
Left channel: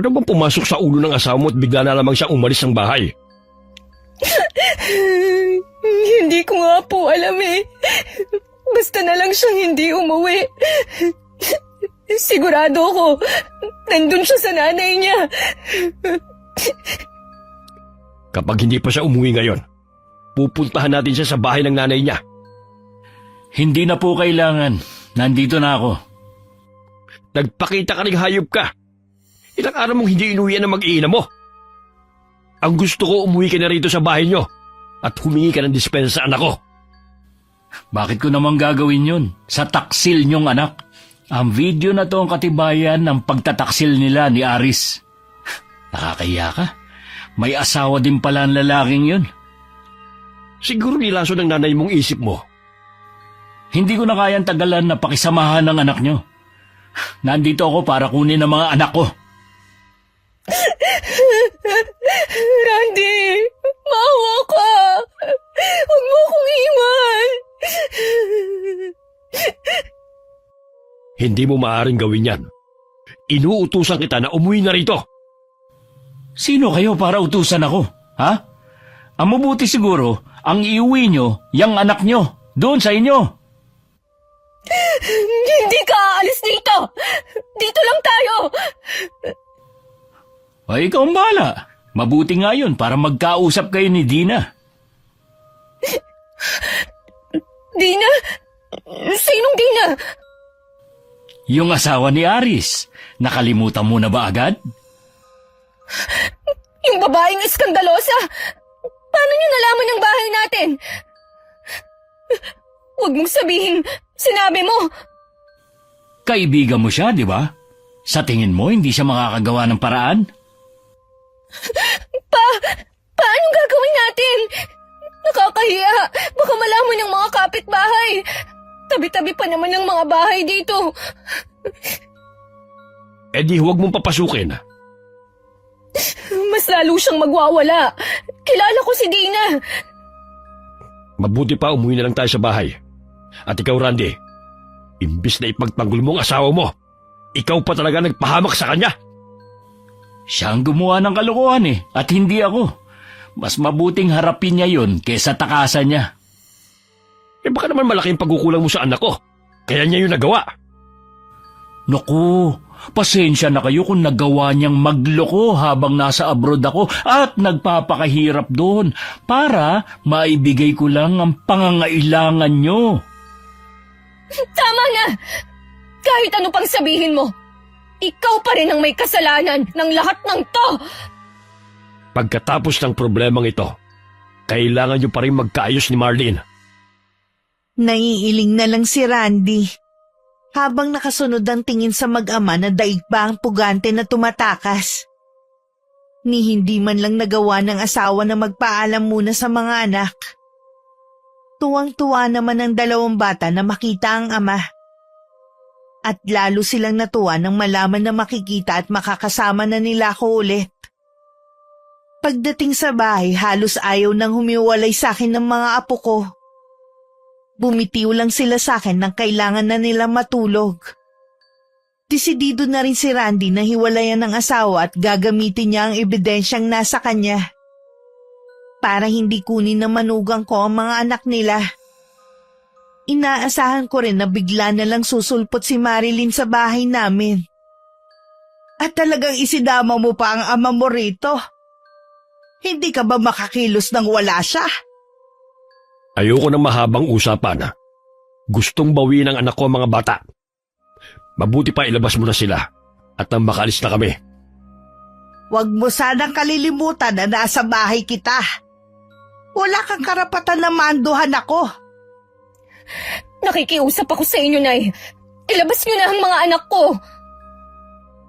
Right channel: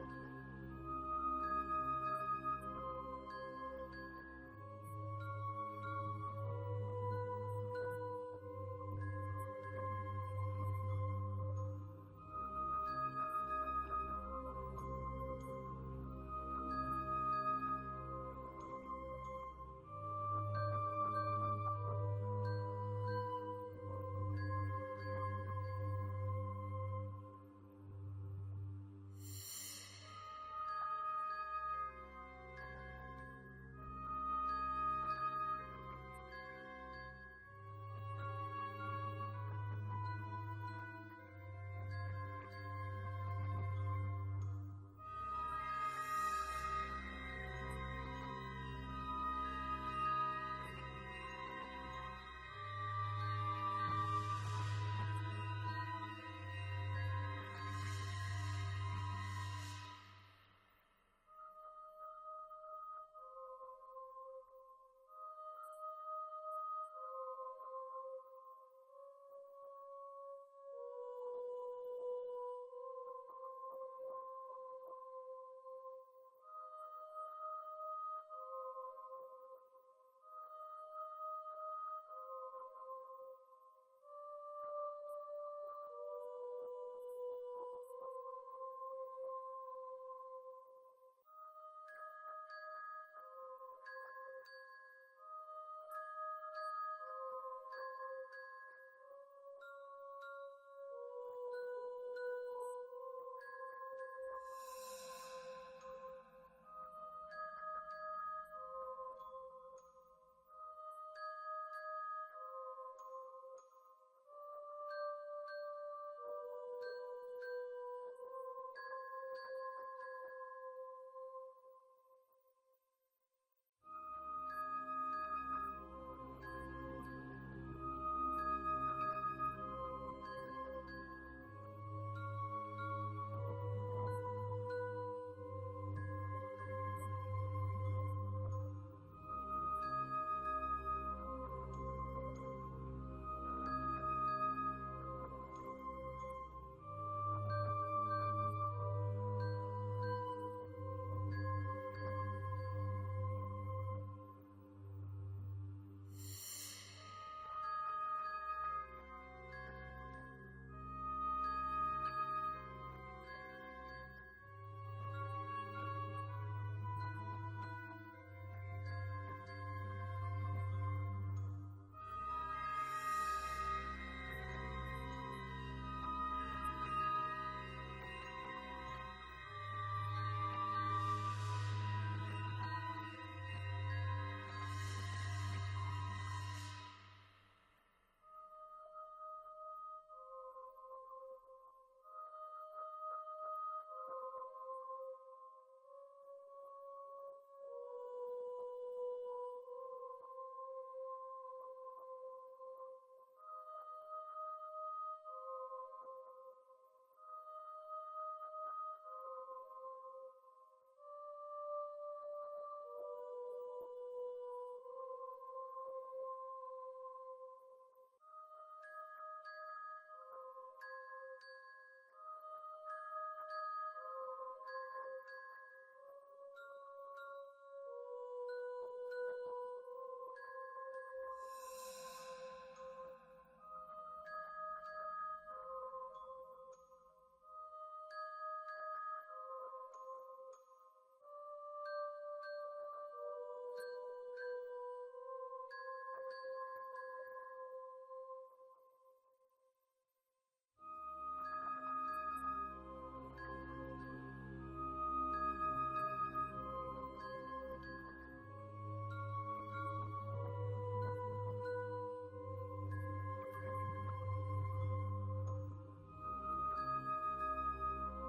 Ano bang pumasok sa ulo ng asawa mo at bigla na lamang siyang umalis ng bahay? Hindi ko nga po alam eh. Basta na lang siyang hindi umuwi. Sigurado ko, nandun siya sa nanay niya. Kapag hindi pa siya umuwi ngayon, pupuntahan natin siya sa bahay ng nanay niya. Hindi na po kailangan. Nandito na ako. Nagpakita ka ng hayop ka. Ilang araw mong hindi inuwi ng mag-iina mo. Ang gusto ko, umuwi ka na rito sa bahay niyo at humingi ka ng dispensa sa anak ko. Bakit ko naman gagawin yun? Sa taksil niyong anak. Ang video na to ang katibayan ng pagtataksil nila ni Aris. Nakakahiya ka. May asawa din pala ang lalaking yun. Siguro nilaso ng nanay mong isip mo. Hindi ko na kayang tagalan na pakisamahan ng anak niyo. Nandito ako para kunin ang mga anak ko. Randy, maawa ka. Huwag mo akong iwan. Hindi mo maaaring gawin yan. Inuutusan kita na umuwi na rito. Sino kayo para utusan ako? Ha? Ang mabuti siguro, ang iuwi nyo, yung anak nyo, doon sa inyo. Hindi ka aalis dito. Dito lang tayo. Ay, ikaw ang bahala. Mabuti nga yun para magkausap kayo ni Dina. Dina? Sinong Dina? Yung asawa ni Aris. Nakalimutan mo na ba agad? Yung babaeng iskandalosa. Paano niyo nalaman ang bahay natin? Huwag mong sabihin, sinabi mo. Kaibigan mo siya, di ba? Sa tingin mo, hindi siya makakagawa ng paraan? Paano gagawin natin? Nakakahiya. Baka malaman ng mga kapitbahay. Tabi-tabi pa naman ng mga bahay dito. Eh di huwag mong papasukin. Mas lalo siyang magwawala. Kilala ko si Dina. Mabuti pa umuwi na lang tayo sa bahay. At ikaw, Randy, imbis na ipagtanggol mo ang asawa mo, ikaw pa talaga nagpahamak sa kanya. Siya ang gumawa ng kalokohan at hindi ako. Mas mabuting harapin niya yon kaysa takasan niya. Eh baka naman malaking pagkukulang mo sa anak ko. Kaya niya yung nagawa. Naku, pasensya na kayo kung nagawa niyang magloko habang nasa abroad ako at nagpapakahirap doon para maibigay ko lang ang pangangailangan niyo. Tama na! Kahit ano pang sabihin mo, ikaw pa rin ang may kasalanan ng lahat ng to! Pagkatapos ng problemang ito, kailangan niyo pa rin magkaayos ni Marlene. Naiiling na lang si Randy. Habang nakasunod ang tingin sa mag-ama na daig pa ang pugante na tumatakas. Ni hindi man lang nagawa ng asawa na magpaalam muna sa mga anak. Tuwang-tuwa naman ang dalawang bata na makita ang ama. At lalo silang natuwa nang malaman na makikita at makakasama na nila ako ulit. Pagdating sa bahay, halos ayaw nang humiwalay sa akin ng mga apo ko. Bumitiw lang sila sa akin nang kailangan na nila matulog. Desidido na rin si Randy na hiwalayan ng asawa at gagamitin niya ang ebidensyang nasa kanya. Para hindi kunin na manugang ko ang mga anak nila. Inaasahan ko rin na bigla na lang susulpot si Marilyn sa bahay namin. At talagang isinama mo pa ang ama mo rito. Hindi ka ba makakilos nang wala siya? Ayoko ng mahabang usapan. Gustong bawiin ng anak ko ang mga bata. Mabuti pa ilabas mo na sila at nang makaalis na kami. Huwag mo sanang kalilimutan na nasa bahay kita. Wala kang karapatan na manduhan ako. Nakikiusap ako sa inyo, Nay. Ilabas niyo na ang mga anak ko.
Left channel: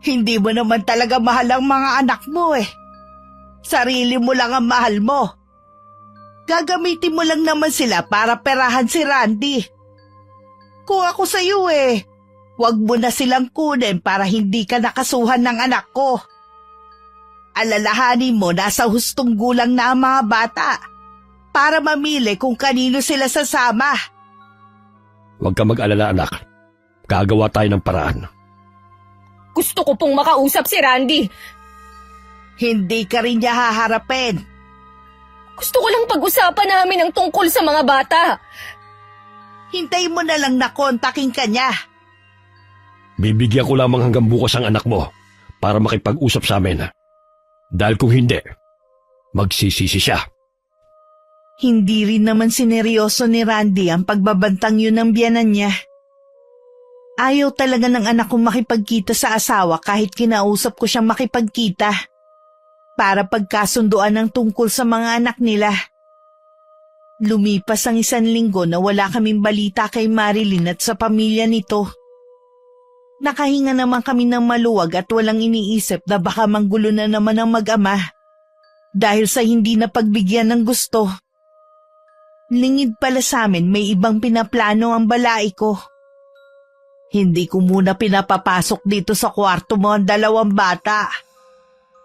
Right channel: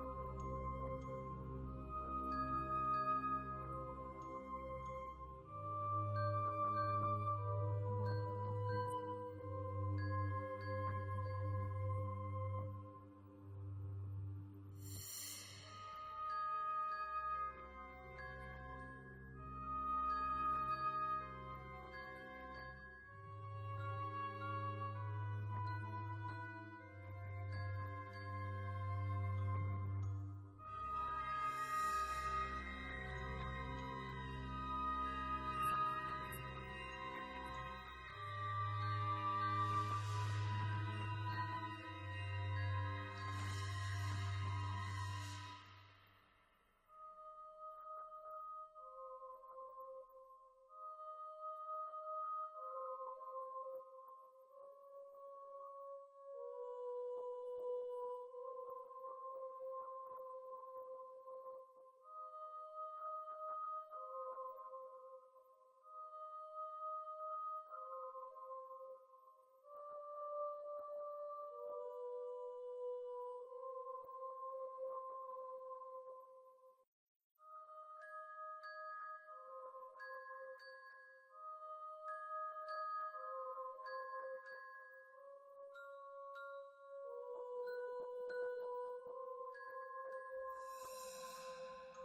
Hindi mo naman talaga mahal ang mga anak mo eh. Sarili mo lang ang mahal mo. Gagamitin mo lang naman sila para perahan si Randy. Kung ako sa iyo huwag mo na silang kunin para hindi ka nakasuhan ng anak ko. Alalahanin mo nasa hustong gulang na ang mga bata para mamili kung kanino sila sasama. Huwag ka mag-alala, anak. Gagawa tayo ng paraan. Gusto ko pong makausap si Randy. Hindi ka rin niya haharapin. Gusto ko lang pag-usapan namin ang tungkol sa mga bata. Hintay mo na lang na kontakin ka niya. Bibigyan ko lamang hanggang bukas ang anak mo para makipag-usap sa amin. Dahil kung hindi, magsisisi siya. Hindi rin naman sineryoso ni Randy ang pagbabantang yun ng biyanan niya. Ayaw talaga ng anak kong makipagkita sa asawa kahit kinausap ko siyang makipagkita. Para pagkasunduan ng tungkol sa mga anak nila. Lumipas ang 1 linggo na wala kaming balita kay Marilyn at sa pamilya nito. Nakahinga naman kami ng maluwag at walang iniisip na baka manggulo na naman ang mag-ama dahil sa hindi na pagbigyan ng gusto. Lingid pala sa amin may ibang pinaplano ang balai ko. Hindi ko muna pinapapasok dito sa kwarto mo ang 2 bata.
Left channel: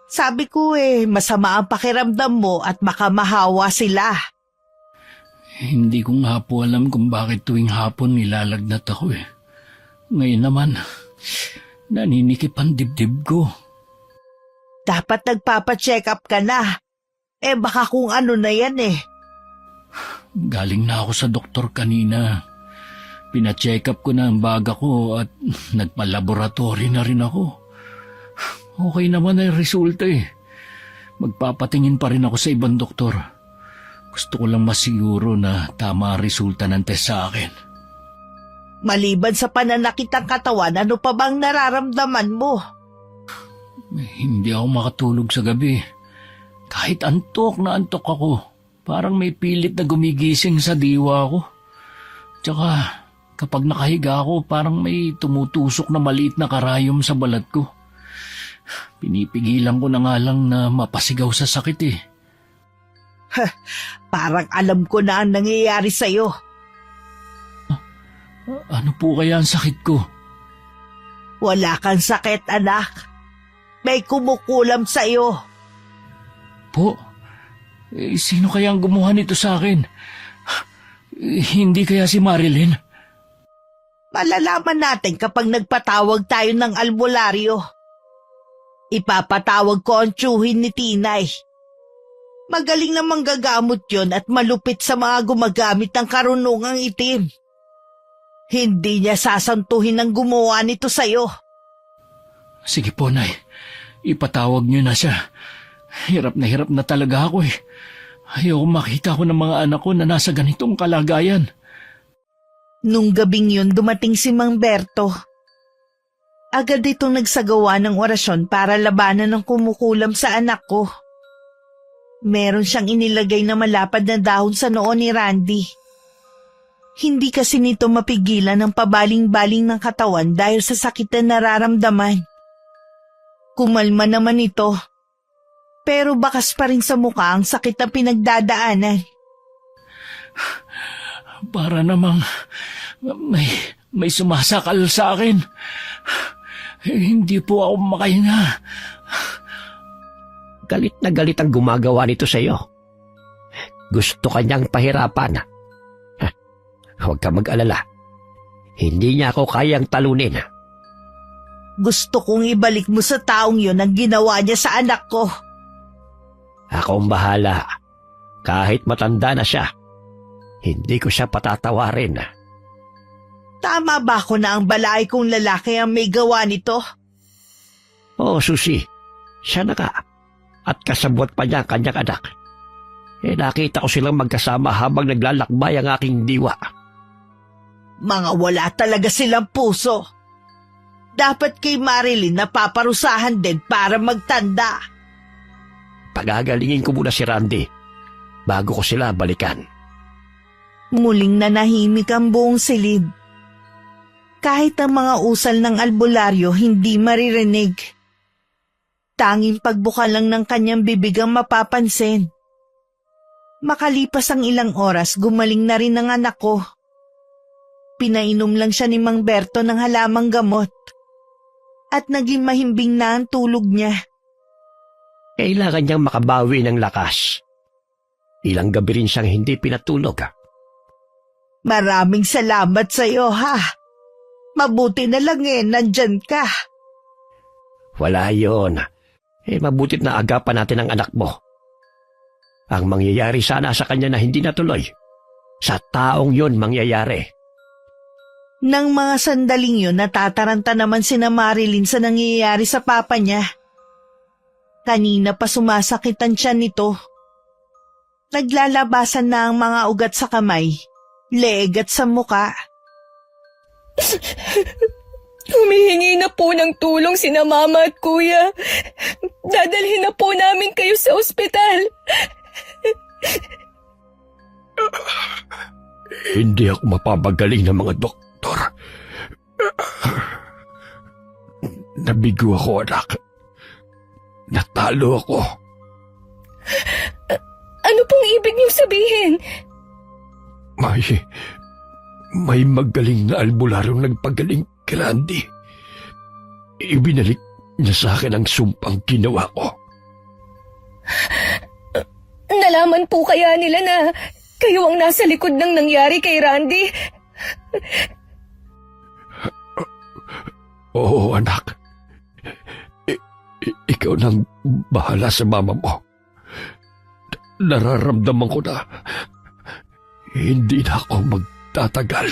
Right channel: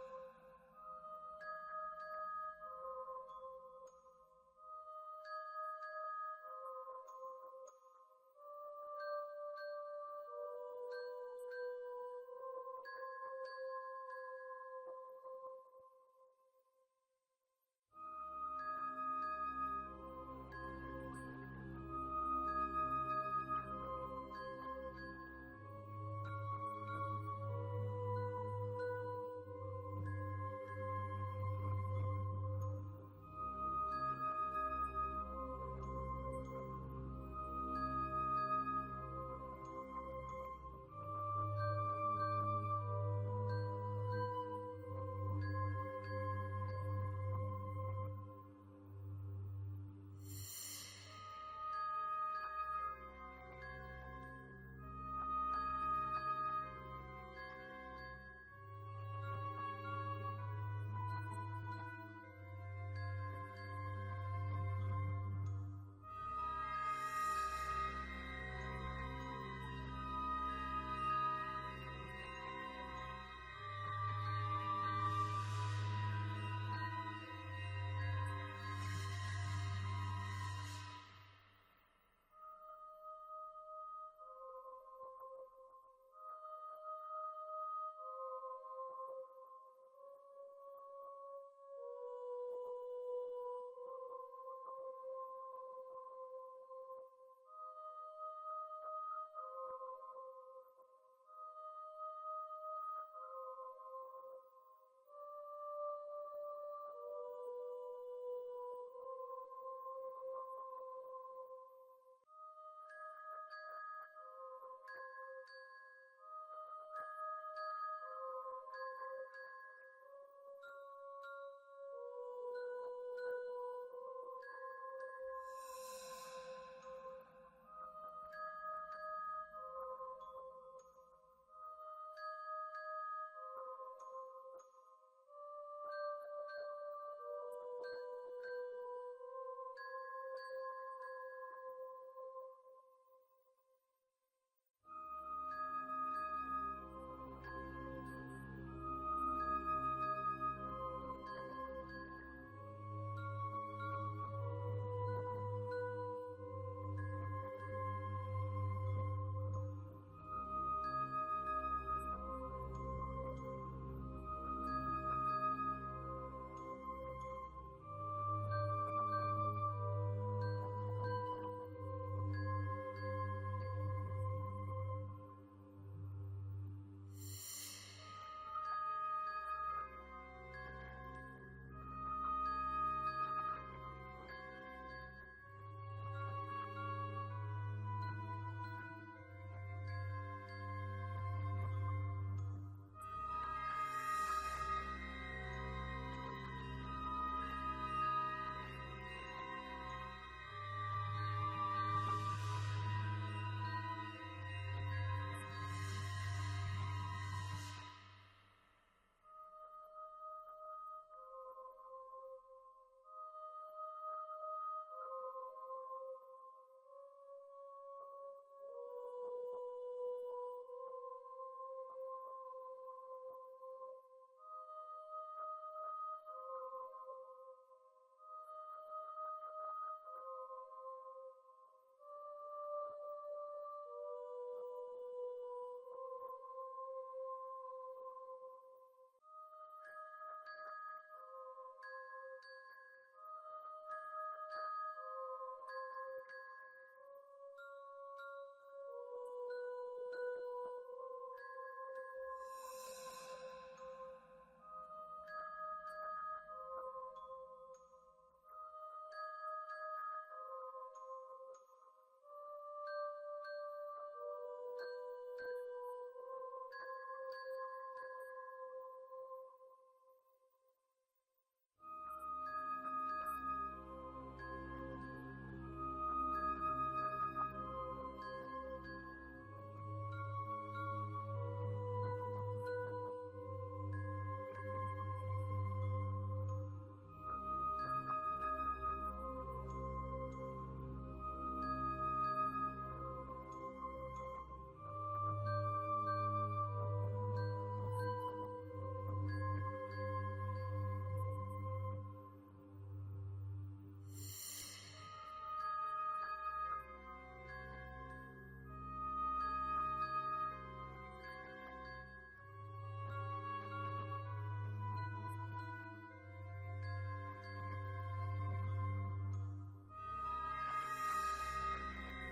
Sabi ko masama ang pakiramdam mo at makamahawa sila. Hindi ko nga po alam kung bakit tuwing hapon nilalagnat ako Ngayon naman, naninikip ang dibdib ko. Dapat nagpapacheck up ka na. Baka kung ano na yan Galing na ako sa doktor kanina. Pina-check up ko na ang baga ko at nagpa-laboratory na rin ako. Okay naman ang resulta Magpapatingin pa rin ako sa ibang doktor. Gusto ko lang masiguro na tama ang resulta ng test sa akin. Maliban sa pananakit ng katawan, ano pa bang nararamdaman mo? Hindi ako makatulog sa gabi. Kahit antok na antok ako, parang may pilit na gumigising sa diwa ko. Tsaka Kapag nakahiga ako, parang may tumutusok na maliit na karayom sa balat ko. Pinipigilan ko na nga lang na mapasigaw sa sakit eh. Parang alam ko na ang nangyayari sa'yo. Ano po kaya ang sakit ko? Wala kang sakit, anak. May kumukulam sa'yo. Po? Sino kaya ang gumawa nito sa akin? Hindi kaya si Marilyn? Malalaman natin kapag nagpatawag tayo ng albularyo. Ipapatawag ko ang tiyuhin ni Tinay. Magaling na manggagamot yon at malupit sa mga gumagamit ng karunungang itim. Hindi niya sasantuhin ang gumawa nito sa'yo. Sige po, Nay. Ipatawag niyo na siya. Hirap na talaga ako eh. Ayoko makita ko ng mga anak ko na nasa ganitong kalagayan. Nung gabing yun, dumating si Mang Berto. Agad itong nagsagawa ng orasyon para labanan ng kumukulam sa anak ko. Meron siyang inilagay na malapad na dahon sa noo ni Randy. Hindi kasi nito mapigilan ang pabaling-baling ng katawan dahil sa sakit na nararamdaman. Kumalma naman ito, pero bakas pa rin sa mukha ang sakit na pinagdadaanan. Para namang may sumasakal sa akin. Hindi po ako makahinga. Galit na galit ang gumagawa nito sa iyo. Gusto kanyang pahirapan. Huwag ka mag-alala. Hindi niya ako kayang talunin. Gusto kong ibalik mo sa taong yun ang ginawa niya sa anak ko. Ako ang bahala. Kahit matanda na siya, hindi ko siya patatawarin. Tama ba ako na ang balay kong lalaki ang may gawa nito? Oo, Susi. Siya na nga. At kasabwat pa niya ang kanyang anak. Nakita ko silang magkasama habang naglalakbay ang aking diwa. Mga wala talaga silang puso. Dapat kay Marilyn napaparusahan din para magtanda. Pagagalingin ko muna si Randy bago ko sila balikan. Muling nanahimik ang buong silid. Kahit ang mga usal ng albularyo hindi maririnig. Tanging pagbuka lang ng kanyang bibig ang mapapansin. Makalipas ang ilang oras, gumaling na rin ang anak ko. Pinainom lang siya ni Mang Berto ng halamang gamot. At naging mahimbing na ang tulog niya. Kailangan niyang makabawi ng lakas. Ilang gabi rin siyang hindi pinatulog. Maraming salamat sa iyo, ha? Mabuti na lang nandyan ka. Wala yon. Mabutit na agapan natin ang anak mo. Ang mangyayari sana sa kanya na hindi natuloy, sa taong yon mangyayari. Nang mga sandaling yun, natataranta naman sina Marilyn sa nangyayari sa papa niya. Kanina pa sumasakit ang tiyan nito. Naglalabasan na ang mga ugat sa kamay, leeg at sa muka. Humihingi na po ng tulong sina Mama at Kuya. Dadalhin na po namin kayo sa ospital. Hindi ako mapapagaling ng mga doktor. Nabigo ako, anak. Natalo ako. Ano pong ibig niyong sabihin? May magaling na albularyong nagpagaling kay Randy. Ibinalik niya sa akin ang sumpang ginawa ko. Nalaman po kaya nila na kayo ang nasa likod ng nangyari kay Randy? Oo, anak. Ikaw nang bahala sa mama mo. Nararamdaman ko na hindi na ako magtatagal.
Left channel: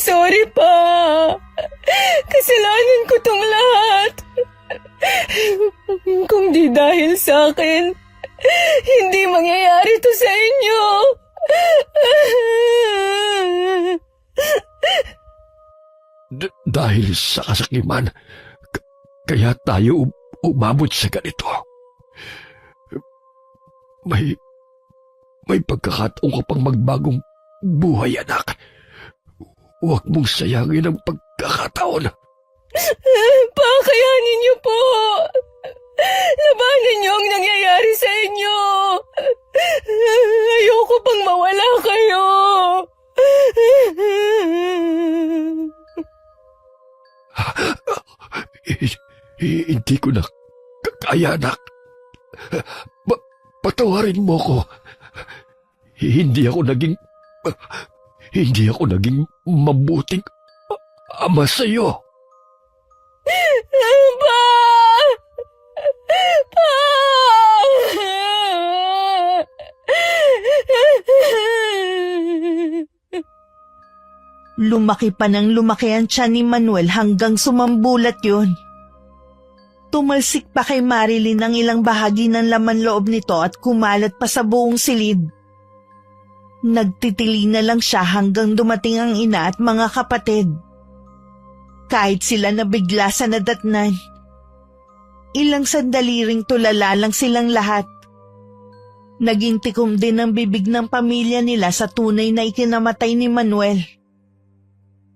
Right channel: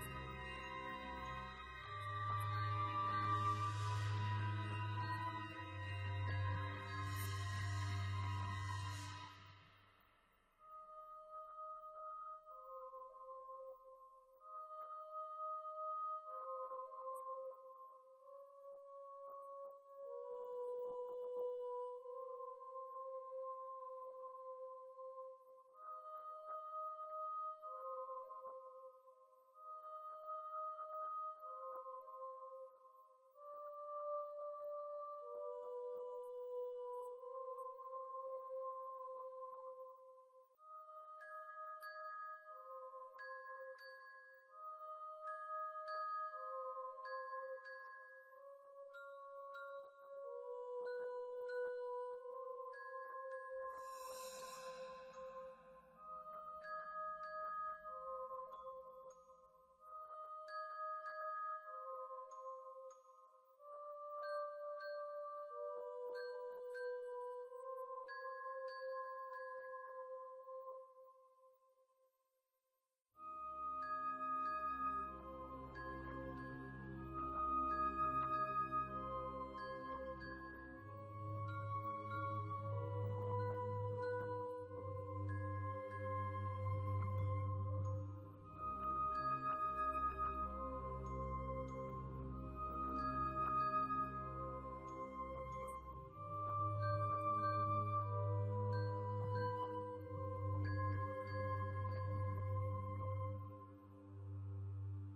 Sorry pa. Kasalanan ko tong lahat. Kung di dahil sa akin, hindi mangyayari to sa inyo. Dahil sa kasakiman, kaya tayo umabot sa ganito. May pagkakataon ka pang magbagong buhay, anak. Huwag mong sayangin ang pagkakataon. Pakayanin niyo po! Labanan niyo ang nangyayari sa inyo! Ayoko pang mawala kayo! Hindi ko na kaya, anak. Patawarin mo ko. Hindi ako naging mabuting ama sa'yo. Pa! Pa! Lumaki pa ng lumaki ang tiyan ni Manuel hanggang sumambulat yun. Tumalsik pa kay Marilyn ang ilang bahagi ng laman loob nito at kumalat pa sa buong silid. Nagtitili na lang siya hanggang dumating ang ina at mga kapatid. Kahit sila nabigla sa nadatnan, ilang sandali ring tulala lang silang lahat. Naging tikom din ang bibig ng pamilya nila sa tunay na ikinamatay ni Manuel.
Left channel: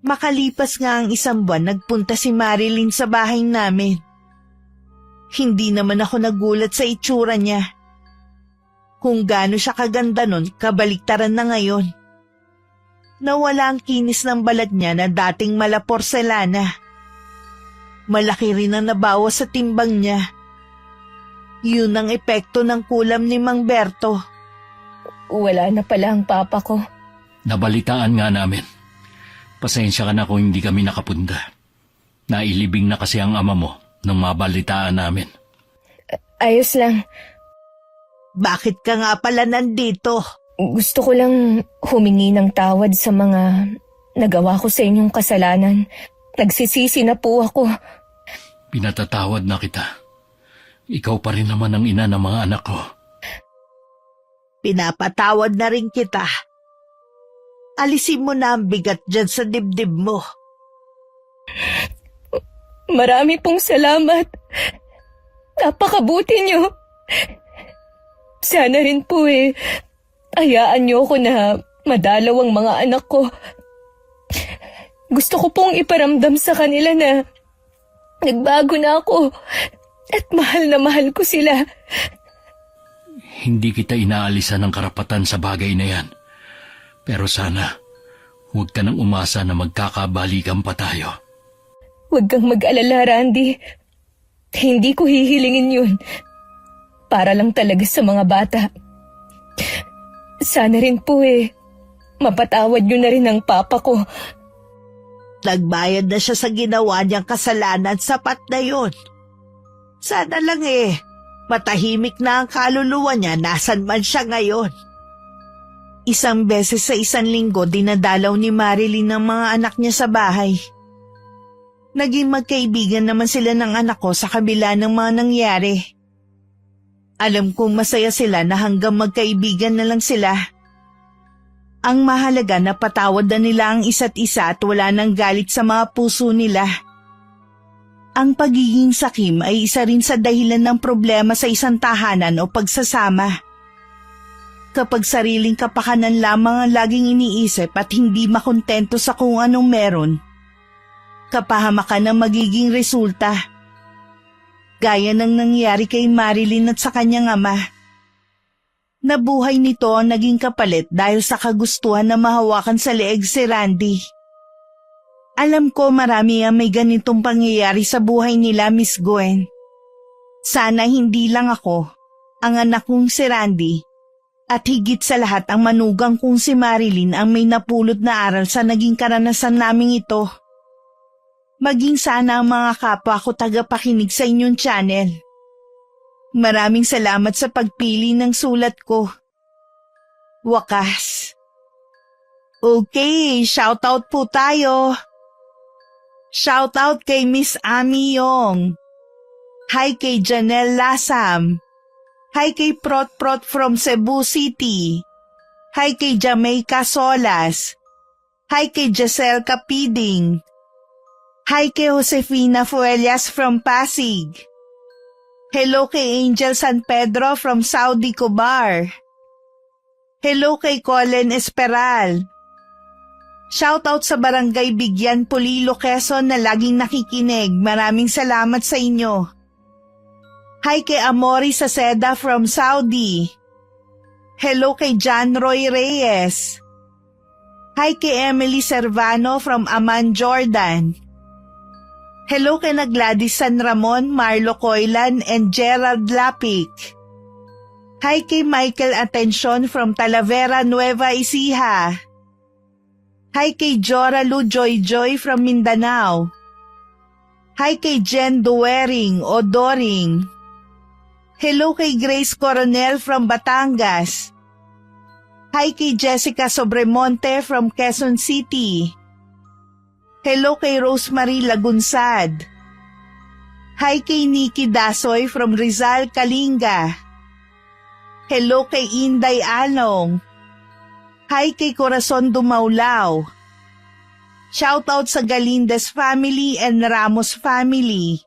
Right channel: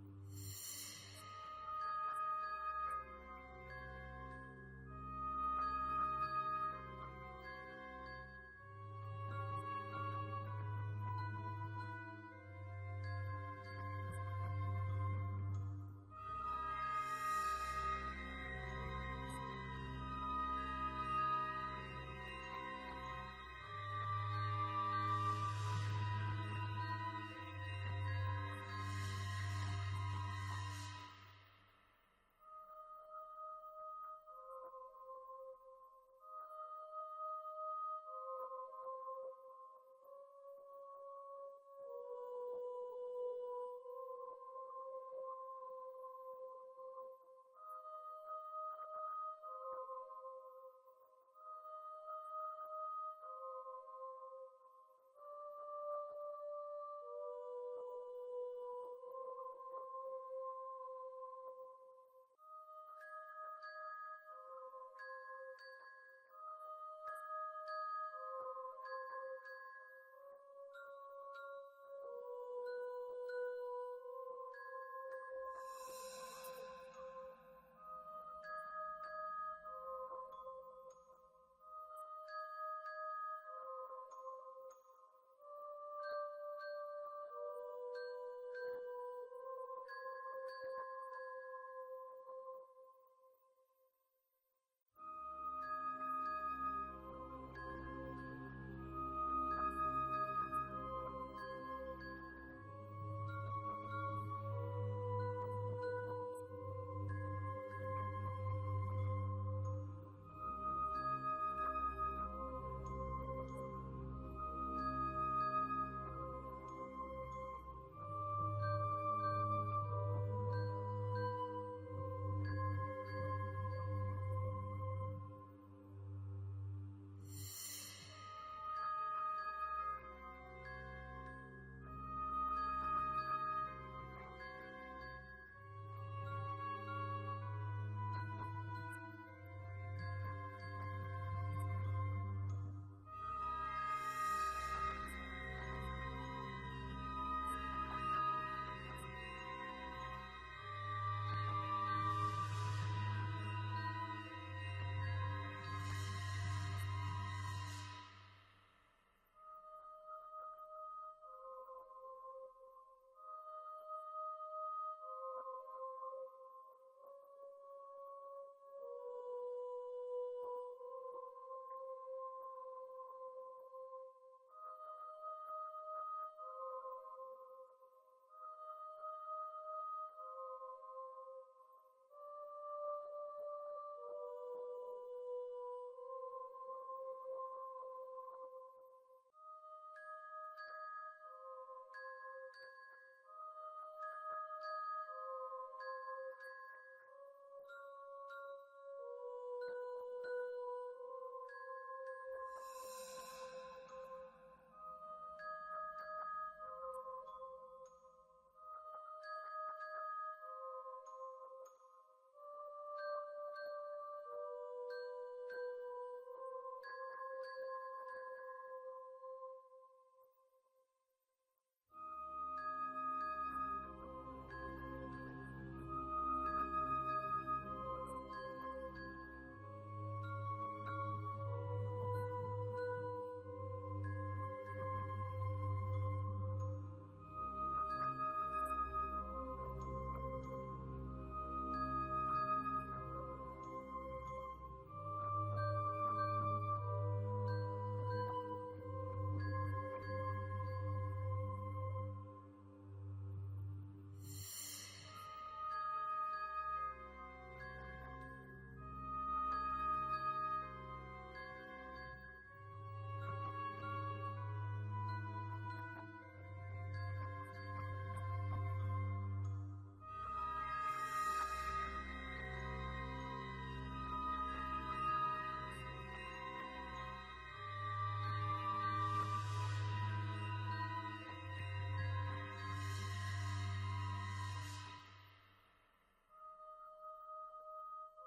Makalipas nga ang 1 buwan, nagpunta si Marilyn sa bahay namin. Hindi naman ako nagulat sa itsura niya. Kung gaano siya kaganda nun, kabaliktaran na ngayon. Nawala ang kinis ng balat niya na dating mala porselana. Malaki rin ang nabawas sa timbang niya. Yun ang epekto ng kulam ni Mang Berto. Wala na pala ang papa ko. Nabalitaan nga namin. Pasensya ka na kung hindi kami nakapunda. Nailibing na kasi ang ama mo nung mabalitaan namin. Ayos lang. Bakit ka nga pala nandito? Gusto ko lang humingi ng tawad sa mga nagawa ko sa inyong kasalanan. Nagsisisi na po ako. Pinatatawad na kita. Ikaw pa rin naman ang ina ng mga anak ko. Pinapatawad na rin kita. Alisin mo na ang bigat dyan sa dibdib mo. Marami pong salamat. Napakabuti niyo. Sana rin po hayaan niyo ako na madalaw ang mga anak ko. Gusto ko pong iparamdam sa kanila na nagbago na ako at mahal na mahal ko sila. Hindi kita inaalisan ng karapatan sa bagay na yan. Pero sana, huwag ka nang umasa na magkakabalikan pa tayo. Huwag kang mag-alala, Randy. Hindi ko hihilingin yun. Para lang talaga sa mga bata. Sana rin po mapatawad niyo na rin ang papa ko. Nagbayad na siya sa ginawa niyang kasalanan, sapat na yun. Sana lang matahimik na ang kaluluwa niya nasan man siya ngayon. 1 beses sa 1 linggo dinadalaw ni Marilyn ang mga anak niya sa bahay. Naging magkaibigan naman sila ng anak ko sa kabila ng mga nangyari. Alam kong masaya sila na hanggang magkaibigan na lang sila. Ang mahalaga na patawad na nila ang isa't isa at wala nang galit sa mga puso nila. Ang pagiging sakim ay isa rin sa dahilan ng problema sa isang tahanan o pagsasama. Kapag sariling kapakanan lamang ang laging iniisip at hindi makontento sa kung anong meron, kapahamakan ang magiging resulta. Gaya ng nangyari kay Marilyn at sa kanyang ama. Nabuhay nito ang naging kapalit dahil sa kagustuhan na mahawakan sa leeg si Randy. Alam ko marami ang may ganitong pangyayari sa buhay nila, Miss Gwen. Sana hindi lang ako, ang anak kong si Randy, at higit sa lahat ang manugang kong si Marilyn ang may napulot na aral sa naging karanasan naming ito. Maging sana ang mga kapwa ko tagapakinig sa inyong channel. Maraming salamat sa pagpili ng sulat ko. Wakas. Okay, shoutout po tayo. Shoutout kay Miss Ami Yong. Hi kay Janelle Lasam. Hi kay Prot from Cebu City. Hi kay Jamaica Solas. Hi kay Giselle Capiding. Hi kay Josefina Fuelias from Pasig. Hello kay Angel San Pedro from Saudi Cobar. Hello kay Colin Esperal. Shoutout sa Barangay Bigyan, Polilo, Quezon na laging nakikinig. Maraming salamat sa inyo. Hi kay Amori Saceda from Saudi. Hello kay John Roy Reyes. Hi kay Emily Servano from Amman, Jordan. Hello kay na Gladys San Ramon, Marlo Coylan, and Gerald Lapik. Hi kay Michael Atención from Talavera, Nueva Ecija. Hi kay Jora Lu Joy Joy from Mindanao. Hi kay Jen Duwering o Doring. Hello kay Grace Coronel from Batangas. Hi kay Jessica Sobremonte from Quezon City. Hello kay Rosemary Lagunsad. Hi kay Nikki Dasoy from Rizal, Kalinga. Hello kay Inday Along. Hi kay Corazon Dumaulaw. Shoutout sa Galindez family and Ramos family.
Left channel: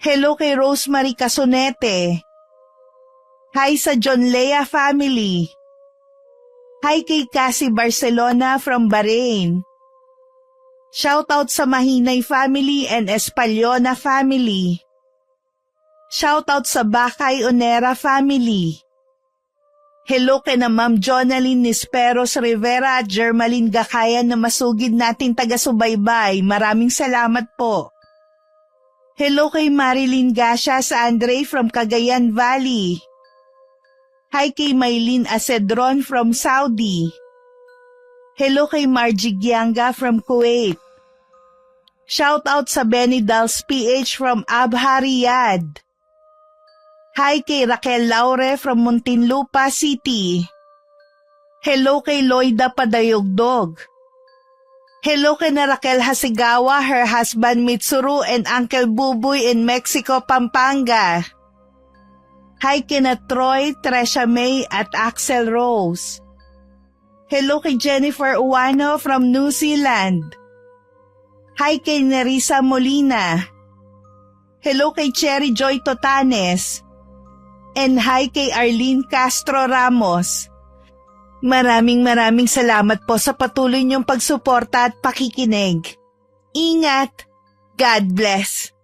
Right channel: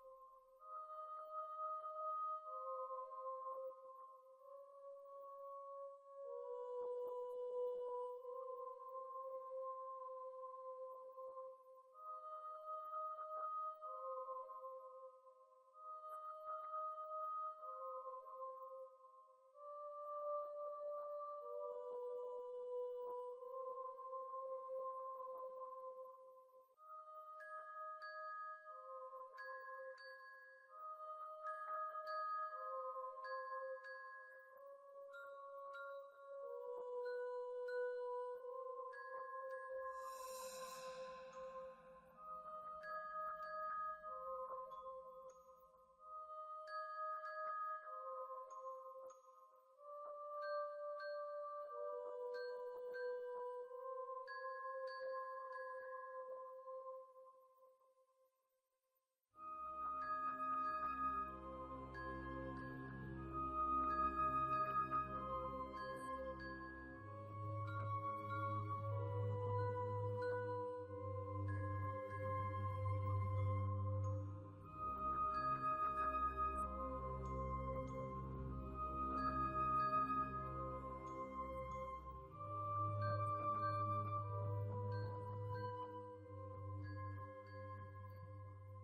Hello kay Rosemary Casonete. Hi sa John Lea family. Hi kay Cassie Barcelona from Bahrain. Shoutout sa Mahinay family and Espaliona family. Shoutout sa Bakay Onera family. Hello kay na Ma'am Jonaline Nisperos Rivera at Germaline Gakayan na masugid nating taga-subaybay. Maraming salamat po. Hello kay Marilyn Gasha sa Andre from Cagayan Valley. Hi kay Maylin Acedron from Saudi. Hello kay Margie Gianga from Kuwait. Shoutout sa Benny Dals PH from Abha, Riyadh. Hi kay Raquel Laure from Muntinlupa City. Hello kay Loida Padayogdog. Hello kay na Raquel Hasigawa, her husband Mitsuru, and Uncle Buboy in Mexico, Pampanga. Hi kay na Troy, Tresha May at Axel Rose. Hello kay Jennifer Uwano from New Zealand. Hi kay Nerissa Molina. Hello kay Cherry Joy Totanes. And hi kay Arlene Castro Ramos. Maraming salamat po sa patuloy niyong pagsuporta at pakikinig. Ingat! God bless!